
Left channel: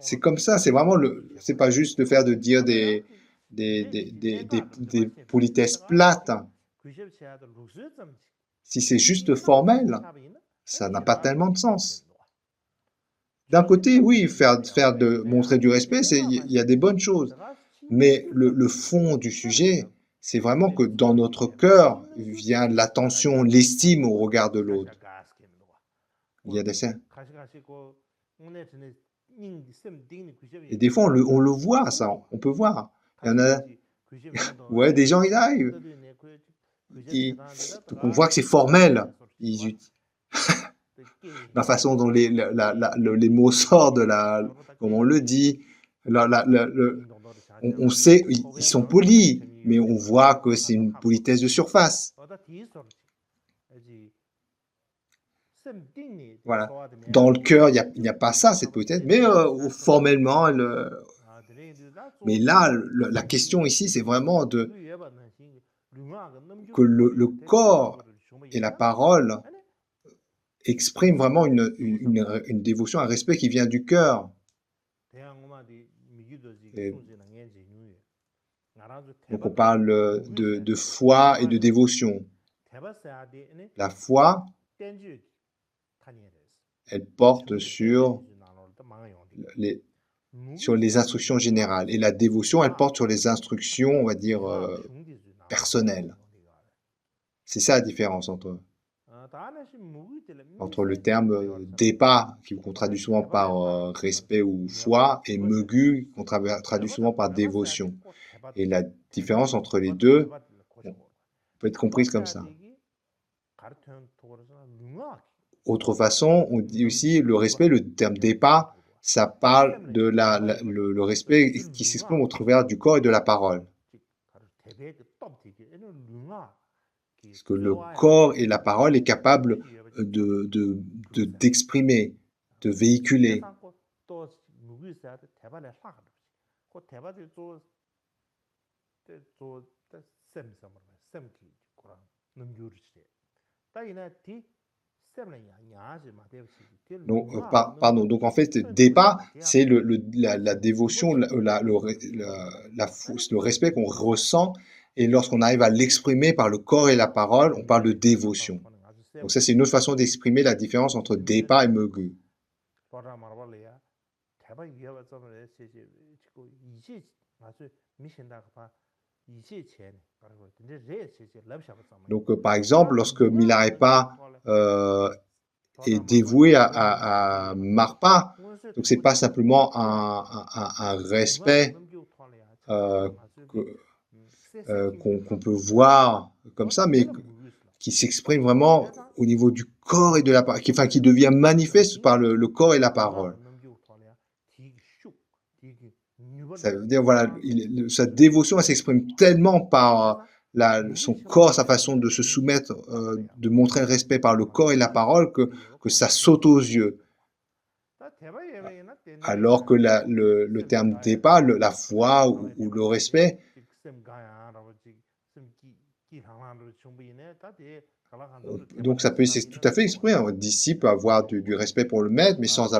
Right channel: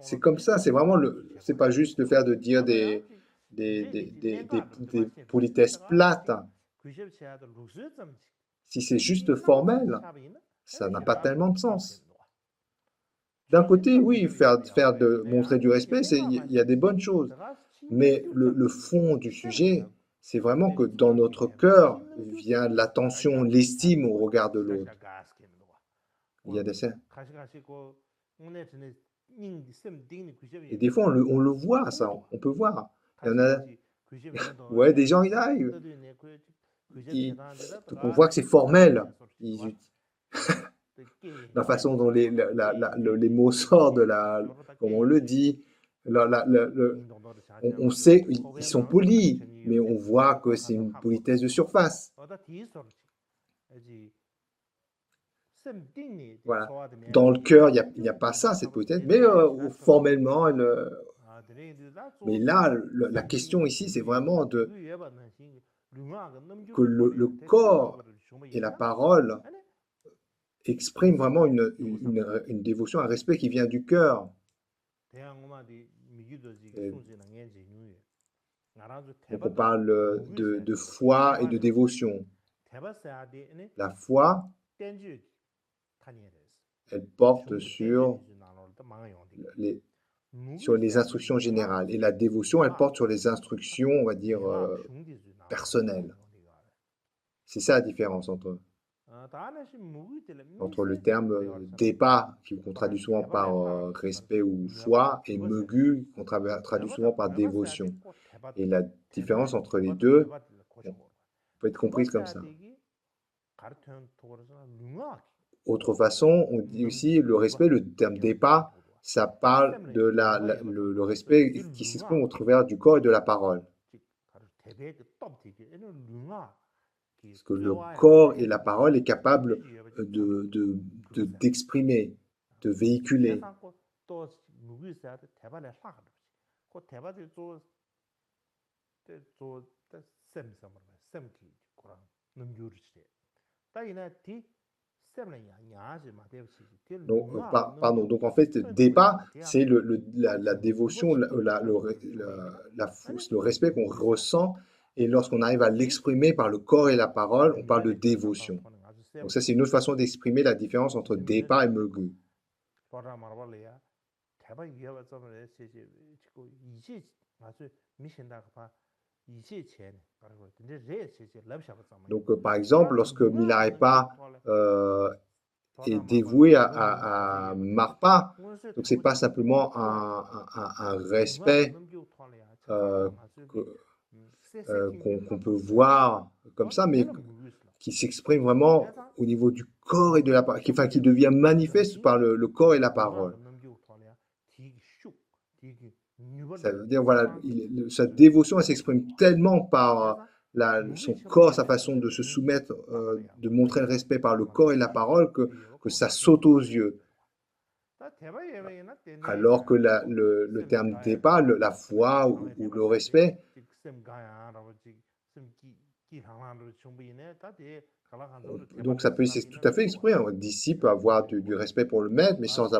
c'est comme ça, c'est vraiment c'est pas juste le faire de dire des politesses plates. Si c'est juste formel, ça n'a pas tellement de sens. D'un côté, oui, montrer du respect, il y a des bonnes choses. Mais le fond du sujet, c'est vraiment que dans notre cœur vient l'attention, l'estime au regard de l'autre. Il y a des scènes. Et des fois, on le voit, ça, on peut voir. Il y en a, ouais, des gens, ils arrivent. On voit que c'est formel. La façon dont les mots sortent, comme on le dit, on sait, ils sont polis, mais on voit que c'est une politesse de surface. Voilà. Dans le cœur, il n'y a pas ça, cette politesse, mais formellement, mais là, la question ici, c'est vraiment que le corps et la parole expriment vraiment une dévotion, un respect qui vient du cœur. Donc on parle de foi et de dévotion. La foi, elle porte sur les instructions générales. Et la dévotion, elle porte sur les instructions, on va dire, personnelles. C'est ça la différence entre le terme dépa, qu'on traduit souvent par respect ou foi, et megu, qu'on traduit souvent par dévotion. Et la différence entre les deux peut être comprise comme ça. Autre façon, on dit aussi le respect, le terme dépa, ça parle de le respect qui s'exprime au travers du corps et de la parole. Parce que le corps et la parole est capable d'exprimer, de véhiculer. Donc, pardon, donc en fait, dépa, c'est la dévotion, le respect qu'on ressent, et lorsqu'on arrive à l'exprimer par le corps et la parole, on parle de dévotion. Donc ça, c'est une autre façon d'exprimer la différence entre Depa et Megu. Donc, par exemple, lorsque Milarepa est dévoué à Marpa, donc c'est pas simplement un respect qu'on peut voir comme ça, mais qui s'exprime vraiment au niveau du corps et de la parole, qui devient manifeste par le corps et la parole. Ça veut dire, voilà, sa dévotion s'exprime tellement par son corps, sa façon de se soumettre, de montrer le respect par le corps et la parole, que ça saute aux yeux. Alors que le terme Depa, la foi ou le respect, donc ça peut tout à fait exprimer. Un disciple peut avoir du respect pour le maître, mais sans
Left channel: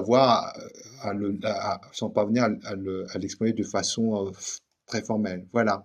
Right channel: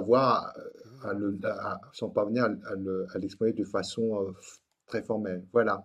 parvenir à l'exprimer de façon très formelle. Voilà.